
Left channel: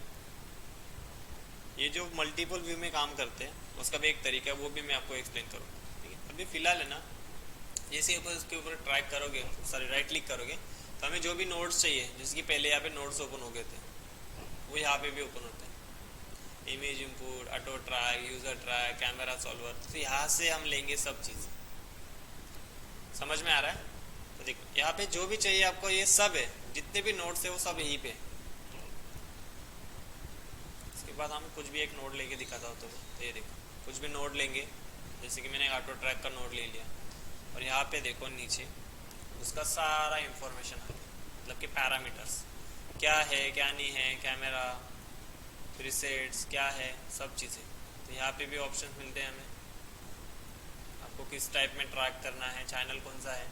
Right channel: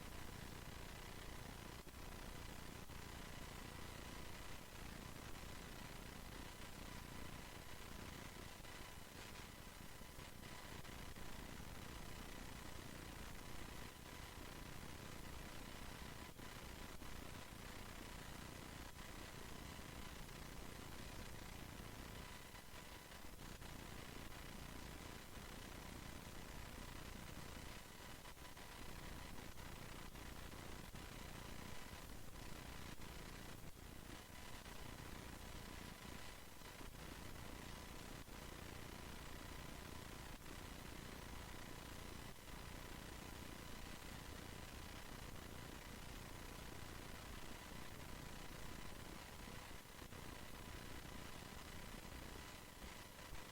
ये जो मल्टीपल व्यू में काम करते हैं उसका भी एक तरीका है, वो भी मैं आपको एक्सप्लेन करूँगा। ठीक है, अभी फ़िलहाल है ना, जैसे ऊपर उसके ऊपर ट्रैक करोगे, सॉरी राइट क्लिक करोगे, तो हमें जो भी नोट्स चाहिए, जैसे कि पहले यहाँ पे नोट्स ओपन हो गए थे, वो यहाँ पे भी ओपन होते हैं। Image import, auto track, user track, camera solver, तो यहाँ से हम लेंगे सब चीज़। समझ में आ रहा है? तो देखो यहाँ पे जो भी चाहिए आपको, ये सब है, जितने भी नोट्स है वो सब यहीं पे। इसके बाद हम कुछ भी एक नोट लेके दिखाता हूँ, तो ये देखो कुछ भी नोट लेंगे, जैसे कि मैंने ऑटो ट्रैक का नोट ले लिया, और यहाँ पे देखो नीचे उसका सारा इंफॉर्मेशन है, मतलब कि पैरामीटर्स क्या है क्या नहीं है, कैमरा, प्रीसेट्स क्या है, सब चीज़ें। तो यहाँ पे भी ऑप्शन मिलते हैं हमें, आपको किस टाइप में ट्रैक करना है, चैनल कौन सा है।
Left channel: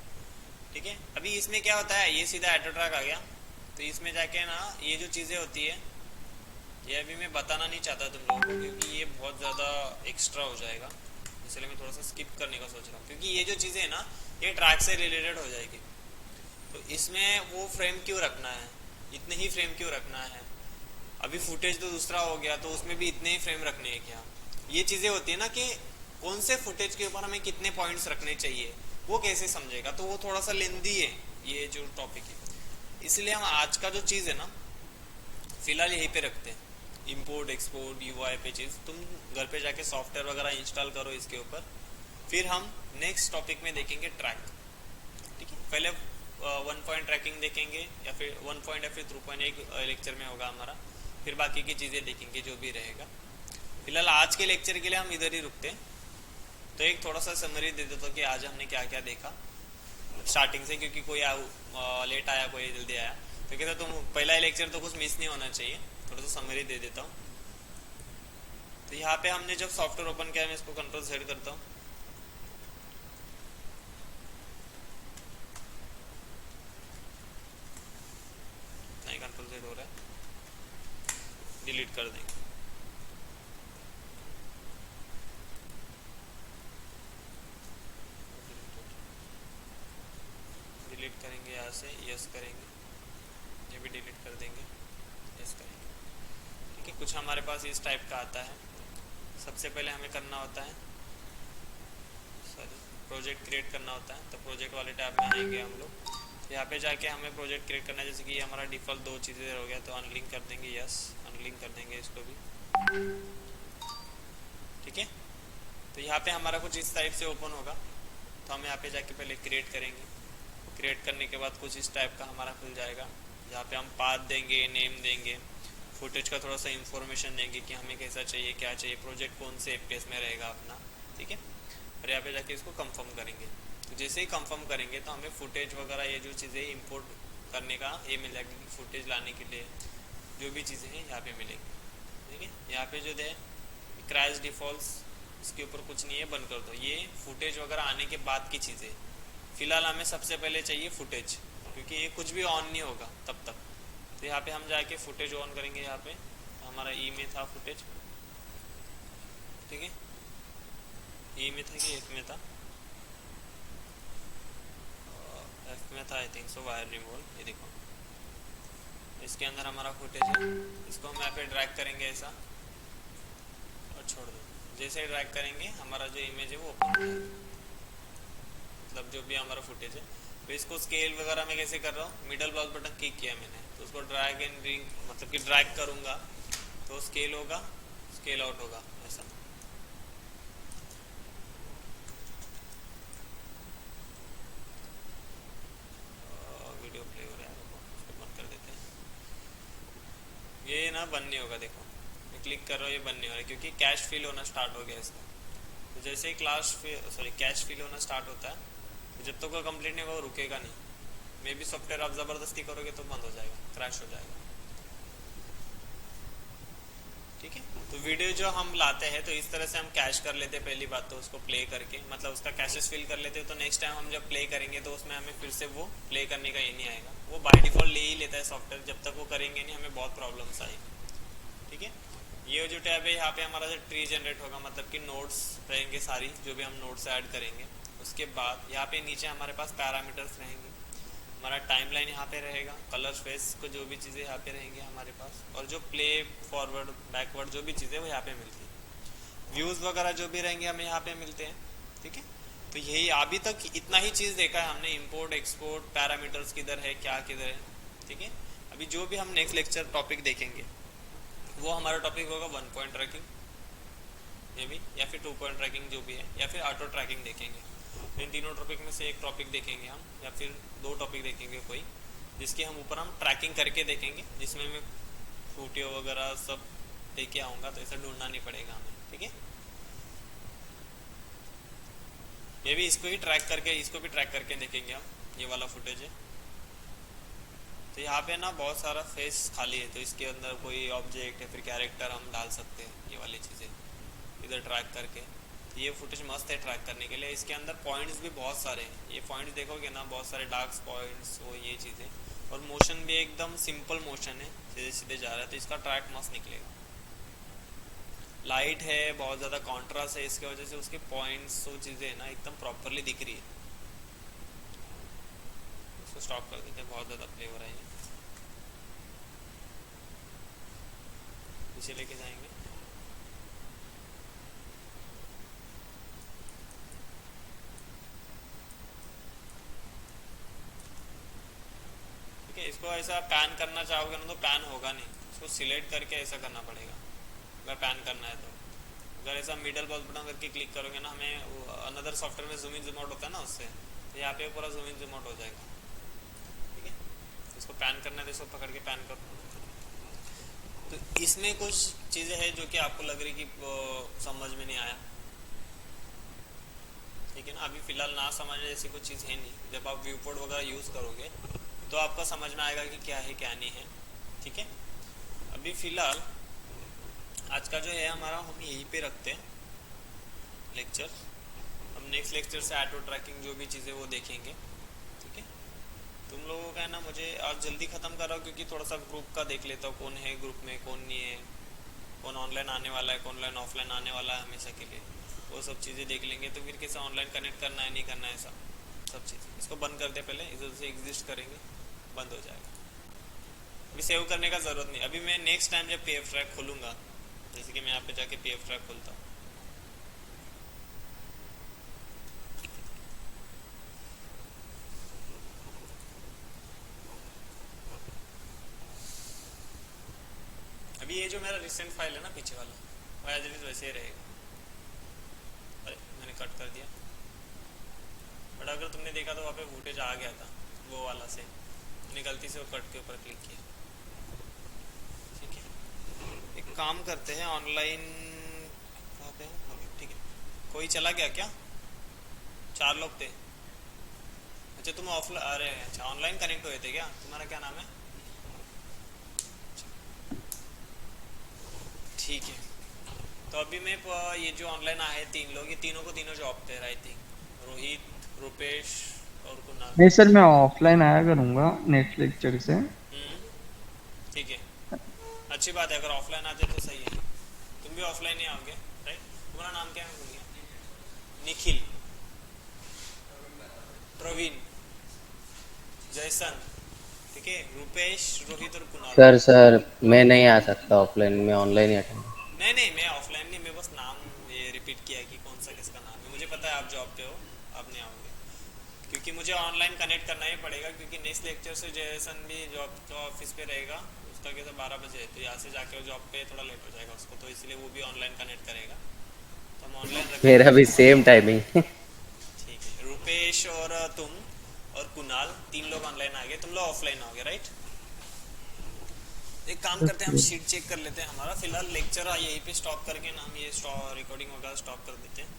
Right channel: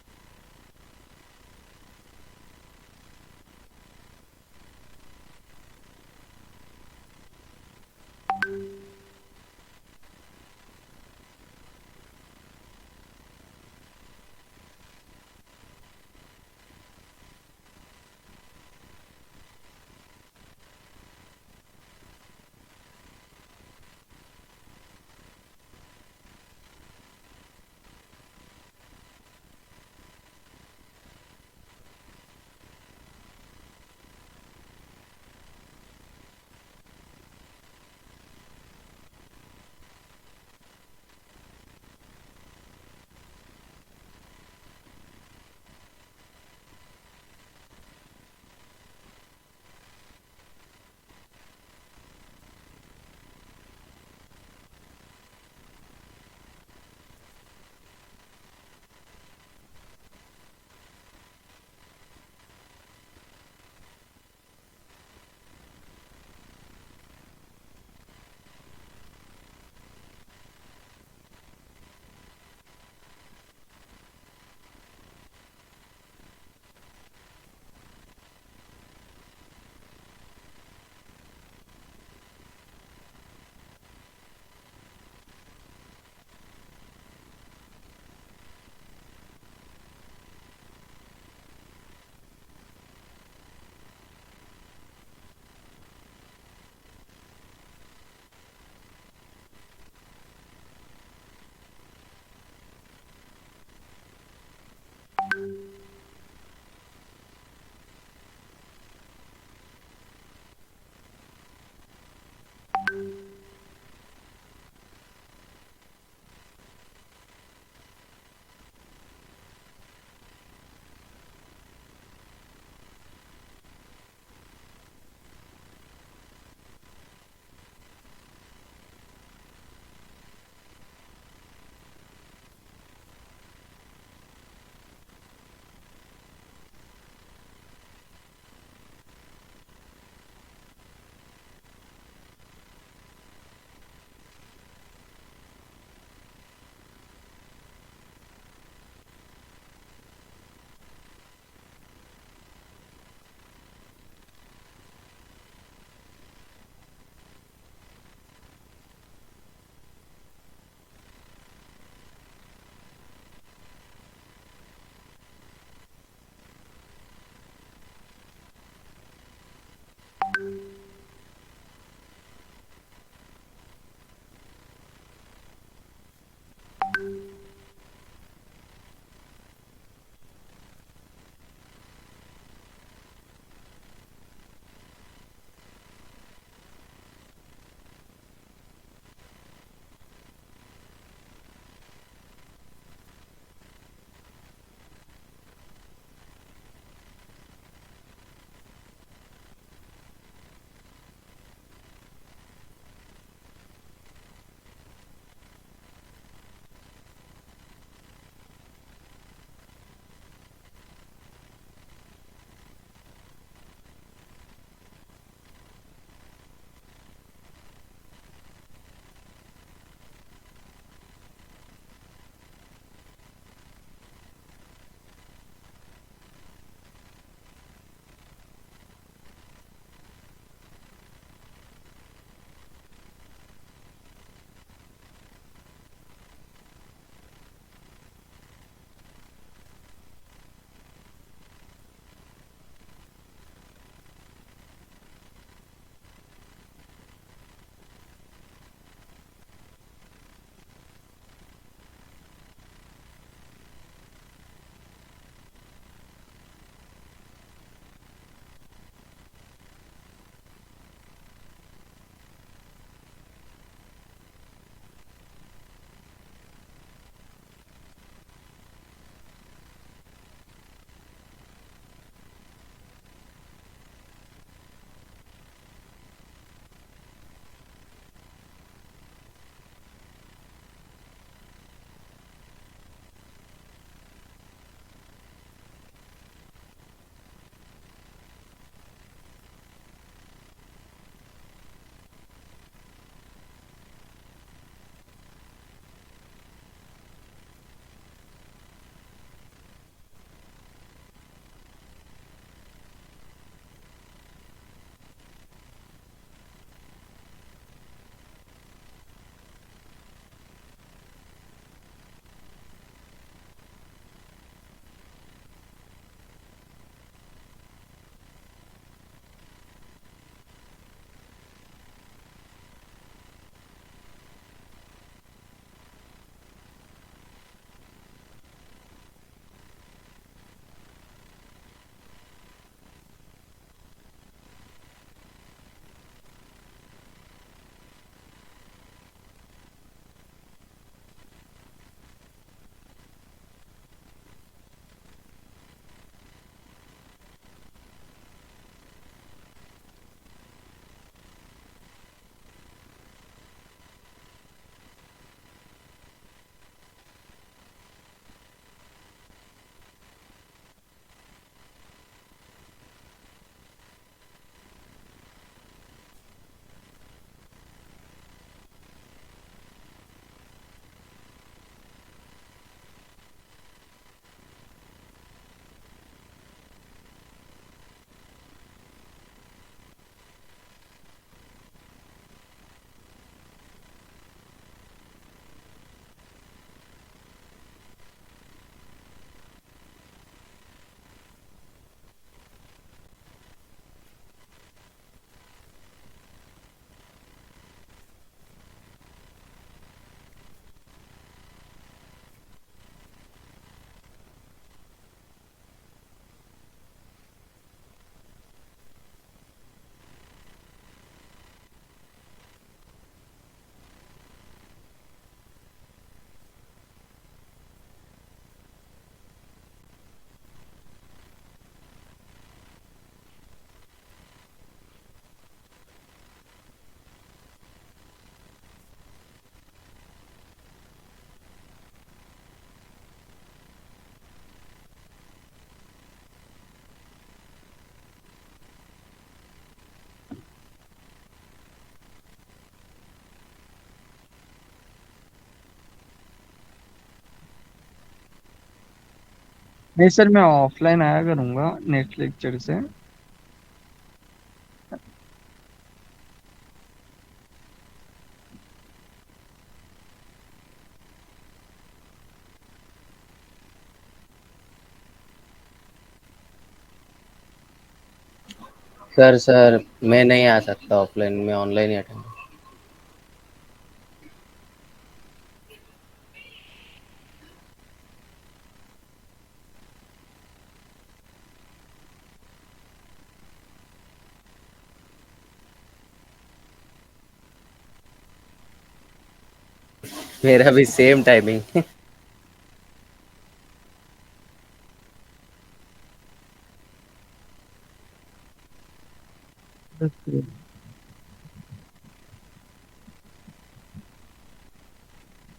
ठीक है, अभी इसमें क्या होता है, ये सीधा ऑटो ट्रैक आ गया, तो इसमें जाके ना ये जो चीज़ें होती है, ये अभी मैं बताना नहीं चाहता तुम लोगों को, क्योंकि ये बहुत ज़्यादा एक्स्ट्रा हो जाएगा, इसलिए मैं थोड़ा सा स्किप करने का सोच रहा हूँ, क्योंकि ये जो चीज़ें है ना, ये ट्रैक से रिलेटेड हो जाएगी। तो इसमें वो फ्रेम क्यों रखना है, इतने ही फ्रेम क्यों रखना है, अभी फुटेज तो दूसरा हो गया, तो उसमें भी इतने ही फ्रेम रखने हैं क्या, ये चीज़ें होती है ना, कि कौन से फुटेज के ऊपर हमें कितने पॉइंट्स रखने चाहिए, वो कैसे समझेगा, तो वो थोड़ा सा लेंदी है ये जो टॉपिक है। इसलिए हम आज का जो चीज़ है ना, फिलहाल यहीं पे रखते हैं। इंपोर्ट एक्सपोर्ट यूआई पे चीज़ तुम घर पे जाके सॉफ्टवेयर वगैरह इंस्टॉल करो इसके ऊपर, फिर हम नेक्स्ट टॉपिक में देखेंगे ट्रैक। ठीक है, पहले 1 पॉइंट ट्रैकिंग देखेंगे, या फिर 1 पॉइंट या फिर 2 पॉइंट एक लेक्चर में होगा हमारा, फिर बाकी की चीज़ें देखेंगे जो भी रहेगा। फिलहाल आज के लेक्चर के लिए हम इधर ही रुकते हैं। तो एक थोड़ा सा समरी दे देता हूँ कि आज हमने क्या क्या देखा स्टार्टिंग से, क्योंकि कोई लेट आया, कोई जल्दी आया, तो कहता तुम पहला लेक्चर तो कुछ मिस नहीं होना चाहिए, थोड़ा सा समरी दे देता हूँ। तो यहाँ पे हमने जब सॉफ्टवेयर ओपन किया, मैं इसको कंट्रोल Z करता हूँ, नहीं कंट्रोल Z हो रहा है, डिलीट कर देंगे। डिलीट करेंगे यहाँ से, यस करेंगे, ये भी डिलीट कर देंगे, यस करेंगे। ठीक है, कुछ हमारे पास इस टाइप का आता है। सबसे पहले हमें करना होता है, प्रोजेक्ट क्रिएट करना होता है, तो प्रोजेक्ट वाले टैब में आएंगे हम लोग। यहाँ पे जाके हमें प्रोजेक्ट क्रिएट करना है, जैसे कि ये हमारा डिफ़ॉल्ट 2 चीज़ें हो गया, तो अनलिंक कर देंगे, यस अनलिंक कर देंगे इसको भी। ठीक है, तो यहाँ पे हमारा कुछ इस टाइप से ओपन होगा, तो हम यहाँ पे जाके पहले क्रिएट करेंगे। क्रिएट करने के बाद कुछ इस टाइप का हमारा खुल जाएगा, यहाँ पे हम पाथ देंगे, नेम देंगे, फुटेज का थोड़ा सा इन्फॉर्मेशन देंगे कि हमें कैसा चाहिए, क्या चाहिए, प्रोजेक्ट कौन से FPS में रहेगा अपना। ठीक है, और यहाँ पे जाके इसको कंफर्म करेंगे। तो जैसे ही कंफर्म करेंगे तो हमें फुटेज वगैरह ये जो चीज़ें इंपोर्ट करने का ये मिल जाएगा, कि फुटेज लाने के लिए जो भी चीज़ें हैं यहाँ पे मिलेंगी। ठीक है, यहाँ पे जो है क्रैश डिफ़ॉल्ट्स, इसके ऊपर कुछ नहीं है, बंद कर दो। ये फुटेज वगैरह आने के बाद की चीज़ें, फ़िलहाल हमें सबसे पहले चाहिए फुटेज, क्योंकि ये कुछ भी ऑन नहीं होगा तब तक। तो यहाँ पे हम जाके फुटेज ऑन करेंगे, यहाँ पे हमारा ई में था फुटेज। ठीक है, ई में था कि एफ में था, एफ में था I think so, wire removal. ये देखो इसके अंदर हमारा फुटेज है, इसको हम यहाँ पे ड्रैग करेंगे ऐसा और छोड़ दो। जैसे ड्रैग करेंगे हमारा जो इमेज है वो ओपन हो जाएगा, मतलब जो भी हमारा फुटेज है। तो इसको स्केल वगैरह मैं कैसे कर रहा हूँ, मिडल बॉक्स बटन क्लिक किया मैंने, तो उसको ड्रैग एंड ड्रिंग, मतलब कि ड्रैग करूँगा तो स्केल होगा, स्केल आउट होगा ऐसा। वीडियो प्ले हो रहा है, उसको बंद कर देते हैं। ये ना बंद नहीं होगा, देखो मैं क्लिक कर रहा हूँ, ये बंद नहीं हो रहा है, क्योंकि कैश फिल होना स्टार्ट हो गया इसका। तो जैसे ही कैश फिल होना स्टार्ट होता है, तो जब तक वो कंप्लीट नहीं होगा वो रुकेगा नहीं। मे भी सॉफ्टवेयर आप ज़बरदस्ती करोगे तो बंद हो जाएगा, क्रैश हो जाएगा। ठीक है, तो वीडियो जो हम लाते हैं तो इस तरह से हम कैश कर लेते हैं, पहली बात तो उसको प्ले करके, मतलब उसका कैशेस फिल कर लेते हैं, तो नेक्स्ट टाइम हम जब प्ले करेंगे तो उसमें हमें फिर से वो प्ले करने का ये नहीं आएगा, वो बाय डिफ़ॉल्ट ले ही लेता है सॉफ्टवेयर, जब तक वो करेंगे नहीं हमें बहुत प्रॉब्लम्स आएगी। ठीक है, ये जो टैब है यहाँ पे हमारा जो ट्री जनरेट होगा, मतलब कि नोट्स रहेंगे सारी, जो भी हम नोट्स ऐड करेंगे। उसके बाद यहाँ पे नीचे हमारे पास पैरामीटर्स रहेंगे, हमारा टाइमलाइन यहाँ पे रहेगा, कलर फेस को जो भी चीज़ें यहाँ पे रहेंगे हमारे पास, और जो प्ले फॉरवर्ड बैकवर्ड जो भी चीज़ें वो यहाँ पे मिलती है, व्यूज़ वगैरह जो भी रहेंगे हमें यहाँ पे मिलते हैं। ठीक है, तो यही अभी तक इतना ही चीज़ देखा है हमने, इंपोर्ट एक्सपोर्ट, पैरामीटर्स किधर है क्या किधर है। ठीक है, अभी जो भी हम नेक्स्ट लेक्चर टॉपिक देखेंगे वो हमारा टॉपिक होगा 1 पॉइंट ट्रैकिंग मे भी, या फिर 2 पॉइंट ट्रैकिंग जो भी है, या फिर ऑटो ट्रैकिंग देखेंगे। इन तीनों टॉपिक में से एक टॉपिक देखेंगे हम, या फिर 2 टॉपिक देखेंगे कोई, जिसके हम ऊपर हम ट्रैकिंग करके देखेंगे, जिसमें मैं वीडियो वगैरह सब लेके आऊँगा, तो ऐसा ढूंढना नहीं पड़ेगा हमें। ठीक है, ये भी इसको ही ट्रैक करके, इसको भी ट्रैक करके देखेंगे हम, ये वाला फुटेज है। तो यहाँ पे ना बहुत सारा फेस खाली है, तो इसके अंदर कोई ऑब्जेक्ट या फिर कैरेक्टर हम डाल सकते हैं, ये वाली चीज़ें इधर ट्रैक करके। ये फुटेज मस्त है ट्रैक करने के लिए, इसके अंदर पॉइंट्स भी बहुत सारे हैं, ये पॉइंट्स देखोगे ना बहुत सारे डार्क पॉइंट्स, वो ये चीज़ें, और मोशन भी एकदम सिंपल मोशन है, सीधे सीधे जा रहा है, तो इसका ट्रैक मस्त निकलेगा। लाइट है, बहुत ज़्यादा कॉन्ट्रास्ट है, इसकी वजह से उसके पॉइंट्स वो चीज़ें है ना एकदम प्रॉपरली दिख रही है। इसको स्टॉप कर देते हैं, बहुत ज़्यादा प्ले हो रहा है, पीछे लेके जाएंगे। ठीक है, इसको ऐसा पैन करना चाहोगे ना तो पैन होगा नहीं, इसको सिलेक्ट करके ऐसा करना पड़ेगा अगर पैन करना है तो। अगर ऐसा मिडल बॉल बटन करके क्लिक करोगे ना, हमें अनदर सॉफ्टवेयर में जूम इन जूम आउट होता है ना उससे, तो यहाँ पे पूरा जूम इन जूम आउट हो जाएगा। ठीक है, इसको पैन करना है तो इसको पकड़ के पैन करो। तो इसमें कुछ चीज़ें हैं जो कि आपको लग रही कि समझ में नहीं आया। ठीक है ना, अभी फ़िलहाल ना समझ ऐसी कुछ चीज़ है नहीं, जब आप व्यू पोर्ट वगैरह यूज़ करोगे तो आपको समझ में आएगा कि क्या है क्या नहीं है। ठीक है, अभी फ़िलहाल आज का जो है हमारा हम यहीं पे रखते हैं लेक्चर, हम नेक्स्ट लेक्चर से ऑटो ट्रैकिंग जो भी चीज़ें वो देखेंगे। ठीक है, तुम लोगों का है ना, मुझे आज जल्दी ख़त्म कर रहा हूँ क्योंकि थोड़ा सा ग्रुप का देख लेता हूँ, कौन है ग्रुप में कौन नहीं है, कौन ऑनलाइन आने वाला है, कौन ऑनलाइन ऑफलाइन आने वाला है हमेशा के लिए, वो सब चीज़ें देख लेंगे। तो फिर कैसा ऑनलाइन कनेक्ट करना है नहीं करना है, ऐसा सब चीज़। इसको बंद करते पहले, इधर से एग्जिस्ट करेंगे, बंद हो जाएगा। अभी सेव करने का ज़रूरत नहीं, अभी मैं नेक्स्ट टाइम जब पीएफ ट्रैक खोलूँगा, जैसे कि मैं यहाँ पे जाके पीएफ ट्रैक खोलता हूँ, अभी ये जो मेरा रिसेंट फाइल है ना पीछे वाला, वो एज इट इज़ वैसे ही रहेगा। अरे मैंने कट कर दिया, बट अगर तुमने देखा तो वहाँ पे फुटेज आ गया था वो वाला से, मैंने गलती से वो कट के ऊपर क्लिक किया। ठीक है, एक काम करते हैं, ऑनलाइन कहाँ पे हैं? ठीक है, कोई चला गया क्या? 4 लोग थे। अच्छा तुम ऑफलाइन, अरे अच्छा ऑनलाइन कनेक्ट हुए थे क्या? तुम्हारा क्या नाम है? ठीक है, तो अभी मैं ये जो ऑनलाइन आए 3 लोग, ये तीनों को तीनों जॉब पे, आई थिंक रोहित, रुपेश और कुणाल। नहीं सर, मैं ऑफलाइन आया करूंगा नेक्स्ट लेक्चर से। ठीक है, अच्छी बात है, अगर ऑफलाइन आते तो सही है। तुम भी ऑफलाइन ही आओगे राइट? तुम्हारा नाम क्या है? मैं भूल गया। निखिल, प्रवीण, जयसन, ठीक है, रुपेश, रोहित और कुणाल। सर मैं नहीं आ सकता ऑफलाइन, मैं ऑनलाइन ही अटेंड। नहीं नहीं, मैं ऑफलाइन नहीं, मैं बस नाम ये रिपीट किया कि कौन सा किसका नाम है। मुझे पता है आप जॉब पे हो, आप नहीं आओगे, क्योंकि मुझे ऑनलाइन कनेक्ट करना ही पड़ेगा, क्योंकि नेक्स्ट लेक्चर से जयसन भी जॉब तो ऑफिस पे रहेगा, उसका कैसे 12 बजे, तो यहाँ से जाके वो जॉब पे थोड़ा लेट हो जाएगा उसको, तो इसलिए वो भी ऑनलाइन कनेक्ट करेगा, तो हम ऑनलाइन रखेंगे मेरा भी उसको। Same timing. ठीक है, रुपेश और तुम और कुणाल 3 लोग ऑनलाइन आ गए, तुम लोग ऑफलाइन आओगे राइट? एक काम करते हैं, हम शीट चेक कर लेते हैं हमारा। फिलहाल लेक्चर यहीं पे स्टॉप करके ना हम ये रिकॉर्डिंग वगैरह स्टॉप कर देते हैं।